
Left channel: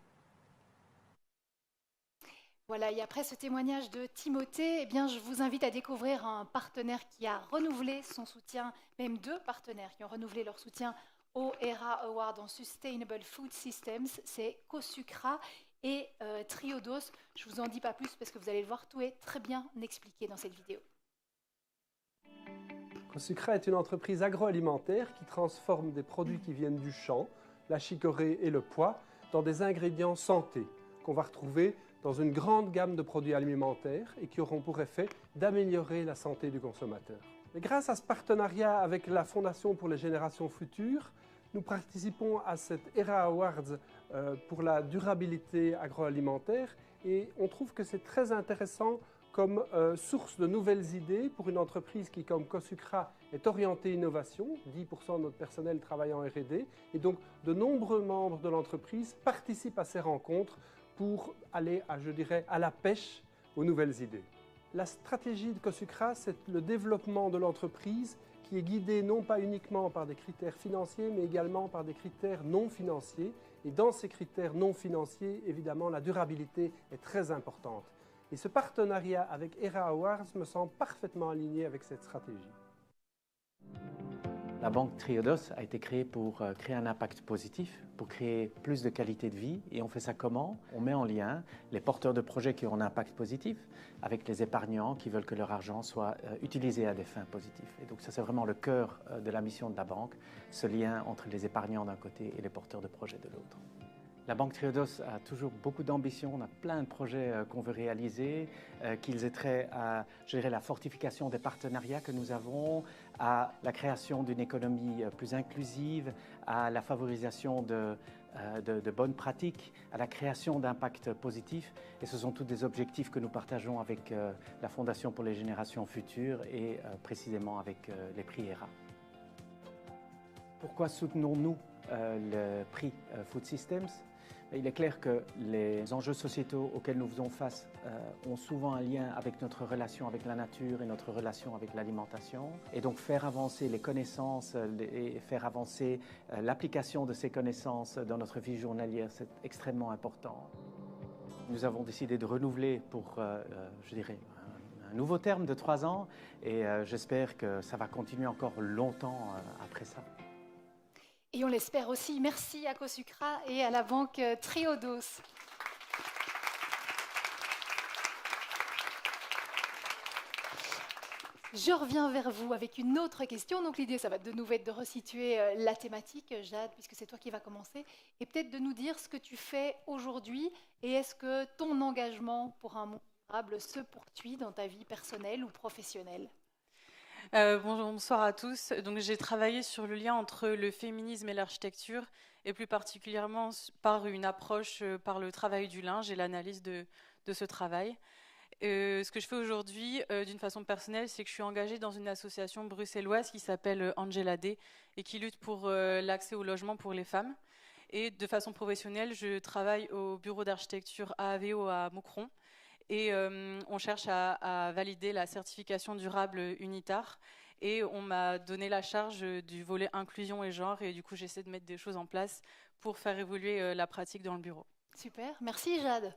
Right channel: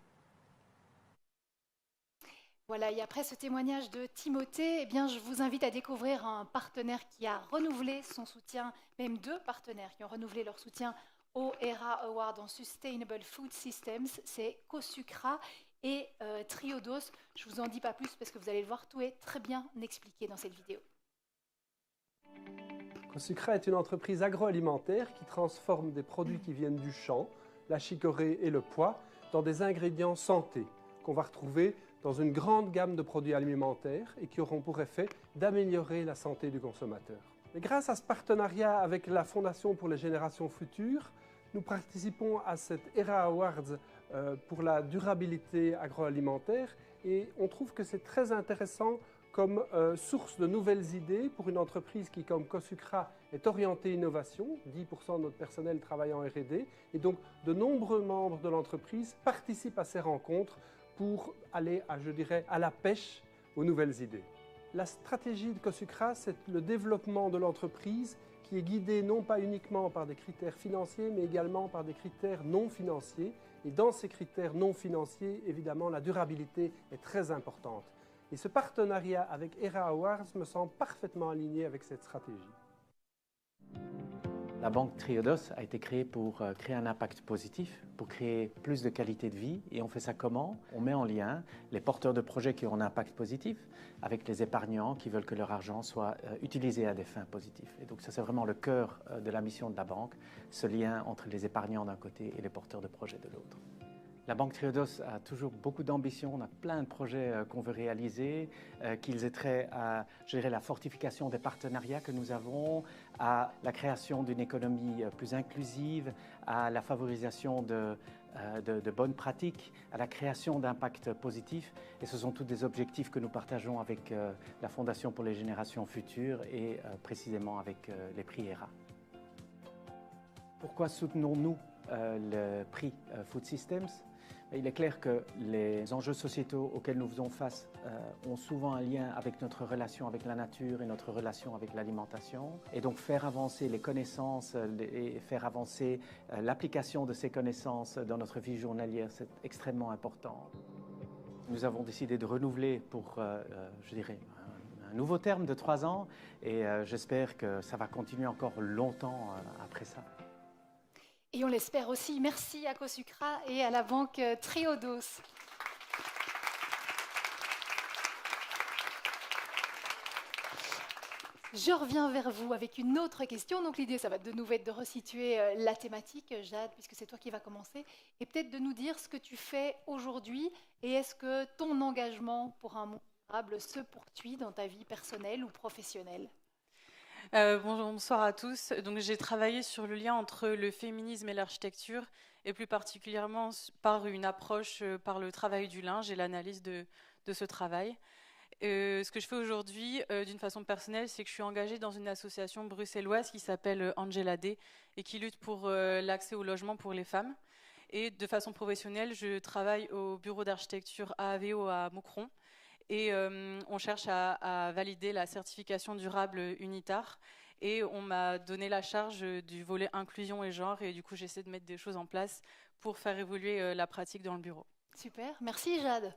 Voilà, et après ce témoignage de Timothée, eh bien, je vous invite à découvrir un partenaire qui a renouvelé son soutien, même 2 partenaires qui ont renouvelé leur soutien au ERA Award en Sustainable Food Systems, c'est COSUCRA et Triodos. Je ne vous en dis pas plus parce que vous allez le voir, tout est très bien expliqué dans cette vidéo. COSUCRA est une entreprise agroalimentaire qui transforme des produits qui viennent du champ, la chicorée et le pois, dans des ingrédients santé qu'on va retrouver dans une grande gamme de produits alimentaires et qui auront pour effet d'améliorer la santé du consommateur. Et grâce à ce partenariat avec la Fondation pour les générations futures, nous participons à cette ERA Awards pour la durabilité agroalimentaire et on trouve que c'est très intéressant comme source de nouvelles idées pour une entreprise qui, comme COSUCRA, est orientée innovation. 10% de notre personnel travaille en R&D et donc de nombreux membres de l'entreprise participent à ces rencontres pour aller, à la pêche aux nouvelles idées. La stratégie de COSUCRA, c'est le développement de l'entreprise qui est guidée non pas uniquement par des critères financiers, mais également par des critères non financiers. Et dans ces critères non financiers, évidemment, la durabilité est très importante. Et ce partenariat avec ERA Awards me semble parfaitement aligné avec cette stratégie. La banque Triodos a été créée pour créer un impact positif, pour créer plus de qualité de vie. Et on fait ça comment? On met en lien les porteurs de projets qui ont un impact positif avec les épargnants qui veulent que leur argent soit utilisé à des fins positives. Et donc ça, c'est vraiment le cœur de la mission de la banque, ce lien entre les épargnants d'un côté et les porteurs de projets de l'autre. La banque Triodos a toujours beaucoup d'ambition, on a plein de projets qu'on veut réaliser, qu'ils aient trait à gérer la fortification des partenariats que nous avons, à la création d'une économie plus inclusive, à la favorisation de bonnes pratiques, à la création d'impacts positifs. Et ce sont tous des objectifs que nous partageons avec la Fondation pour les générations futures et précisément avec les prix ERA. Pourquoi soutenons-nous le prix Food Systems? Il est clair que les enjeux sociétaux auxquels nous faisons face ont souvent un lien avec notre relation avec la nature et notre relation avec l'alimentation. Et donc faire avancer les connaissances et faire avancer l'application de ces connaissances dans notre vie journalière, c'est extrêmement important. Nous avons décidé de renouveler pour, je dirais, un nouveau terme de 3 ans et j'espère que ça va continuer encore longtemps après ça. Et on l'espère aussi. Merci à Cosucra et à la banque Triodos. Je reviens vers vous avec une autre question. Donc l'idée, ça va de nouveau être de resituer la thématique, Jade, puisque c'est toi qui vas commencer, et peut-être de nous dire ce que tu fais aujourd'hui et est-ce que ton engagement pour un monde durable se poursuit dans ta vie personnelle ou professionnelle? Bonsoir à tous. Donc, j'ai travaillé sur le lien entre le féminisme et l'architecture, et plus particulièrement par une approche par le travail du linge et l'analyse de ce travail. Ce que je fais aujourd'hui, d'une façon personnelle, c'est que je suis engagée dans une association bruxelloise qui s'appelle Angela Day et qui lutte pour l'accès au logement pour les femmes. Et de façon professionnelle, je travaille au bureau d'architecture AAVO à Moucron. Et on cherche à valider la certification durable UNITAR. Et on m'a donné la charge du volet inclusion et genre. Et du coup, j'essaie de mettre des choses en place pour faire évoluer la pratique dans le bureau. Super, merci Jade.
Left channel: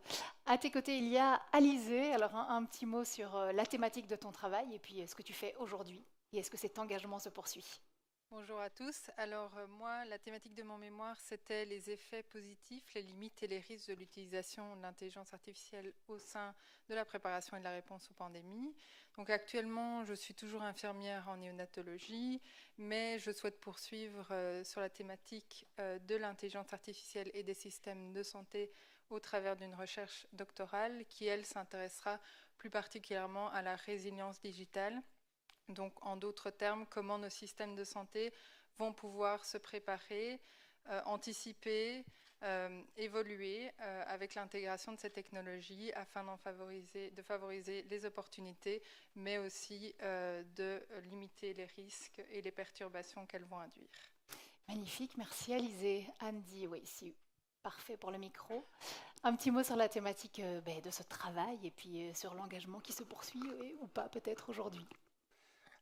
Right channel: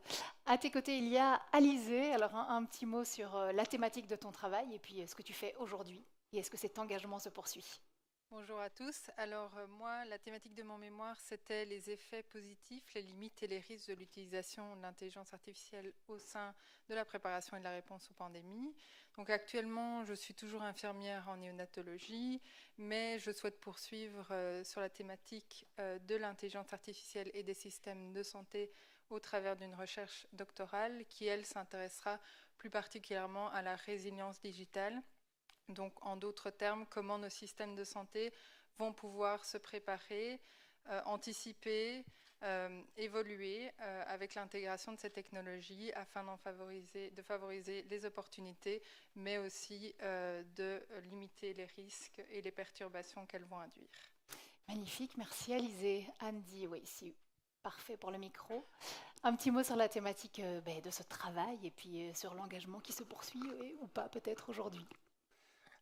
À tes côtés, il y a Alizé. Alors un petit mot sur la thématique de ton travail et puis ce que tu fais aujourd'hui. Et est-ce que cet engagement se poursuit? Bonjour à tous. Alors moi, la thématique de mon mémoire, c'était les effets positifs, les limites et les risques de l'utilisation de l'intelligence artificielle au sein de la préparation et de la réponse aux pandémies. Donc actuellement, je suis toujours infirmière en néonatologie, mais je souhaite poursuivre sur la thématique de l'intelligence artificielle et des systèmes de santé au travers d'une recherche doctorale qui, elle, s'intéressera plus particulièrement à la résilience digitale. Donc, en d'autres termes, comment nos systèmes de santé vont pouvoir se préparer, anticiper, évoluer avec l'intégration de ces technologies afin de favoriser les opportunités, mais aussi de limiter les risques et les perturbations qu'elles vont induire. Magnifique, merci Alizé. Andy, oui, c'est parfait pour le micro. Un petit mot sur la thématique de ce travail et puis sur l'engagement qui se poursuit ou pas peut-être aujourd'hui.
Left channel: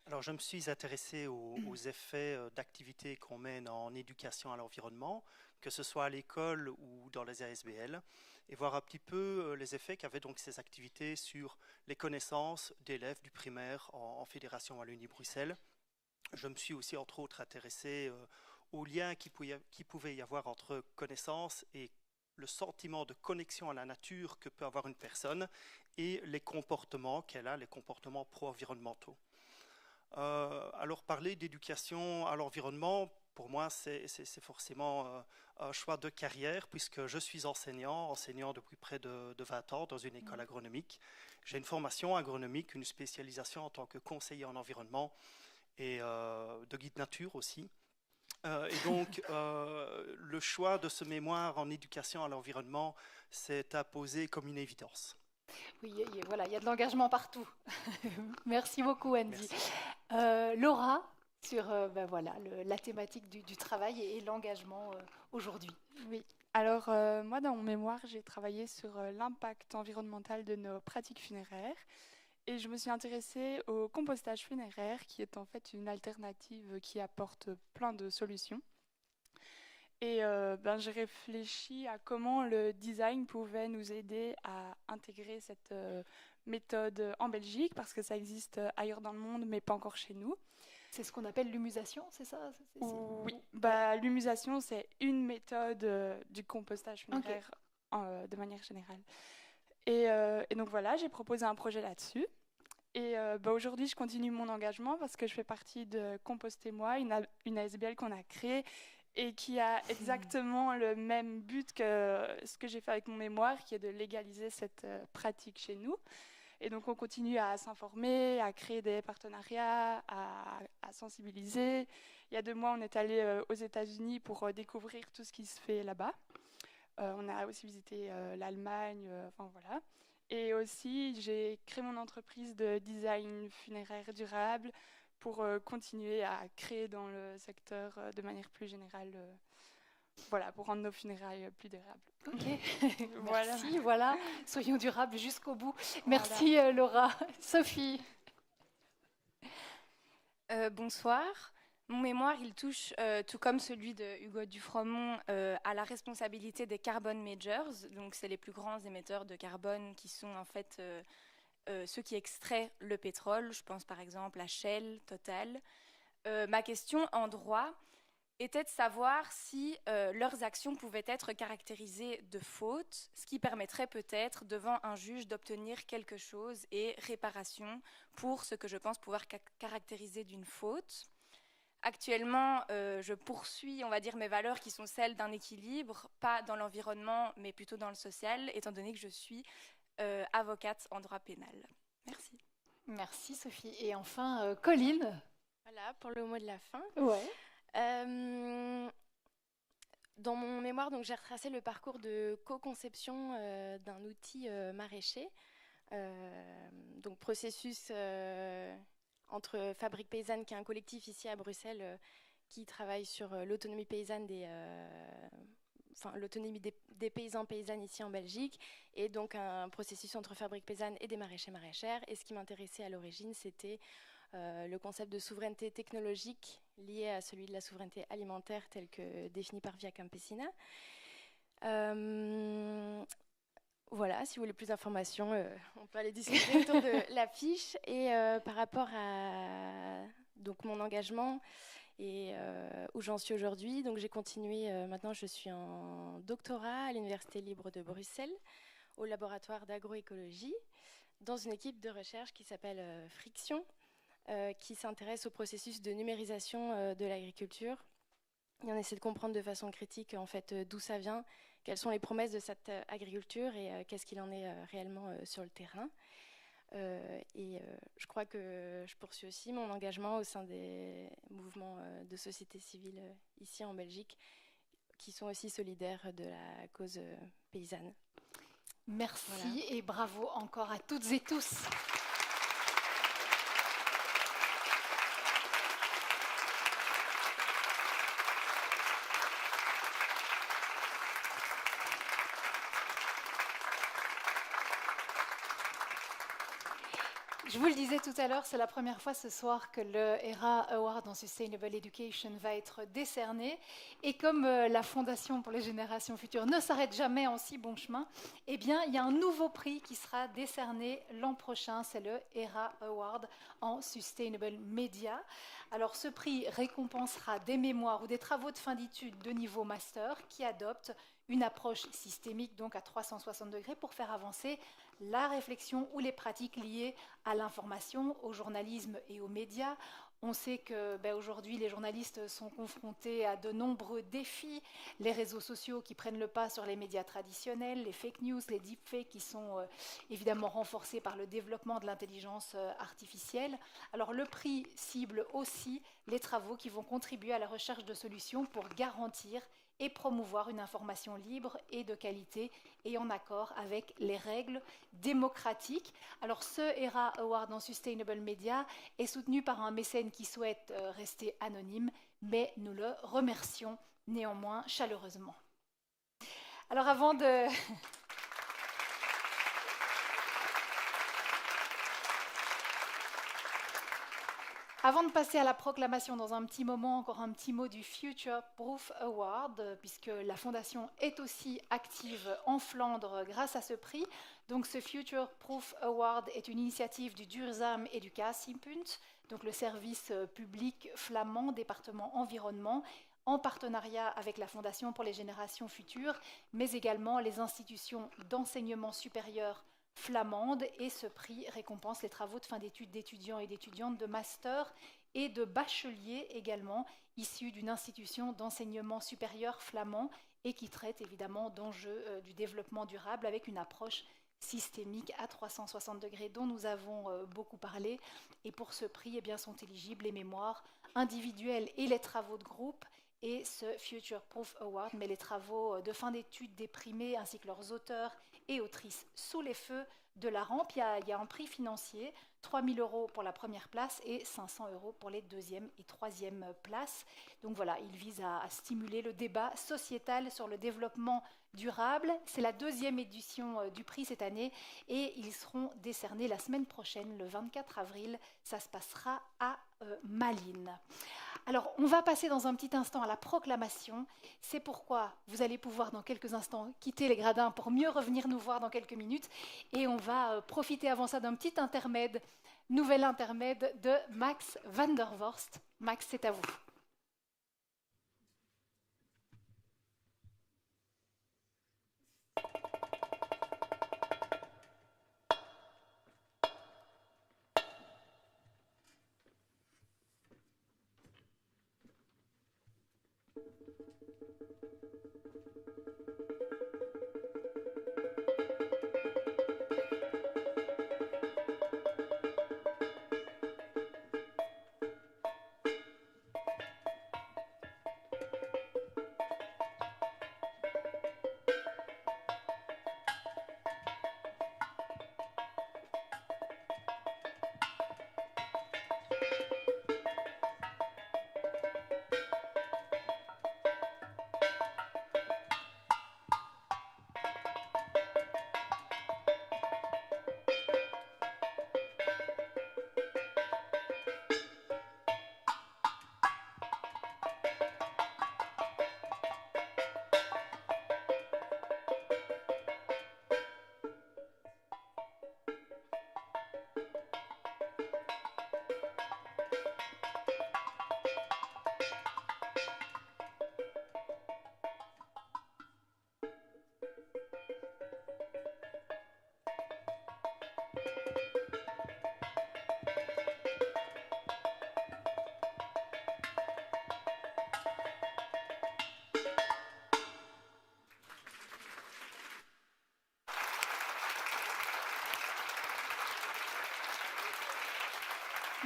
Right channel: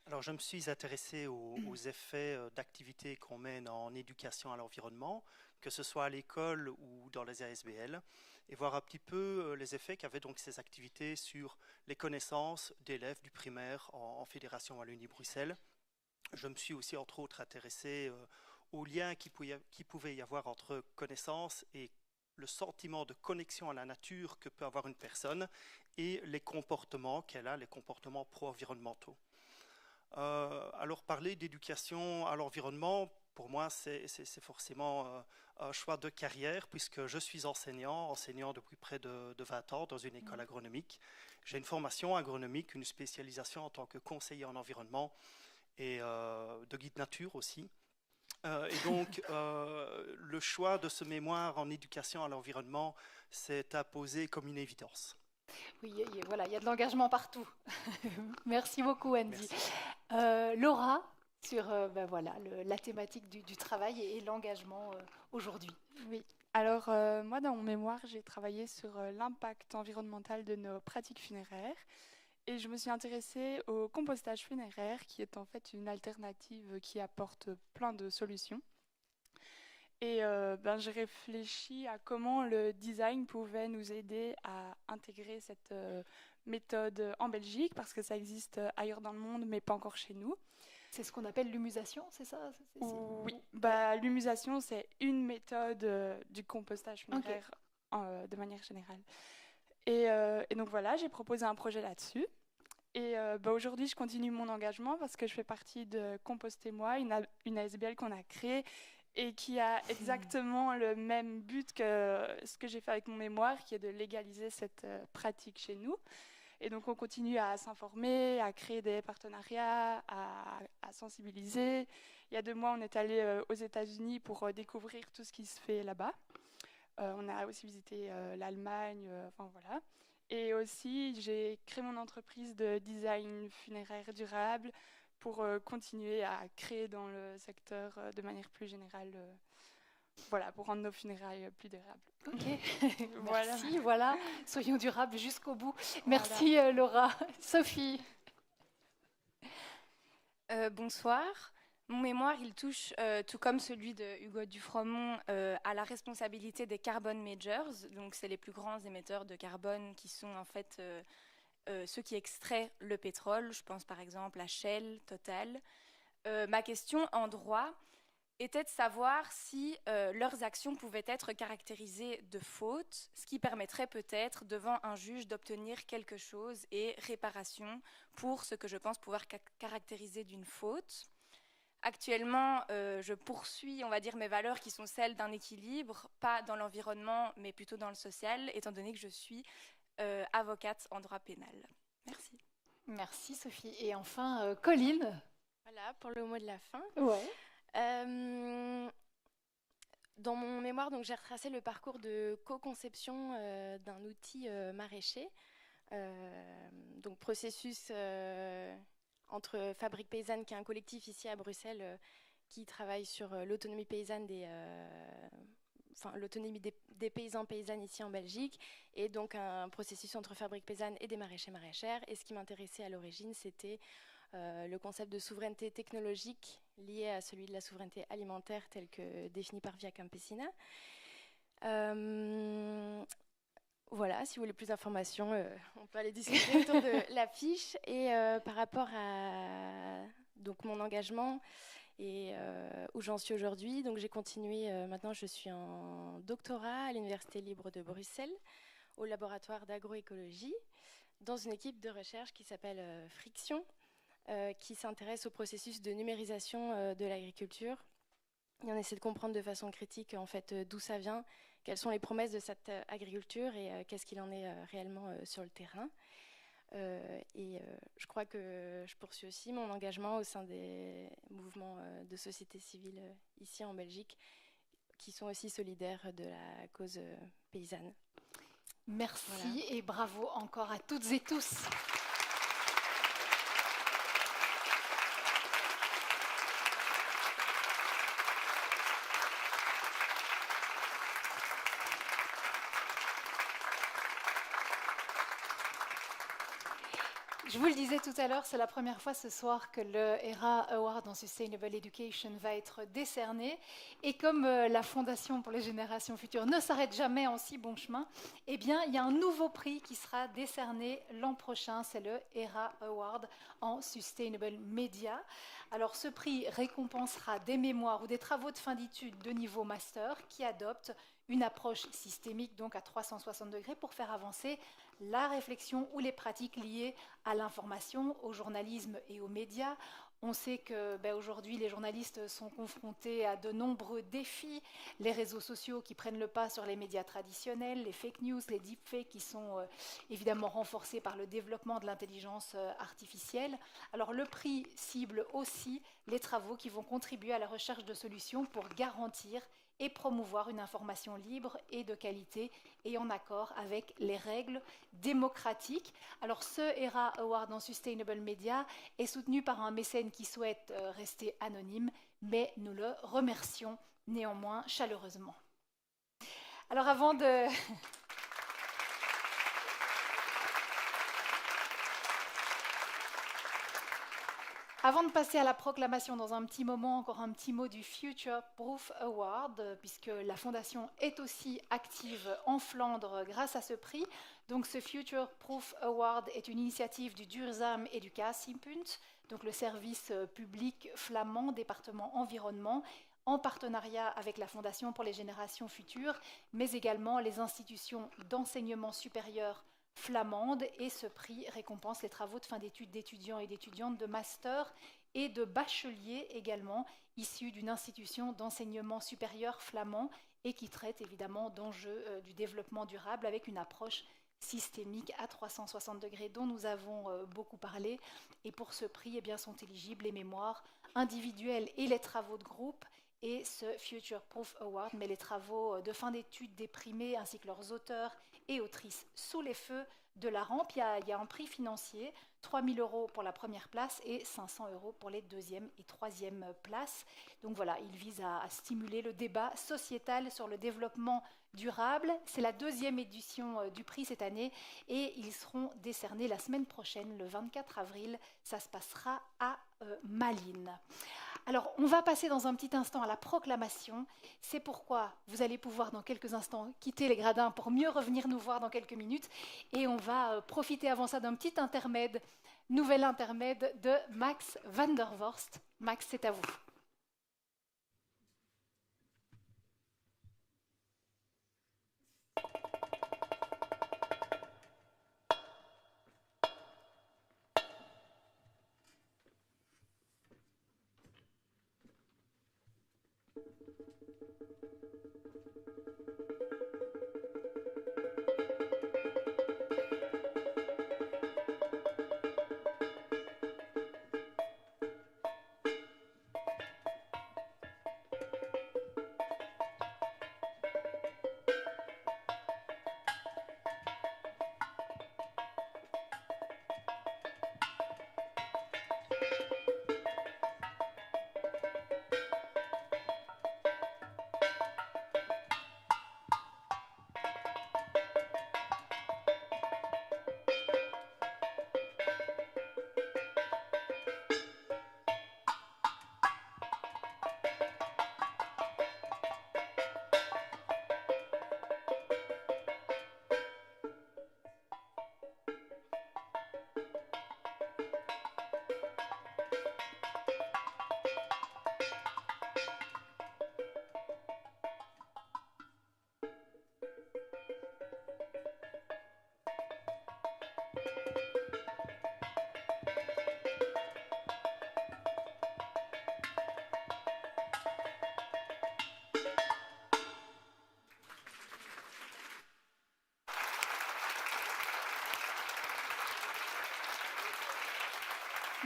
Alors, je me suis intéressé aux effets d'activités qu'on mène en éducation à l'environnement, que ce soit à l'école ou dans les ASBL, et voir un petit peu les effets qu'avaient donc ces activités sur les connaissances d'élèves du primaire en Fédération Wallonie-Bruxelles. Je me suis aussi, entre autres, intéressé aux liens qui pouvait y avoir entre connaissances et le sentiment de connexion à la nature que peut avoir une personne et les comportements qu'elle a, les comportements pro-environnementaux. Alors parler d'éducation à l'environnement, pour moi, c'est forcément un choix de carrière puisque je suis enseignant depuis près de 20 ans dans une école agronomique. J'ai une formation agronomique, une spécialisation en tant que conseiller en environnement et de guide nature aussi. Et donc, le choix de ce mémoire en éducation à l'environnement s'est imposé comme une évidence. Oui, voilà, il y a de l'engagement partout. Merci beaucoup, Andy. Laura, sur la thématique du travail et l'engagement aujourd'hui. Oui, alors moi, dans mon mémoire, j'ai travaillé sur l'impact environnemental de nos pratiques funéraires. Et je me suis intéressée au compostage funéraire, qui est en fait une alternative qui apporte plein de solutions. Et j'ai réfléchi à comment le design pouvait nous aider à intégrer cette méthode en Belgique, parce que ça existe ailleurs dans le monde, mais pas encore chez nous. C'est ce qu'on appelle l'humusation, c'est ça? Oui, l'humusation, c'est une méthode du compostage funéraire de manière générale. Et donc voilà, j'ai proposé un projet là-dessus. Et aujourd'hui, je continue mon engagement parce que je fais partie de Composter Moi, une ASBL qu'on a créée et qui a exactement le même but que ce que j'ai fait avec mon mémoire, qui est de légaliser cette pratique chez nous. Et donc, on continue à s'informer, à créer des partenariats, à sensibiliser. Il y a 2 mois, on est allé aux États-Unis pour découvrir tout ce qui se fait là-bas. On a aussi visité l'Allemagne, voilà. Et aussi, j'ai créé mon entreprise de design funéraire durable pour continuer à créer dans le secteur de manière plus générale, voilà, pour rendre nos funérailles plus durables. Ok, Voilà. merci, voilà, soyons durables jusqu'au bout. Merci Laura. Sophie. Bonsoir. Mon mémoire, il touche, tout comme celui de Hugo Dufremont, à la responsabilité des carbon majors. Donc, c'est les plus grands émetteurs de carbone qui sont en fait ceux qui extraient le pétrole. Je pense par exemple à Shell, Total. Ma question en droit était de savoir si leurs actions pouvaient être caractérisées de faute, ce qui permettrait peut-être devant un juge d'obtenir quelque chose et réparation pour ce que je pense pouvoir caractériser d'une faute. Actuellement, je poursuis, on va dire, mes valeurs qui sont celles d'un équilibre, pas dans l'environnement, mais plutôt dans le social, étant donné que je suis avocate en droit pénal. Merci. Merci Sophie. Et enfin, Colline. Voilà, pour le mot de la fin. Ouais. Dans mon mémoire, donc, j'ai retracé le parcours de co-conception d'un outil maraîcher. Donc, processus entre Fabrique Paysanne, qui est un collectif ici à Bruxelles, qui travaille sur l'autonomie paysanne l'autonomie des paysans paysannes ici en Belgique, et donc un processus entre Fabrique Paysanne et des maraîchers maraîchères. Et ce qui m'intéressait à l'origine, c'était le concept de souveraineté technologique lié à celui de la souveraineté alimentaire tel que défini par Via Campesina. Voilà, si vous voulez plus d'informations, on peut aller discuter autour de la fiche. Et par rapport à donc, mon engagement et où j'en suis aujourd'hui, donc j'ai continué, maintenant je suis en doctorat à l'Université libre de Bruxelles, au laboratoire d'agroécologie, dans une équipe de recherche qui s'appelle Friction, qui s'intéresse au processus de numérisation de l'agriculture. Et on essaie de comprendre de façon critique en fait d'où ça vient, quelles sont les promesses de cette agriculture et qu'est-ce qu'il en est réellement sur le terrain. Je crois que je poursuis aussi mon engagement au sein des mouvements de société civile ici en Belgique, qui sont aussi solidaires de la cause paysanne. Merci Voilà. et bravo encore à toutes et tous. Je vous le disais tout à l'heure, c'est la première fois ce soir que le ERA Award en Sustainable Education va être décerné. Et comme la Fondation pour les générations futures ne s'arrête jamais en si bon chemin, eh bien, il y a un nouveau prix qui sera décerné l'an prochain. C'est le ERA Award en Sustainable Media. Alors, ce prix récompensera des mémoires ou des travaux de fin d'études de niveau master qui adoptent une approche systémique, donc à 360 degrés, pour faire avancer la réflexion ou les pratiques liées à l'information, au journalisme et aux médias. On sait que aujourd'hui, les journalistes sont confrontés à de nombreux défis. Les réseaux sociaux qui prennent le pas sur les médias traditionnels, les fake news, les deepfakes qui sont évidemment renforcés par le développement de l'intelligence artificielle. Alors le prix cible aussi les travaux qui vont contribuer à la recherche de solutions pour garantir et promouvoir une information libre et de qualité et en accord avec les règles démocratiques. Alors ce ERA Award en Sustainable Media est soutenu par un mécène qui souhaite rester anonyme, mais nous le remercions néanmoins chaleureusement. Alors avant de... Avant de passer à la proclamation, dans un petit moment, encore un petit mot du Future Proof Award, puisque la Fondation est aussi active en Flandre grâce à ce prix. Donc ce Future Proof Award est une initiative du Duurzame Educatiepunt, donc le service public flamand, département environnement, en partenariat avec la Fondation pour les générations futures, mais également les institutions d'enseignement supérieur flamande, et ce prix récompense les travaux de fin d'études d'étudiants et d'étudiantes de master et de bacheliers également, issus d'une institution d'enseignement supérieur flamand et qui traite évidemment d'enjeux du développement durable avec une approche systémique à 360 degrés dont nous avons beaucoup parlé. Et pour ce prix, eh bien, sont éligibles les mémoires individuelles et les travaux de groupe. et ce Future Proof Award met les travaux de fin d'études des primés ainsi que leurs auteurs et autrices sous les feux de la rampe. Il y a un prix financier, 3 000 € pour la première place et 500 € pour les deuxième et troisième places. Donc voilà, il vise à stimuler le débat sociétal sur le développement durable. C'est la deuxième édition du prix cette année et ils seront décernés la semaine prochaine, le 24 avril. Ça se passera à Malines. Alors, on va passer dans un petit instant à la proclamation. C'est pourquoi vous allez pouvoir dans quelques instants quitter les gradins pour mieux revenir nous voir dans quelques minutes. Et on va profiter avant ça d'un petit intermède, nouvel intermède de Max van der Vorst. Max, c'est à vous.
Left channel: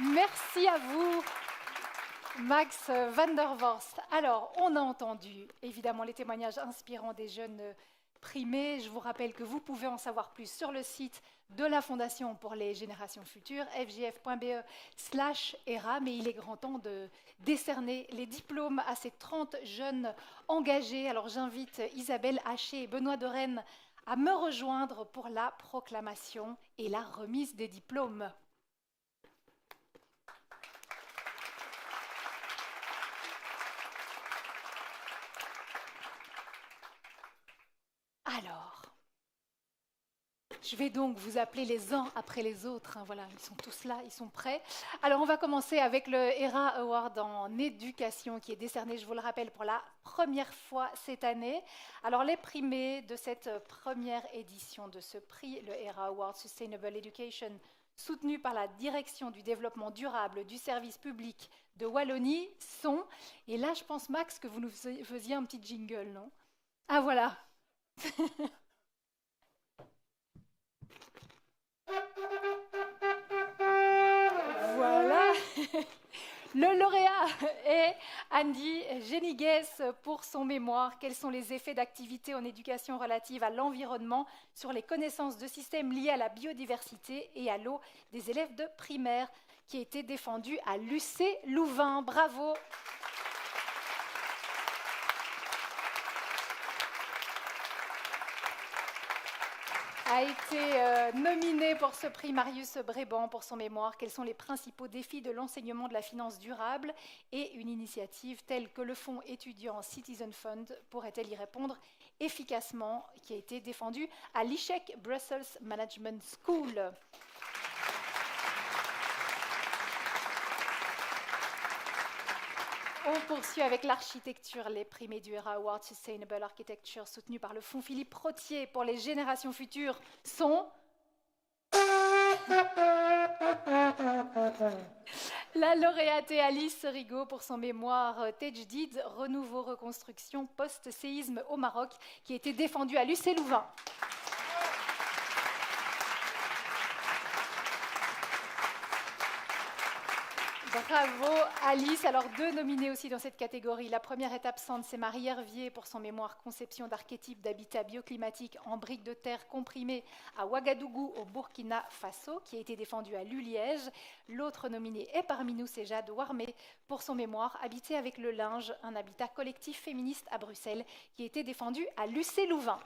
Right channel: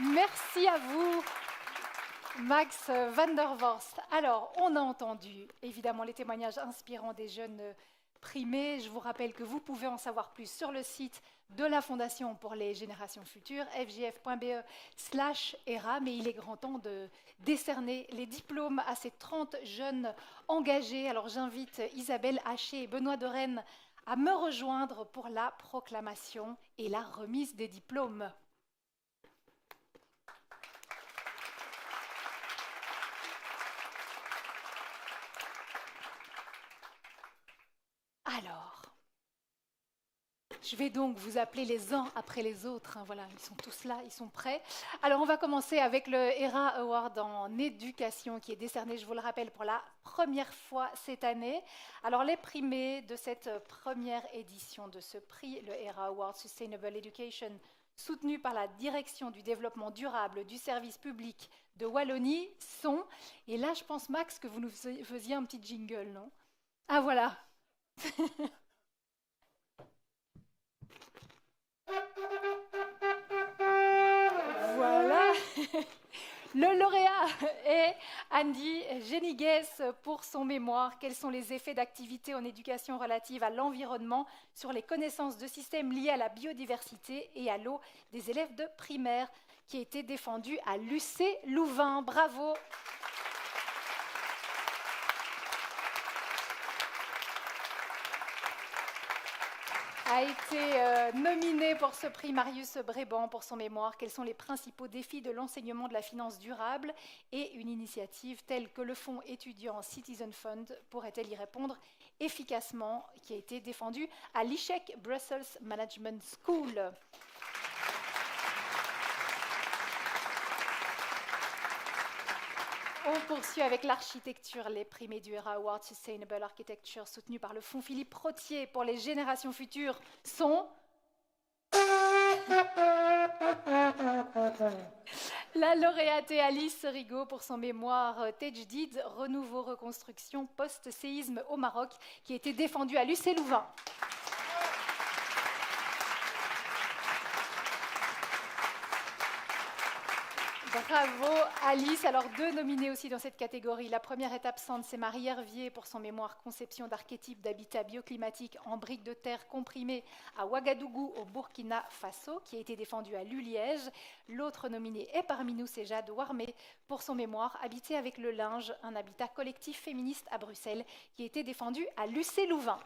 Merci à vous, Max van der Vorst. Alors, on a entendu évidemment les témoignages inspirants des jeunes primés. Je vous rappelle que vous pouvez en savoir plus sur le site de la Fondation pour les générations futures, fjf.be/ERA, mais il est grand temps de décerner les diplômes à ces 30 jeunes engagés. Alors, j'invite Isabelle Haché et Benoît de Rennes à me rejoindre pour la proclamation et la remise des diplômes. Alors, je vais donc vous appeler les uns après les autres. Voilà, ils sont tous là, ils sont prêts. Alors, on va commencer avec le ERA Award en éducation qui est décerné, je vous le rappelle, pour la première fois cette année. Alors, les primés de cette première édition de ce prix, le ERA Award Sustainable Education, soutenu par la Direction du développement durable du service public de Wallonie, sont, et là, je pense, Max, que vous nous faisiez un petit jingle, non? Ah, voilà. Voilà. Le lauréat est Andy Genigues pour son mémoire. Quels sont les effets d'activité en éducation relative à l'environnement sur les connaissances de systèmes liés à la biodiversité et à l'eau des élèves de primaire, qui a été défendu à l'UC Louvain. Bravo. A été nominé pour ce prix Marius Bréban pour son mémoire. Quels sont les principaux défis de l'enseignement de la finance durable et une initiative telle que le fonds étudiant Citizen Fund pourrait-elle y répondre efficacement, qui a été défendu à l'ICHEC Brussels Management School. On poursuit avec l'architecture. Les primés du ERA Award Sustainable Architecture, soutenus par le Fonds Philippe Rotier pour les générations futures, sont la lauréate est Alice Rigaud pour son mémoire Tejdid, renouveau reconstruction post-séisme au Maroc, qui a été défendu à l'UC Louvain. Bravo Alice. Alors 2 nominés aussi dans cette catégorie. La première est absente, c'est Marie Hervier pour son mémoire Conception d'archétypes d'habitat bioclimatique en briques de terre comprimées à Ouagadougou au Burkina Faso, qui a été défendu à Liège. L'autre nominée est parmi nous, c'est Jade Warmé pour son mémoire Habiter avec le linge, un habitat collectif féministe à Bruxelles, qui a été défendu à Lucé-Louvain.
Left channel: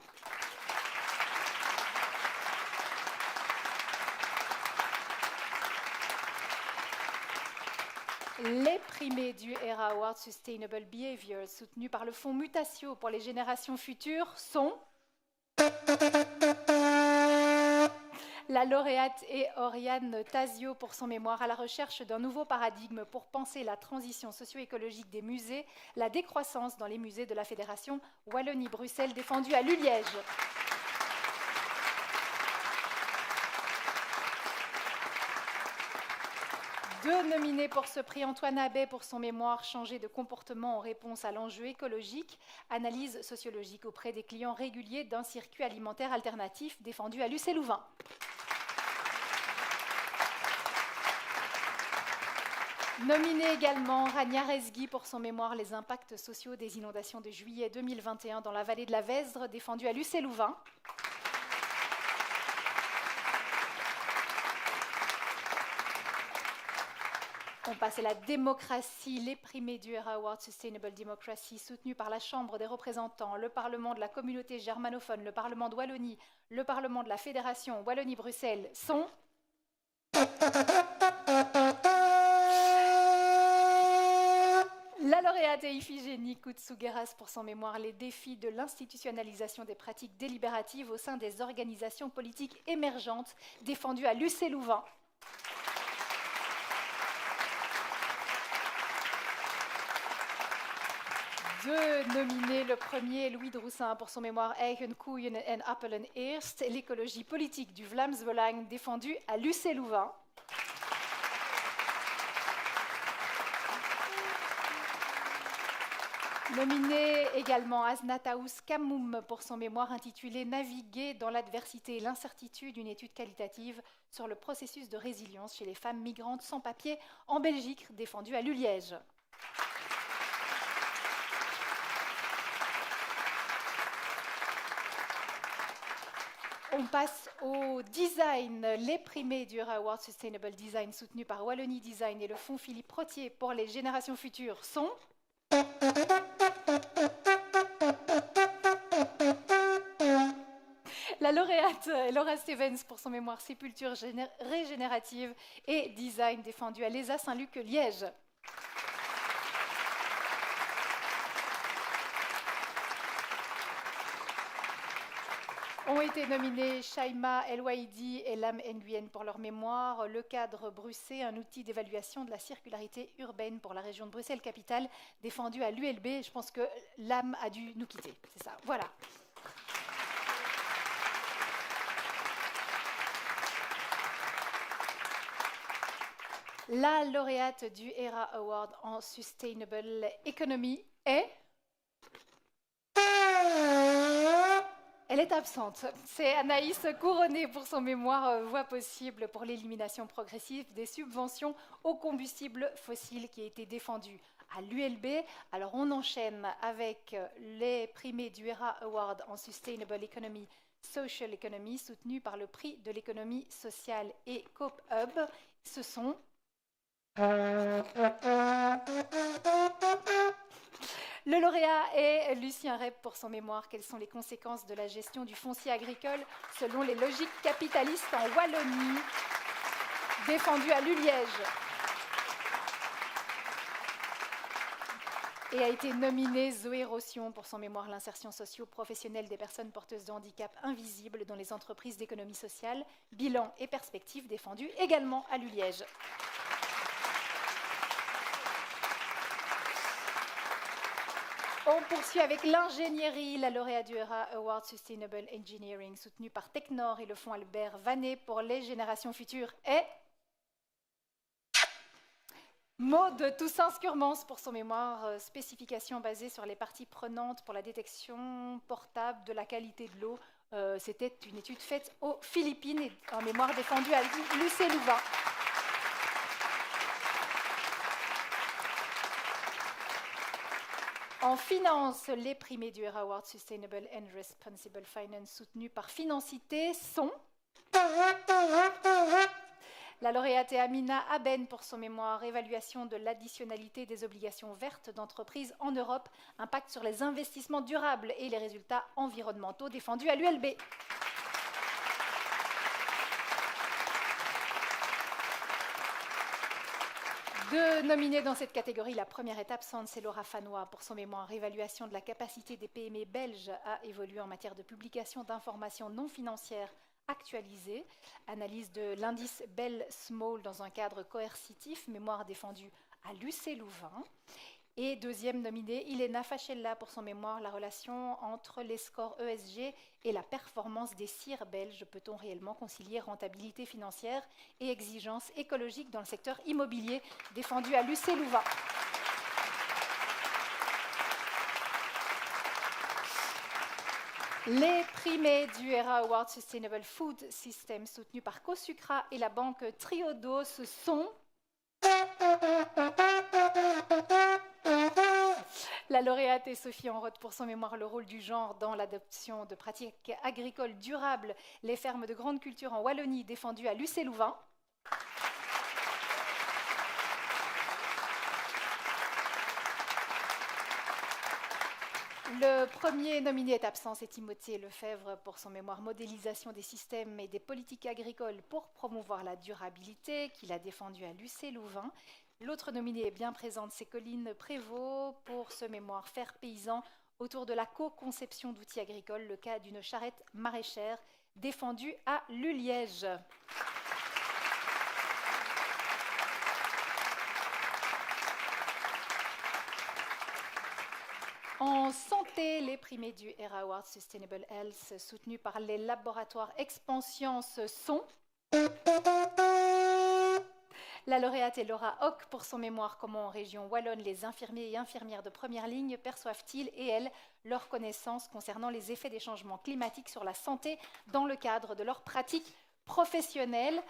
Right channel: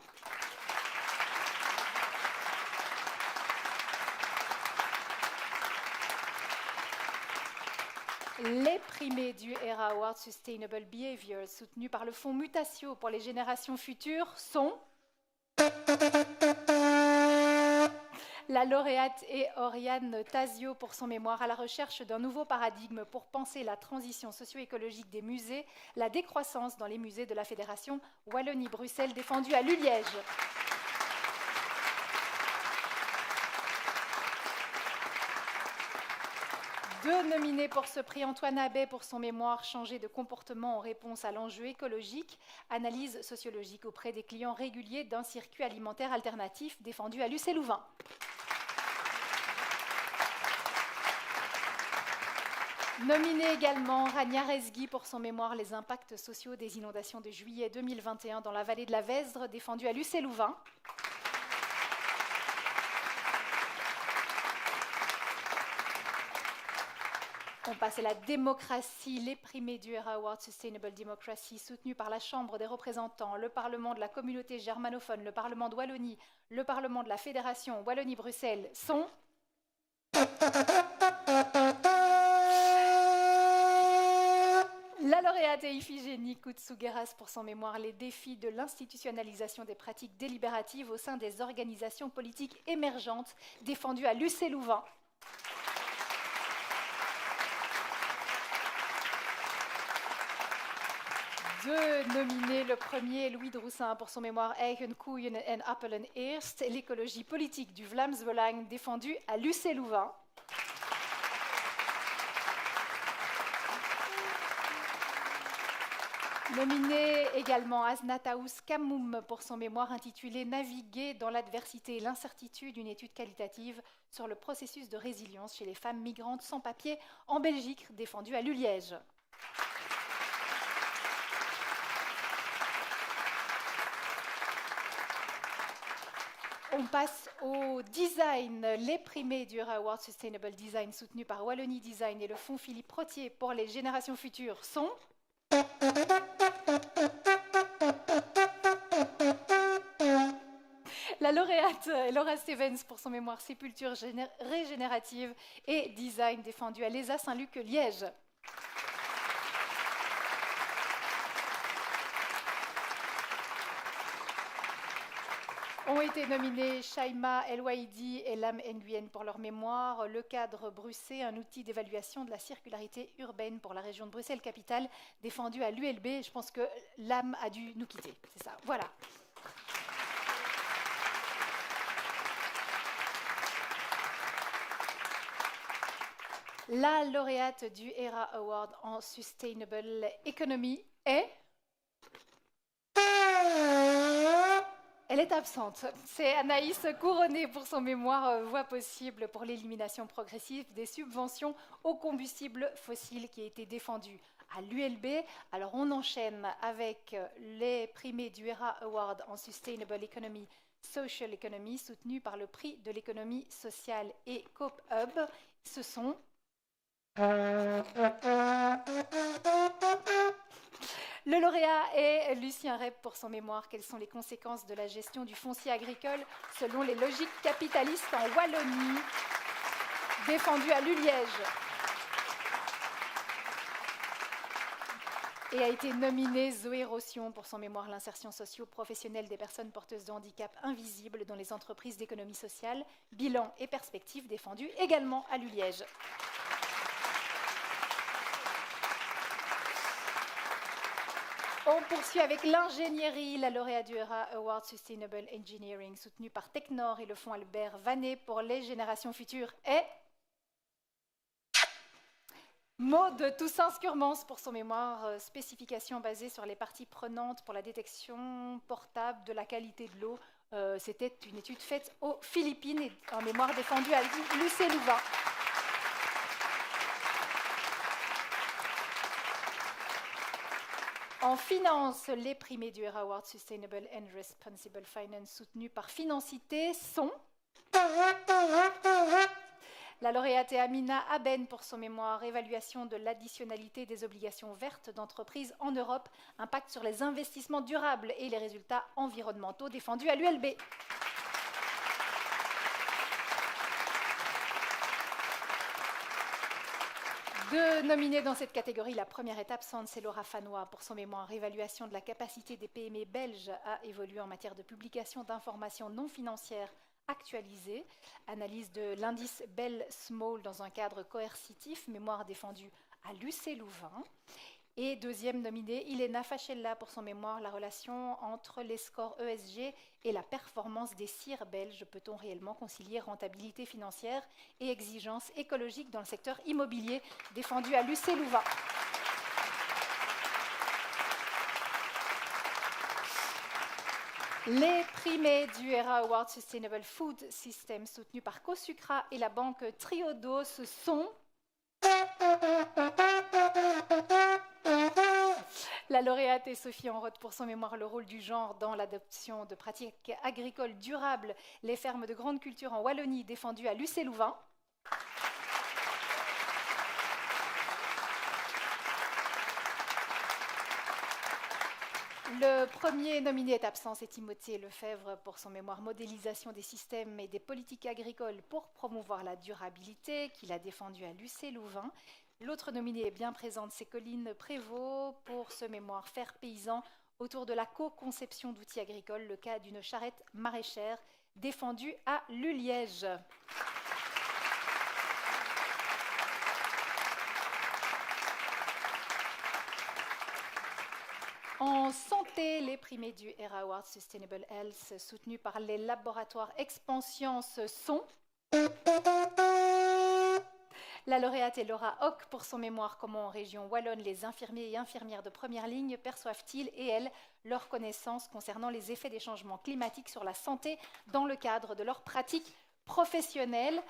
Les primés du ERA Award Sustainable Behavior, soutenus par le Fonds Mutatio pour les générations futures, sont la lauréate est Oriane Tasio pour son mémoire à la recherche d'un nouveau paradigme pour penser la transition socio-écologique des musées, la décroissance dans les musées de la Fédération Wallonie-Bruxelles, défendue à Liège. Deux nominés pour ce prix, Antoine Abbé pour son mémoire Changer de comportement en réponse à l'enjeu écologique, analyse sociologique auprès des clients réguliers d'un circuit alimentaire alternatif, défendu à Lucé-Louvain. Nominé également Rania Rezgui pour son mémoire Les impacts sociaux des inondations de juillet 2021 dans la vallée de la Vesdre, défendu à Lucé-Louvain. On passe à la démocratie, les primés du ERA Award Sustainable Democracy, soutenus par la Chambre des représentants, le Parlement de la communauté germanophone, le Parlement de Wallonie, le Parlement de la Fédération Wallonie-Bruxelles, sont la lauréate est Iphigénie Koutsougheras pour son mémoire Les défis de l'institutionnalisation des pratiques délibératives au sein des organisations politiques émergentes, défendu à Lucé-Louvain. Deux nominés, le premier Louis Droussin pour son mémoire Eigen Koeien en Appelen Eerst, l'écologie politique du Vlaams-Belang, défendu à Lucé-Louvain. Nominé également Aznataous Kamoum pour son mémoire intitulé Naviguer dans l'adversité et l'incertitude, une étude qualitative sur le processus de résilience chez les femmes migrantes sans papier en Belgique, défendu à Liège. On passe au design, les primés du ERA Award Sustainable Design soutenus par Wallonie Design et le Fonds Philippe Rotier pour les générations futures sont la lauréate Laura Stevens pour son mémoire Sépulture régénérative et design défendu à l'ESA Saint-Luc-Liège. Ont été nominés Shaima El-Waidi et Lam Nguyen pour leur mémoire, le cadre Bruxelles, un outil d'évaluation de la circularité urbaine pour la région de Bruxelles-Capitale, défendu à l'ULB. Je pense que Lam a dû nous quitter, c'est ça, voilà. La lauréate du ERA Award en Sustainable Economy est... Elle est absente. C'est Anaïs Couronné pour son mémoire Voie possible pour l'élimination progressive des subventions aux combustibles fossiles qui a été défendu à l'ULB. Alors on enchaîne avec les primés du ERA Award en Sustainable Economy, Social Economy, soutenus par le prix de l'économie sociale et Coop Hub. Ce sont... Le lauréat est Lucien Rep pour son mémoire. Quelles sont les conséquences de la gestion du foncier agricole selon les logiques capitalistes en Wallonie, défendu à Liège. Et a été nominée Zoé Rosion pour son mémoire L'insertion socio-professionnelle des personnes porteuses de handicap invisibles dans les entreprises d'économie sociale, bilan et perspectives, défendu également à Liège. On poursuit avec l'ingénierie, la lauréate du ERA Award Sustainable Engineering, soutenue par Technor et le fonds Albert Vanet pour les générations futures, est Maud Toussaint-Scurmans pour son mémoire spécification basée sur les parties prenantes pour la détection portable de la qualité de l'eau. C'était une étude faite aux Philippines et en mémoire défendue à Lucé-Louvain. En finance, les primés du ERA Award Sustainable and Responsible Finance soutenus par Financité sont la lauréate Amina Aben pour son mémoire « Évaluation de l'additionnalité des obligations vertes d'entreprises en Europe, impact sur les investissements durables et les résultats environnementaux » défendu à l'ULB. Deux nominés dans cette catégorie, la première est absente, c'est Laura Fanois pour son mémoire « Évaluation de la capacité des PME belges à évoluer en matière de publication d'informations non financières actualisées, analyse de l'indice Bell Small dans un cadre coercitif, mémoire défendue à l'UC Louvain. Et deuxième nominée, Ilena Fachella pour son mémoire « La relation entre les scores ESG et la performance des CIR belges. Peut-on réellement concilier rentabilité financière et exigences écologiques dans le secteur immobilier ?» défendu à l'UC Louvain. Les primés du ERA Award Sustainable Food System soutenus par Cosucra et la banque Triodos sont la lauréate est Sophie Enroth pour son mémoire « Le rôle du genre dans l'adoption de pratiques agricoles durables, les fermes de grande culture en Wallonie » défendu à l'UC Louvain. Le premier nominé est absent, c'est Timothée Lefebvre pour son mémoire « Modélisation des systèmes et des politiques agricoles pour promouvoir la durabilité » qu'il a défendu à l'UC Louvain. L'autre nominée est bien présente, c'est Colline Prévost pour ce mémoire « Faire paysan autour de la co-conception d'outils agricoles, le cas d'une charrette maraîchère » défendu à l'Uliège. En santé, les primés du ERA Award Sustainable Health soutenus par les laboratoires Expansience sont la lauréate est Laura Hock pour son mémoire « Comment en région wallonne les infirmiers et infirmières de première ligne perçoivent-ils et elles leurs connaissances concernant les effets des changements climatiques sur la santé dans le cadre de leurs pratiques professionnelles ?»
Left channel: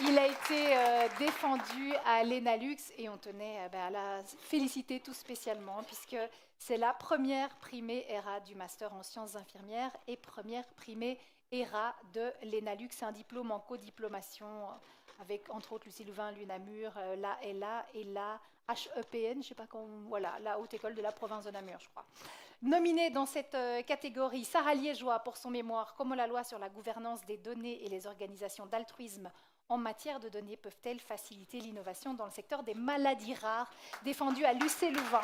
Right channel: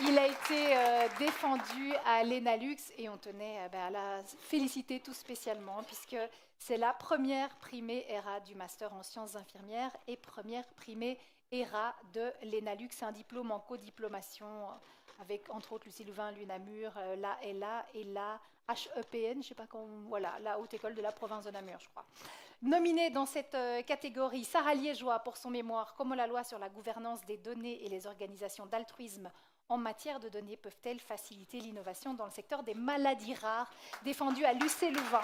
Il a été défendu à l'ENALUX et on tenait à la féliciter tout spécialement puisque c'est la première primée ERA du Master en sciences infirmières et première primée ERA de l'ENALUX, un diplôme en codiplomation avec entre autres Lucie Louvain, l'UNAMUR, la LA et la HEPN, je sais pas voilà, la Haute École de la province de Namur, je crois. Nominée dans cette catégorie, Sarah Liégeois pour son mémoire « Comment la loi sur la gouvernance des données et les organisations d'altruisme en matière de données peuvent-elles faciliter l'innovation dans le secteur des maladies rares ?» défendu à l'UC Louvain.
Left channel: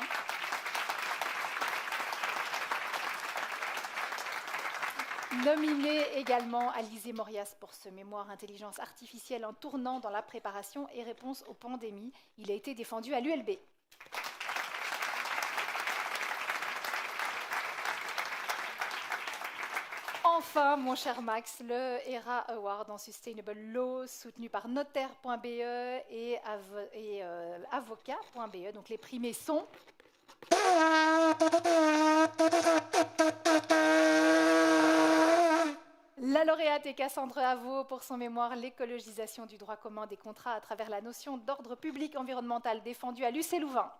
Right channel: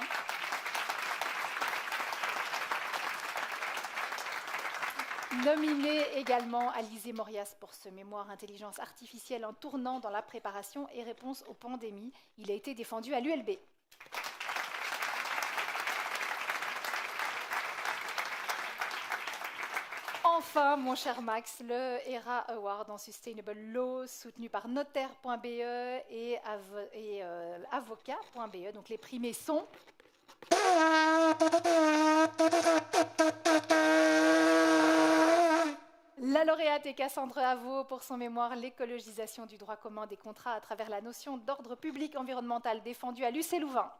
Nominée également Alizé Morias pour ce mémoire « Intelligence artificielle en tournant dans la préparation et réponse aux pandémies ». Il a été défendu à l'ULB. Enfin, mon cher Max, le ERA Award en Sustainable Law, soutenu par notaire.be et avocat.be. Donc les primés sont la lauréate est Cassandre Avaux pour son mémoire « L'écologisation du droit commun des contrats à travers la notion d'ordre public environnemental » défendu à l'UC Louvain.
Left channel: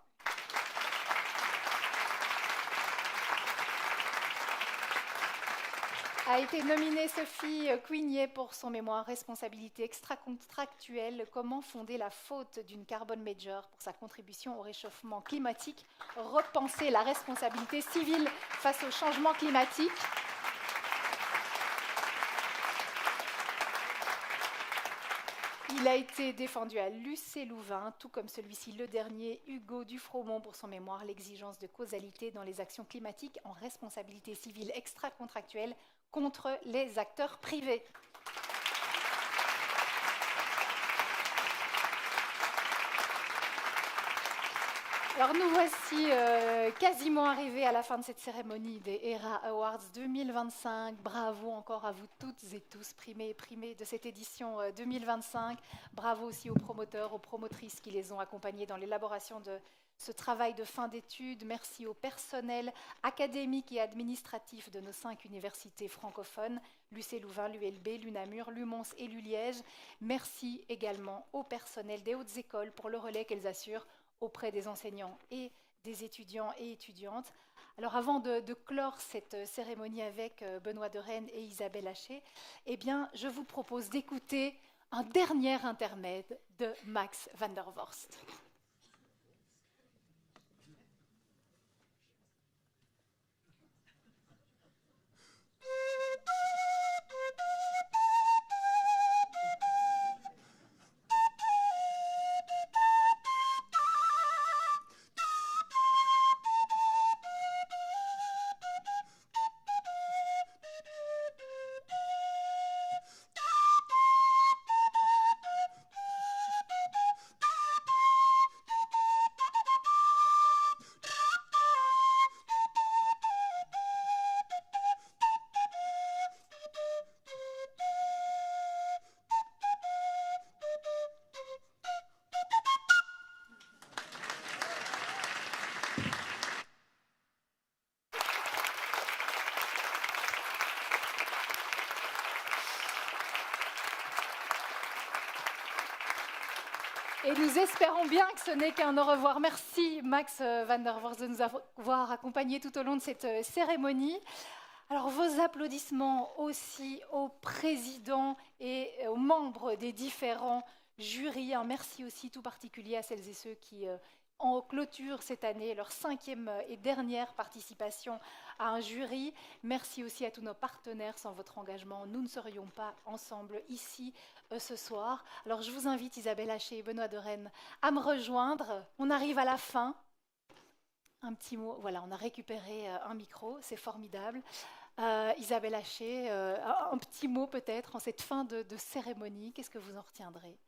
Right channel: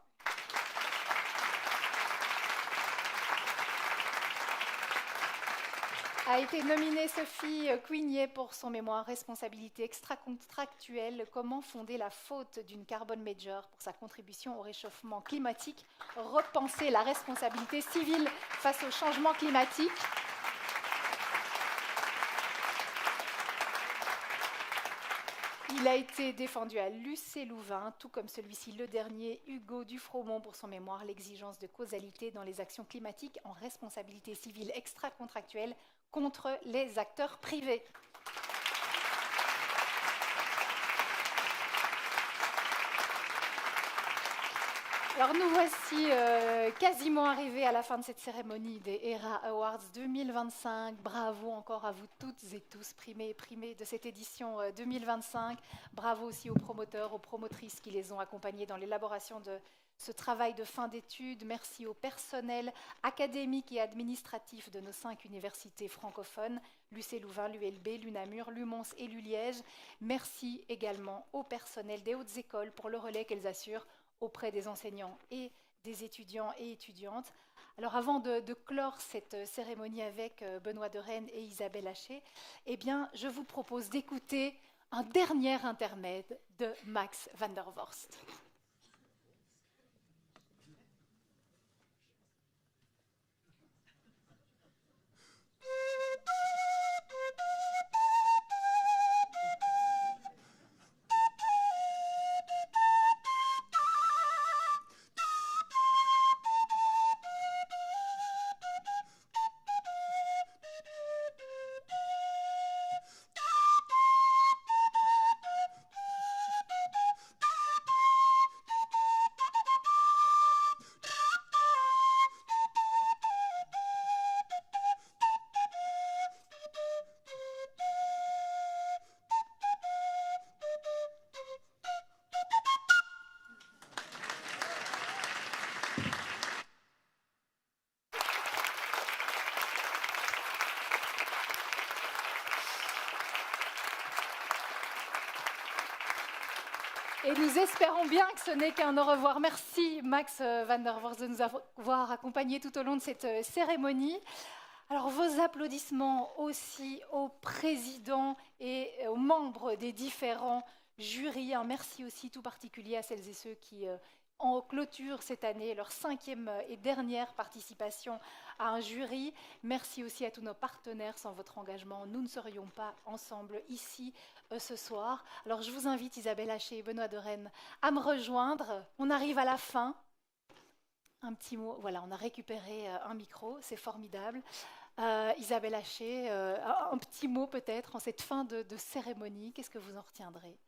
A été nominée Sophie Quignet pour son mémoire « Responsabilité extra-contractuelle, comment fonder la faute d'une carbon major pour sa contribution au réchauffement climatique, repenser la responsabilité civile face au changement climatique ». Il a été défendu à l'UC Louvain, tout comme celui-ci le dernier, Hugo Dufromont pour son mémoire « L'exigence de causalité dans les actions climatiques en responsabilité civile extra-contractuelle contre les acteurs privés ». Alors nous voici quasiment arrivés à la fin de cette cérémonie des ERA Awards 2025. Bravo encore à vous toutes et tous, primés et primées de cette édition 2025. Bravo aussi aux promoteurs, aux promotrices qui les ont accompagnés dans l'élaboration de ce travail de fin d'études. Merci au personnel académique et administratif de nos 5 universités francophones, l'UC Louvain, l'ULB, l'UNAMUR, l'UMONS et l'ULiège. Merci également au personnel des hautes écoles pour le relais qu'elles assurent auprès des enseignants et des étudiants et étudiantes. Alors avant de clore cette cérémonie avec Benoît de Rennes et Isabelle Haché, eh bien, je vous propose d'écouter un dernier intermède de Max van der Vorst. Et nous espérons bien que ce n'est qu'un au revoir. Merci Max van der Vorst de nous avoir accompagnés tout au long de cette cérémonie. Alors vos applaudissements aussi aux présidents et aux membres des différents jurys. Un merci aussi tout particulier à celles et ceux qui en clôturent cette année leur 5e et dernière participation à un jury. Merci aussi à tous nos partenaires. Sans votre engagement, nous ne serions pas ensemble ici ce soir. Alors je vous invite, Isabelle Haché et Benoît de Rennes, à me rejoindre. On arrive à la fin. Un petit mot, voilà, on a récupéré un micro, c'est formidable. Isabelle Haché, un petit mot peut-être en cette fin de cérémonie, qu'est-ce que vous en retiendrez ?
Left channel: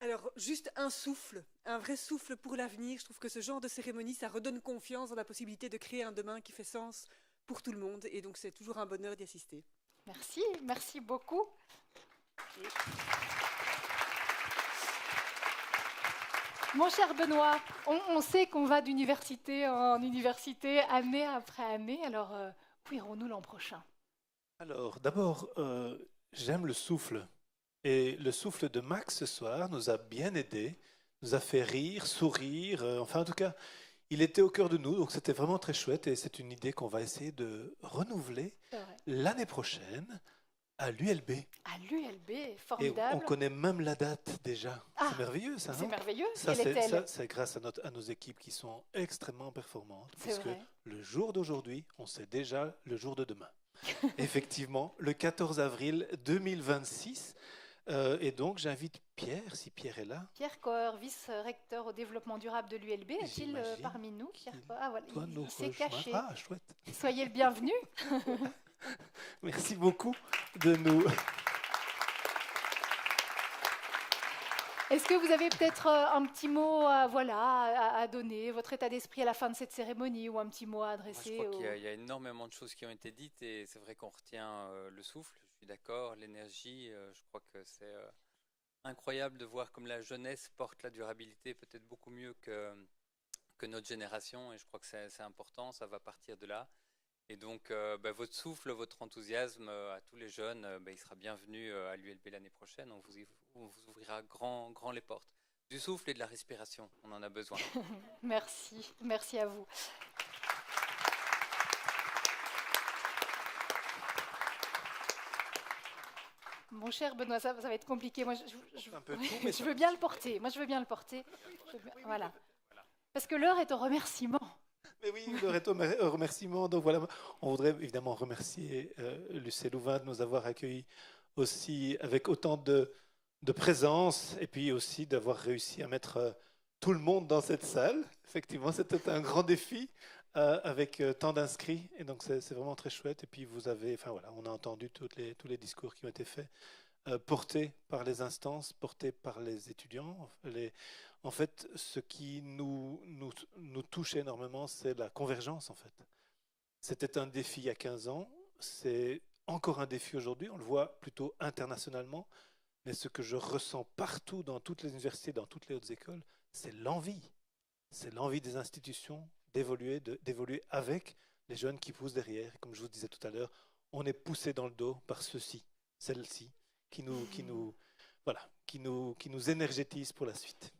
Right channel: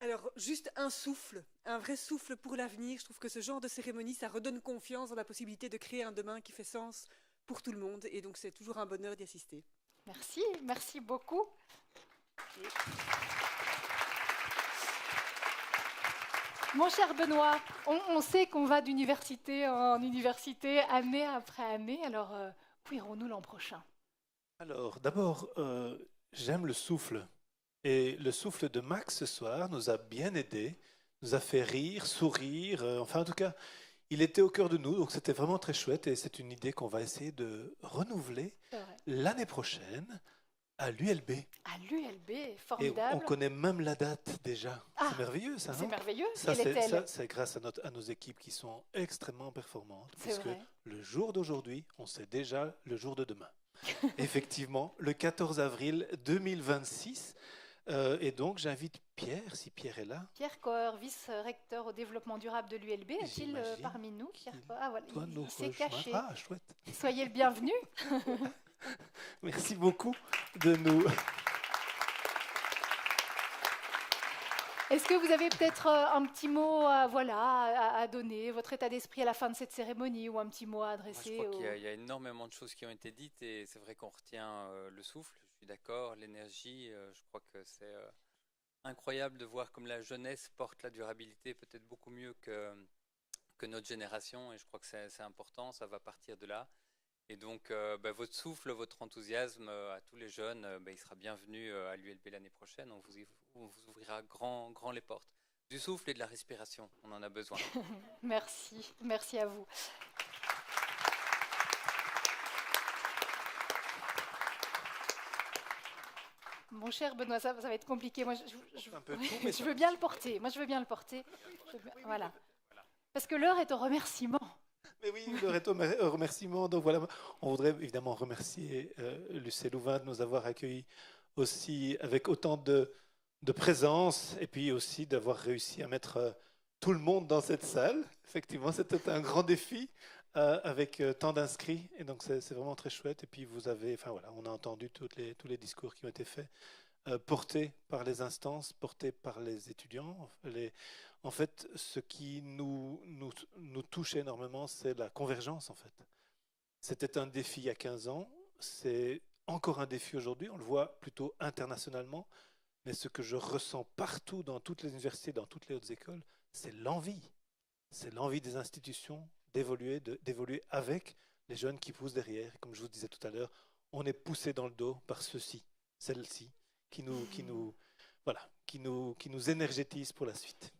Alors, juste un souffle, un vrai souffle pour l'avenir. Je trouve que ce genre de cérémonie, ça redonne confiance dans la possibilité de créer un demain qui fait sens pour tout le monde. Et donc, c'est toujours un bonheur d'y assister. Merci, merci beaucoup. Mon cher Benoît, on sait qu'on va d'université en université, année après année. Alors, où irons-nous l'an prochain ? Alors, d'abord, j'aime le souffle. Et le souffle de Max ce soir nous a bien aidés, nous a fait rire, sourire. Enfin, en tout cas, il était au cœur de nous. Donc, c'était vraiment très chouette. Et c'est une idée qu'on va essayer de renouveler l'année prochaine à l'ULB. À l'ULB, formidable. Et on connaît même la date déjà. C'est merveilleux, ça, non ? C'est merveilleux. Ça, c'est grâce à nos équipes qui sont extrêmement performantes. Parce que le jour d'aujourd'hui, on sait déjà le jour de demain. Effectivement, le 14 avril 2026. Et donc, j'invite Pierre, si Pierre est là. Pierre Coeur, vice-recteur au développement durable de l'ULB, est-il parmi nous ? Pierre Coeur, voilà, il s'est caché. Ah, chouette. Soyez le bienvenu. Merci beaucoup de nous... Est-ce que vous avez peut-être un petit mot à donner, votre état d'esprit à la fin de cette cérémonie, ou un petit mot à adresser Je crois qu'il y a énormément de choses qui ont été dites, et c'est vrai qu'on retient le souffle, je suis d'accord, l'énergie, je crois que c'est incroyable de voir comme la jeunesse porte la durabilité peut-être beaucoup mieux que notre génération, et je crois que c'est important, ça va partir de là. Et donc, votre souffle, votre enthousiasme à tous les jeunes, il sera bienvenu à l'ULB l'année prochaine. On vous ouvrira grand les portes. Du souffle et de la respiration, on en a besoin. Merci, merci à vous. Mon cher Benoît, ça va être compliqué. Moi, je veux bien le porter. Voilà. Parce que l'heure est au remerciement. Mais oui, l'heure est au remerciement. Donc voilà, on voudrait évidemment remercier l'UC Louvain de nous avoir accueillis aussi avec autant de présence, et puis aussi d'avoir réussi à mettre tout le monde dans cette salle. Effectivement, c'était un grand défi avec tant d'inscrits, et donc c'est vraiment très chouette. Et puis vous avez, enfin voilà, on a entendu tous les discours qui ont été faits, portés par les instances, portés par les étudiants. En fait, ce qui nous touche énormément, c'est la convergence, en fait. C'était un défi il y a 15 ans, c'est encore un défi aujourd'hui, on le voit plutôt internationalement, mais ce que je ressens partout, dans toutes les universités, dans toutes les hautes écoles, c'est l'envie. c'est l'envie des institutions d'évoluer avec les jeunes qui poussent derrière. Comme je vous disais tout à l'heure, on est poussé dans le dos par ceux-ci, celles-ci, qui nous énergétisent pour la suite.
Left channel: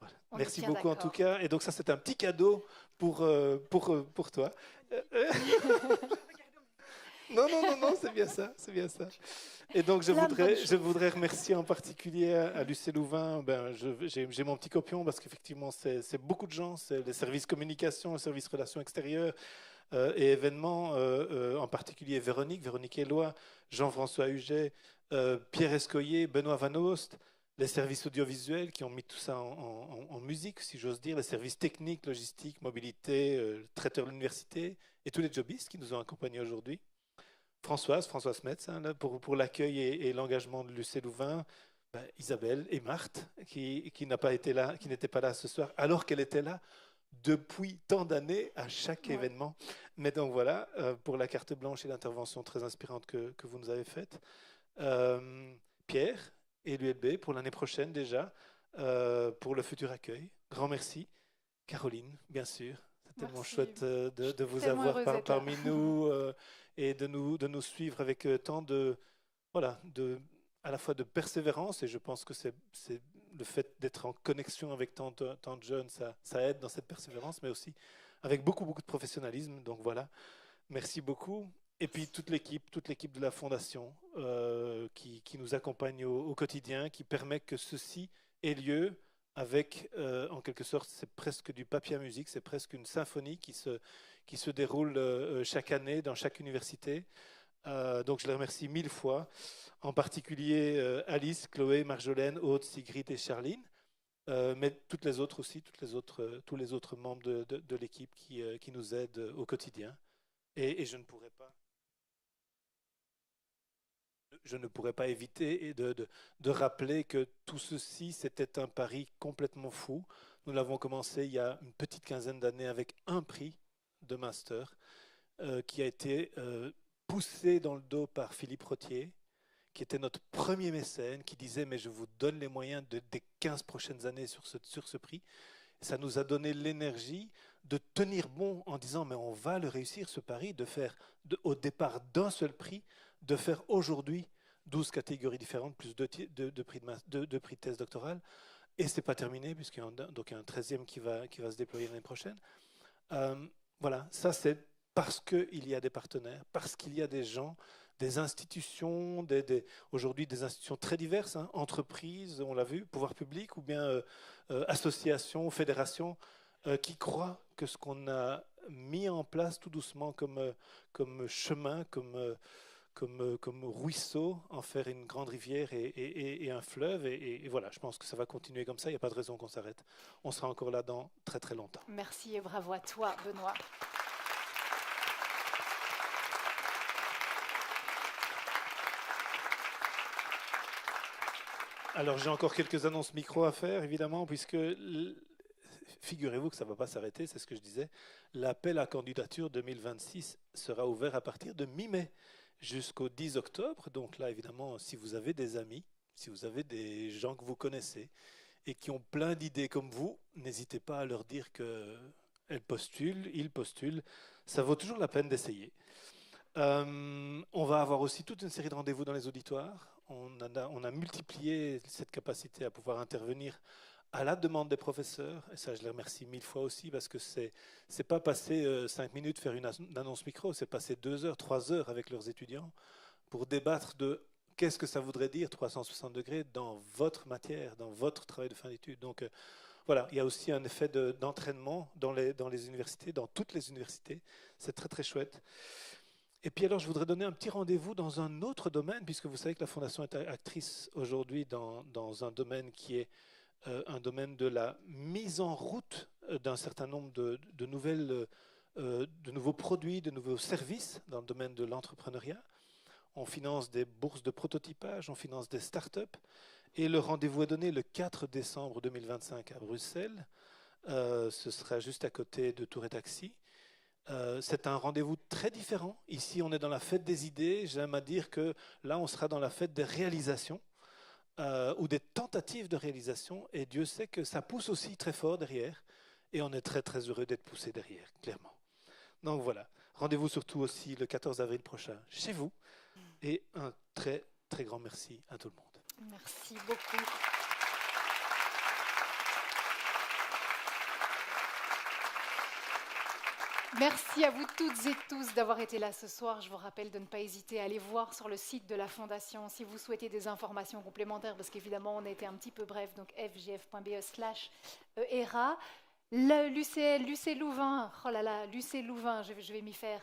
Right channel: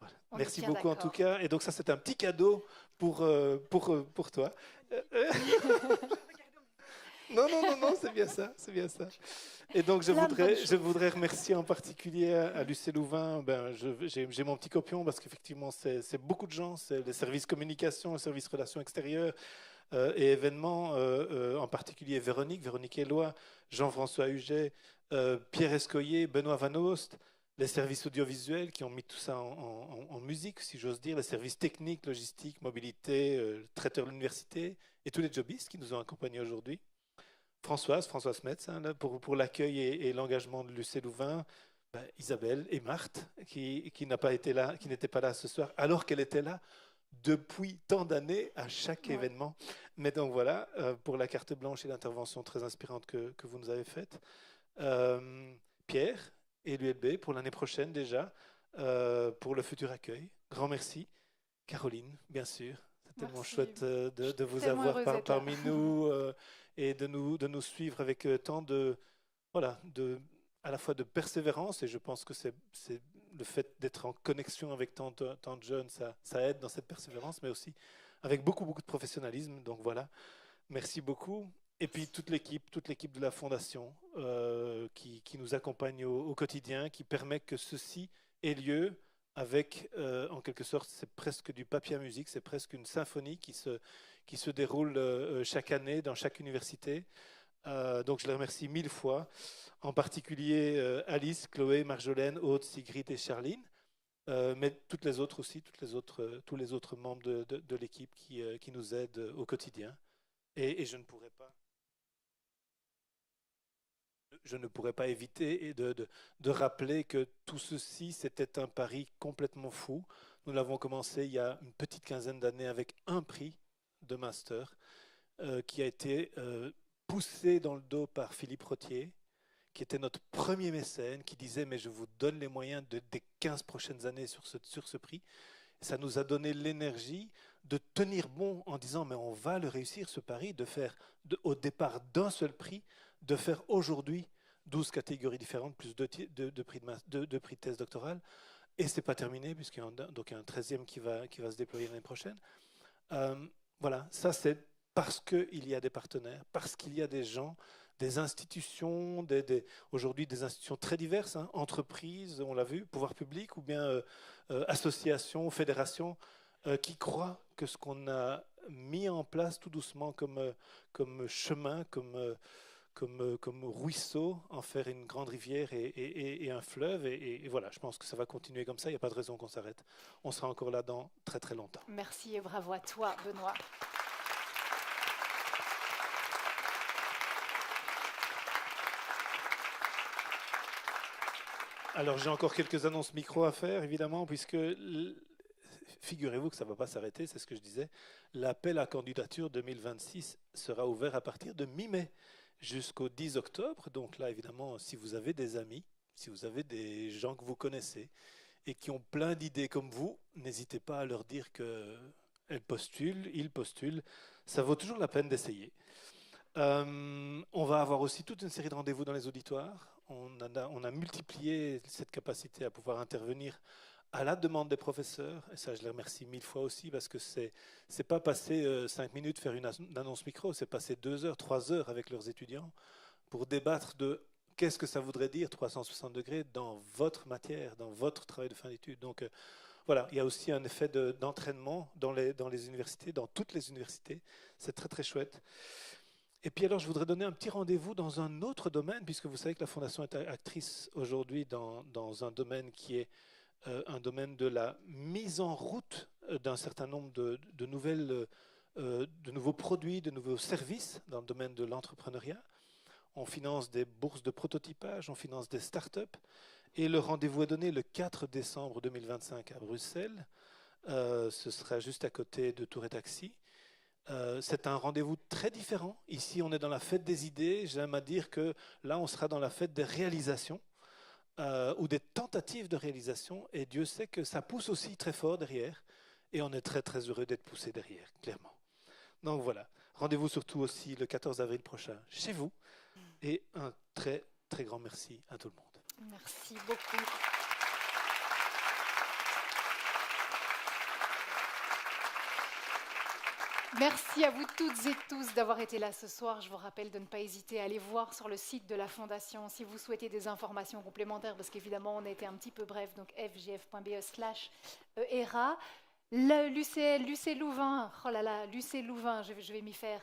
Voilà. Merci beaucoup en tout cas. Et donc ça, c'est un petit cadeau pour toi. Non, c'est bien ça. Et donc je voudrais remercier en particulier à Lucé Louvain. J'ai mon petit copion parce qu'effectivement c'est beaucoup de gens, c'est les services communication, les services relations extérieures et événements, en particulier Véronique Éloi, Jean-François Huget, Pierre Escoyer, Benoît Van Oost, les services audiovisuels qui ont mis tout ça en musique, si j'ose dire, les services techniques, logistiques, mobilité, traiteurs de l'université et tous les jobistes qui nous ont accompagnés aujourd'hui. Françoise Metz, pour l'accueil et l'engagement de Lucé Louvain, Isabelle et Marthe, qui n'étaient pas là ce soir, alors qu'elle était là depuis tant d'années à chaque événement. Mais donc voilà, pour la carte blanche et l'intervention très inspirante que vous nous avez faite. Pierre et l'ULB pour l'année prochaine déjà, pour le futur accueil. Grand merci. Caroline, bien sûr. C'est tellement chouette de vous avoir parmi nous. Et de nous suivre avec tant à la fois de persévérance, et je pense que c'est le fait d'être en connexion avec tant de jeunes, ça aide dans cette persévérance, mais aussi avec beaucoup de professionnalisme. Donc voilà, merci beaucoup. Et puis toute l'équipe de la Fondation qui nous accompagne au quotidien, qui permet que ceci ait lieu avec, en quelque sorte, c'est presque du papier à musique, c'est presque une symphonie qui se déroule chaque année dans chaque université. Donc je les remercie 1000 fois, en particulier Alice, Chloé, Marjolaine, Aude, Sigrid et Charline, mais toutes les autres aussi, tous les autres membres de l'équipe qui nous aident au quotidien. Et je ne pourrais pas éviter de rappeler que tout ceci, c'était un pari complètement fou. Nous l'avons commencé il y a une petite quinzaine d'années avec un prix de master qui a été poussé dans le dos par Philippe Rottier, qui était notre premier mécène, qui disait « mais je vous donne les moyens des 15 prochaines années sur ce prix ». Ça nous a donné l'énergie de tenir bon en disant « mais on va le réussir ce pari, de faire au départ d'un seul prix, de faire aujourd'hui 12 catégories différentes, plus de prix de thèse doctorale ». Et ce n'est pas terminé, puisqu'il y a un 13e qui va se déployer l'année prochaine. Voilà, ça c'est parce qu'il y a des partenaires, parce qu'il y a des gens, des institutions, aujourd'hui des institutions très diverses, entreprises, on l'a vu, pouvoir public ou bien associations, fédérations, qui croient que ce qu'on a mis en place tout doucement comme chemin, comme ruisseau, en faire une grande rivière et un fleuve. Et voilà, je pense que ça va continuer comme ça, il n'y a pas de raison qu'on s'arrête. On sera encore là dans très très longtemps. Merci et bravo à toi, Benoît. Alors j'ai encore quelques annonces micro à faire, évidemment, puisque figurez-vous que ça ne va pas s'arrêter, c'est ce que je disais. L'appel à candidature 2026 sera ouvert à partir de mi-mai jusqu'au 10 octobre. Donc là, évidemment, si vous avez des amis, si vous avez des gens que vous connaissez et qui ont plein d'idées comme vous, n'hésitez pas à leur dire qu'ils postulent. Ça vaut toujours la peine d'essayer. On va avoir aussi toute une série de rendez-vous dans les auditoires. On a multiplié cette capacité à pouvoir intervenir à la demande des professeurs, et ça je les remercie 1000 fois aussi, parce que c'est pas passer 5 minutes faire une annonce micro, c'est passer 2 heures, 3 heures avec leurs étudiants pour débattre de qu'est-ce que ça voudrait dire 360 degrés dans votre matière, dans votre travail de fin d'études. Donc voilà, il y a aussi un effet d'entraînement dans les universités, dans toutes les universités, c'est très très chouette. Et puis alors, je voudrais donner un petit rendez-vous dans un autre domaine, puisque vous savez que la Fondation est actrice aujourd'hui dans un domaine qui est un domaine de la mise en route d'un certain nombre de nouveaux produits, de nouveaux services dans le domaine de l'entrepreneuriat. On finance des bourses de prototypage, on finance des startups. Et le rendez-vous est donné le 4 décembre 2025 à Bruxelles. Ce sera juste à côté de Tour et Taxi. C'est un rendez-vous très différent. Ici, on est dans la fête des idées. J'aime à dire que là, on sera dans la fête des réalisations ou des tentatives de réalisation. Et Dieu sait que ça pousse aussi très fort derrière. et on est très très heureux d'être poussé derrière, clairement. Donc voilà, rendez-vous surtout aussi le 14 avril prochain chez vous, et un très très grand merci à tout le monde. Merci beaucoup. Merci à vous toutes et tous d'avoir été là ce soir. Je vous rappelle de ne pas hésiter à aller voir sur le site de la Fondation si vous souhaitez des informations complémentaires, parce qu'évidemment, on a été un petit peu bref, donc fjf.be/ERA. L'UC Louvain, oh là là, l'UC Louvain, je vais m'y faire,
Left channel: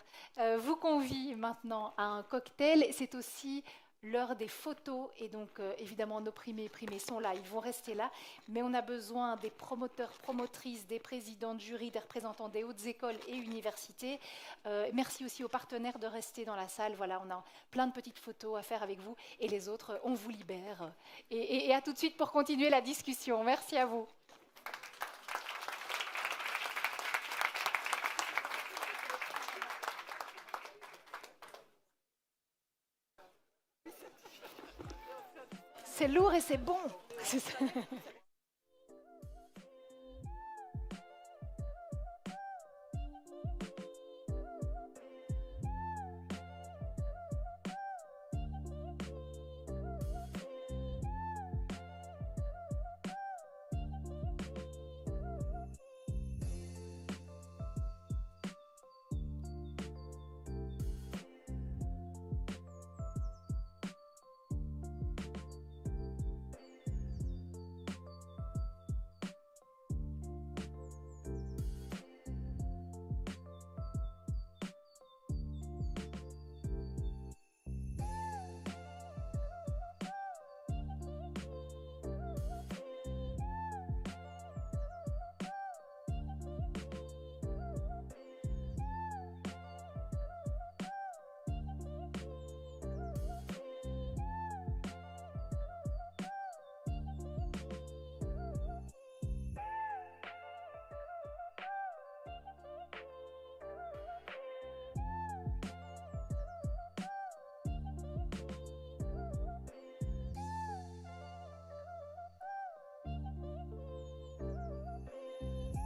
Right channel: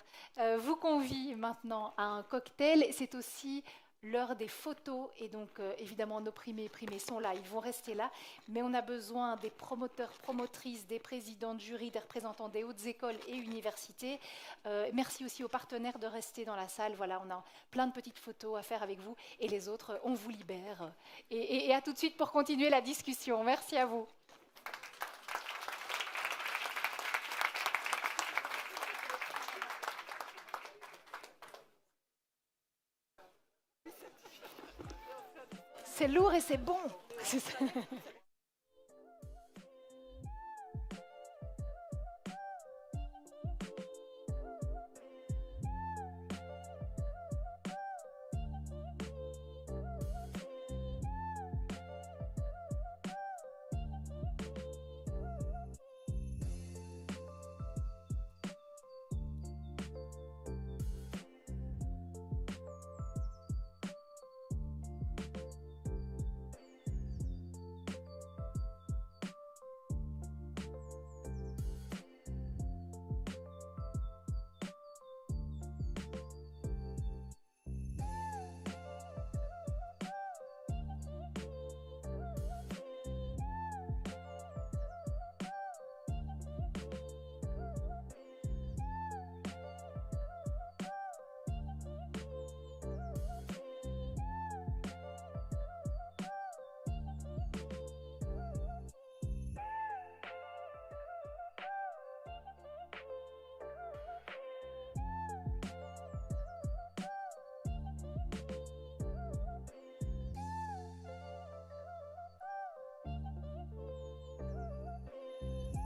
vous convie maintenant à un cocktail. C'est aussi l'heure des photos, et donc évidemment nos primés sont là, ils vont rester là, mais on a besoin des promoteurs, promotrices, des présidents de jury, des représentants des hautes écoles et universités. Merci aussi aux partenaires de rester dans la salle. Voilà, on a plein de petites photos à faire avec vous, et les autres, on vous libère. Et à tout de suite pour continuer la discussion. Merci à vous. C'est lourd et c'est bon.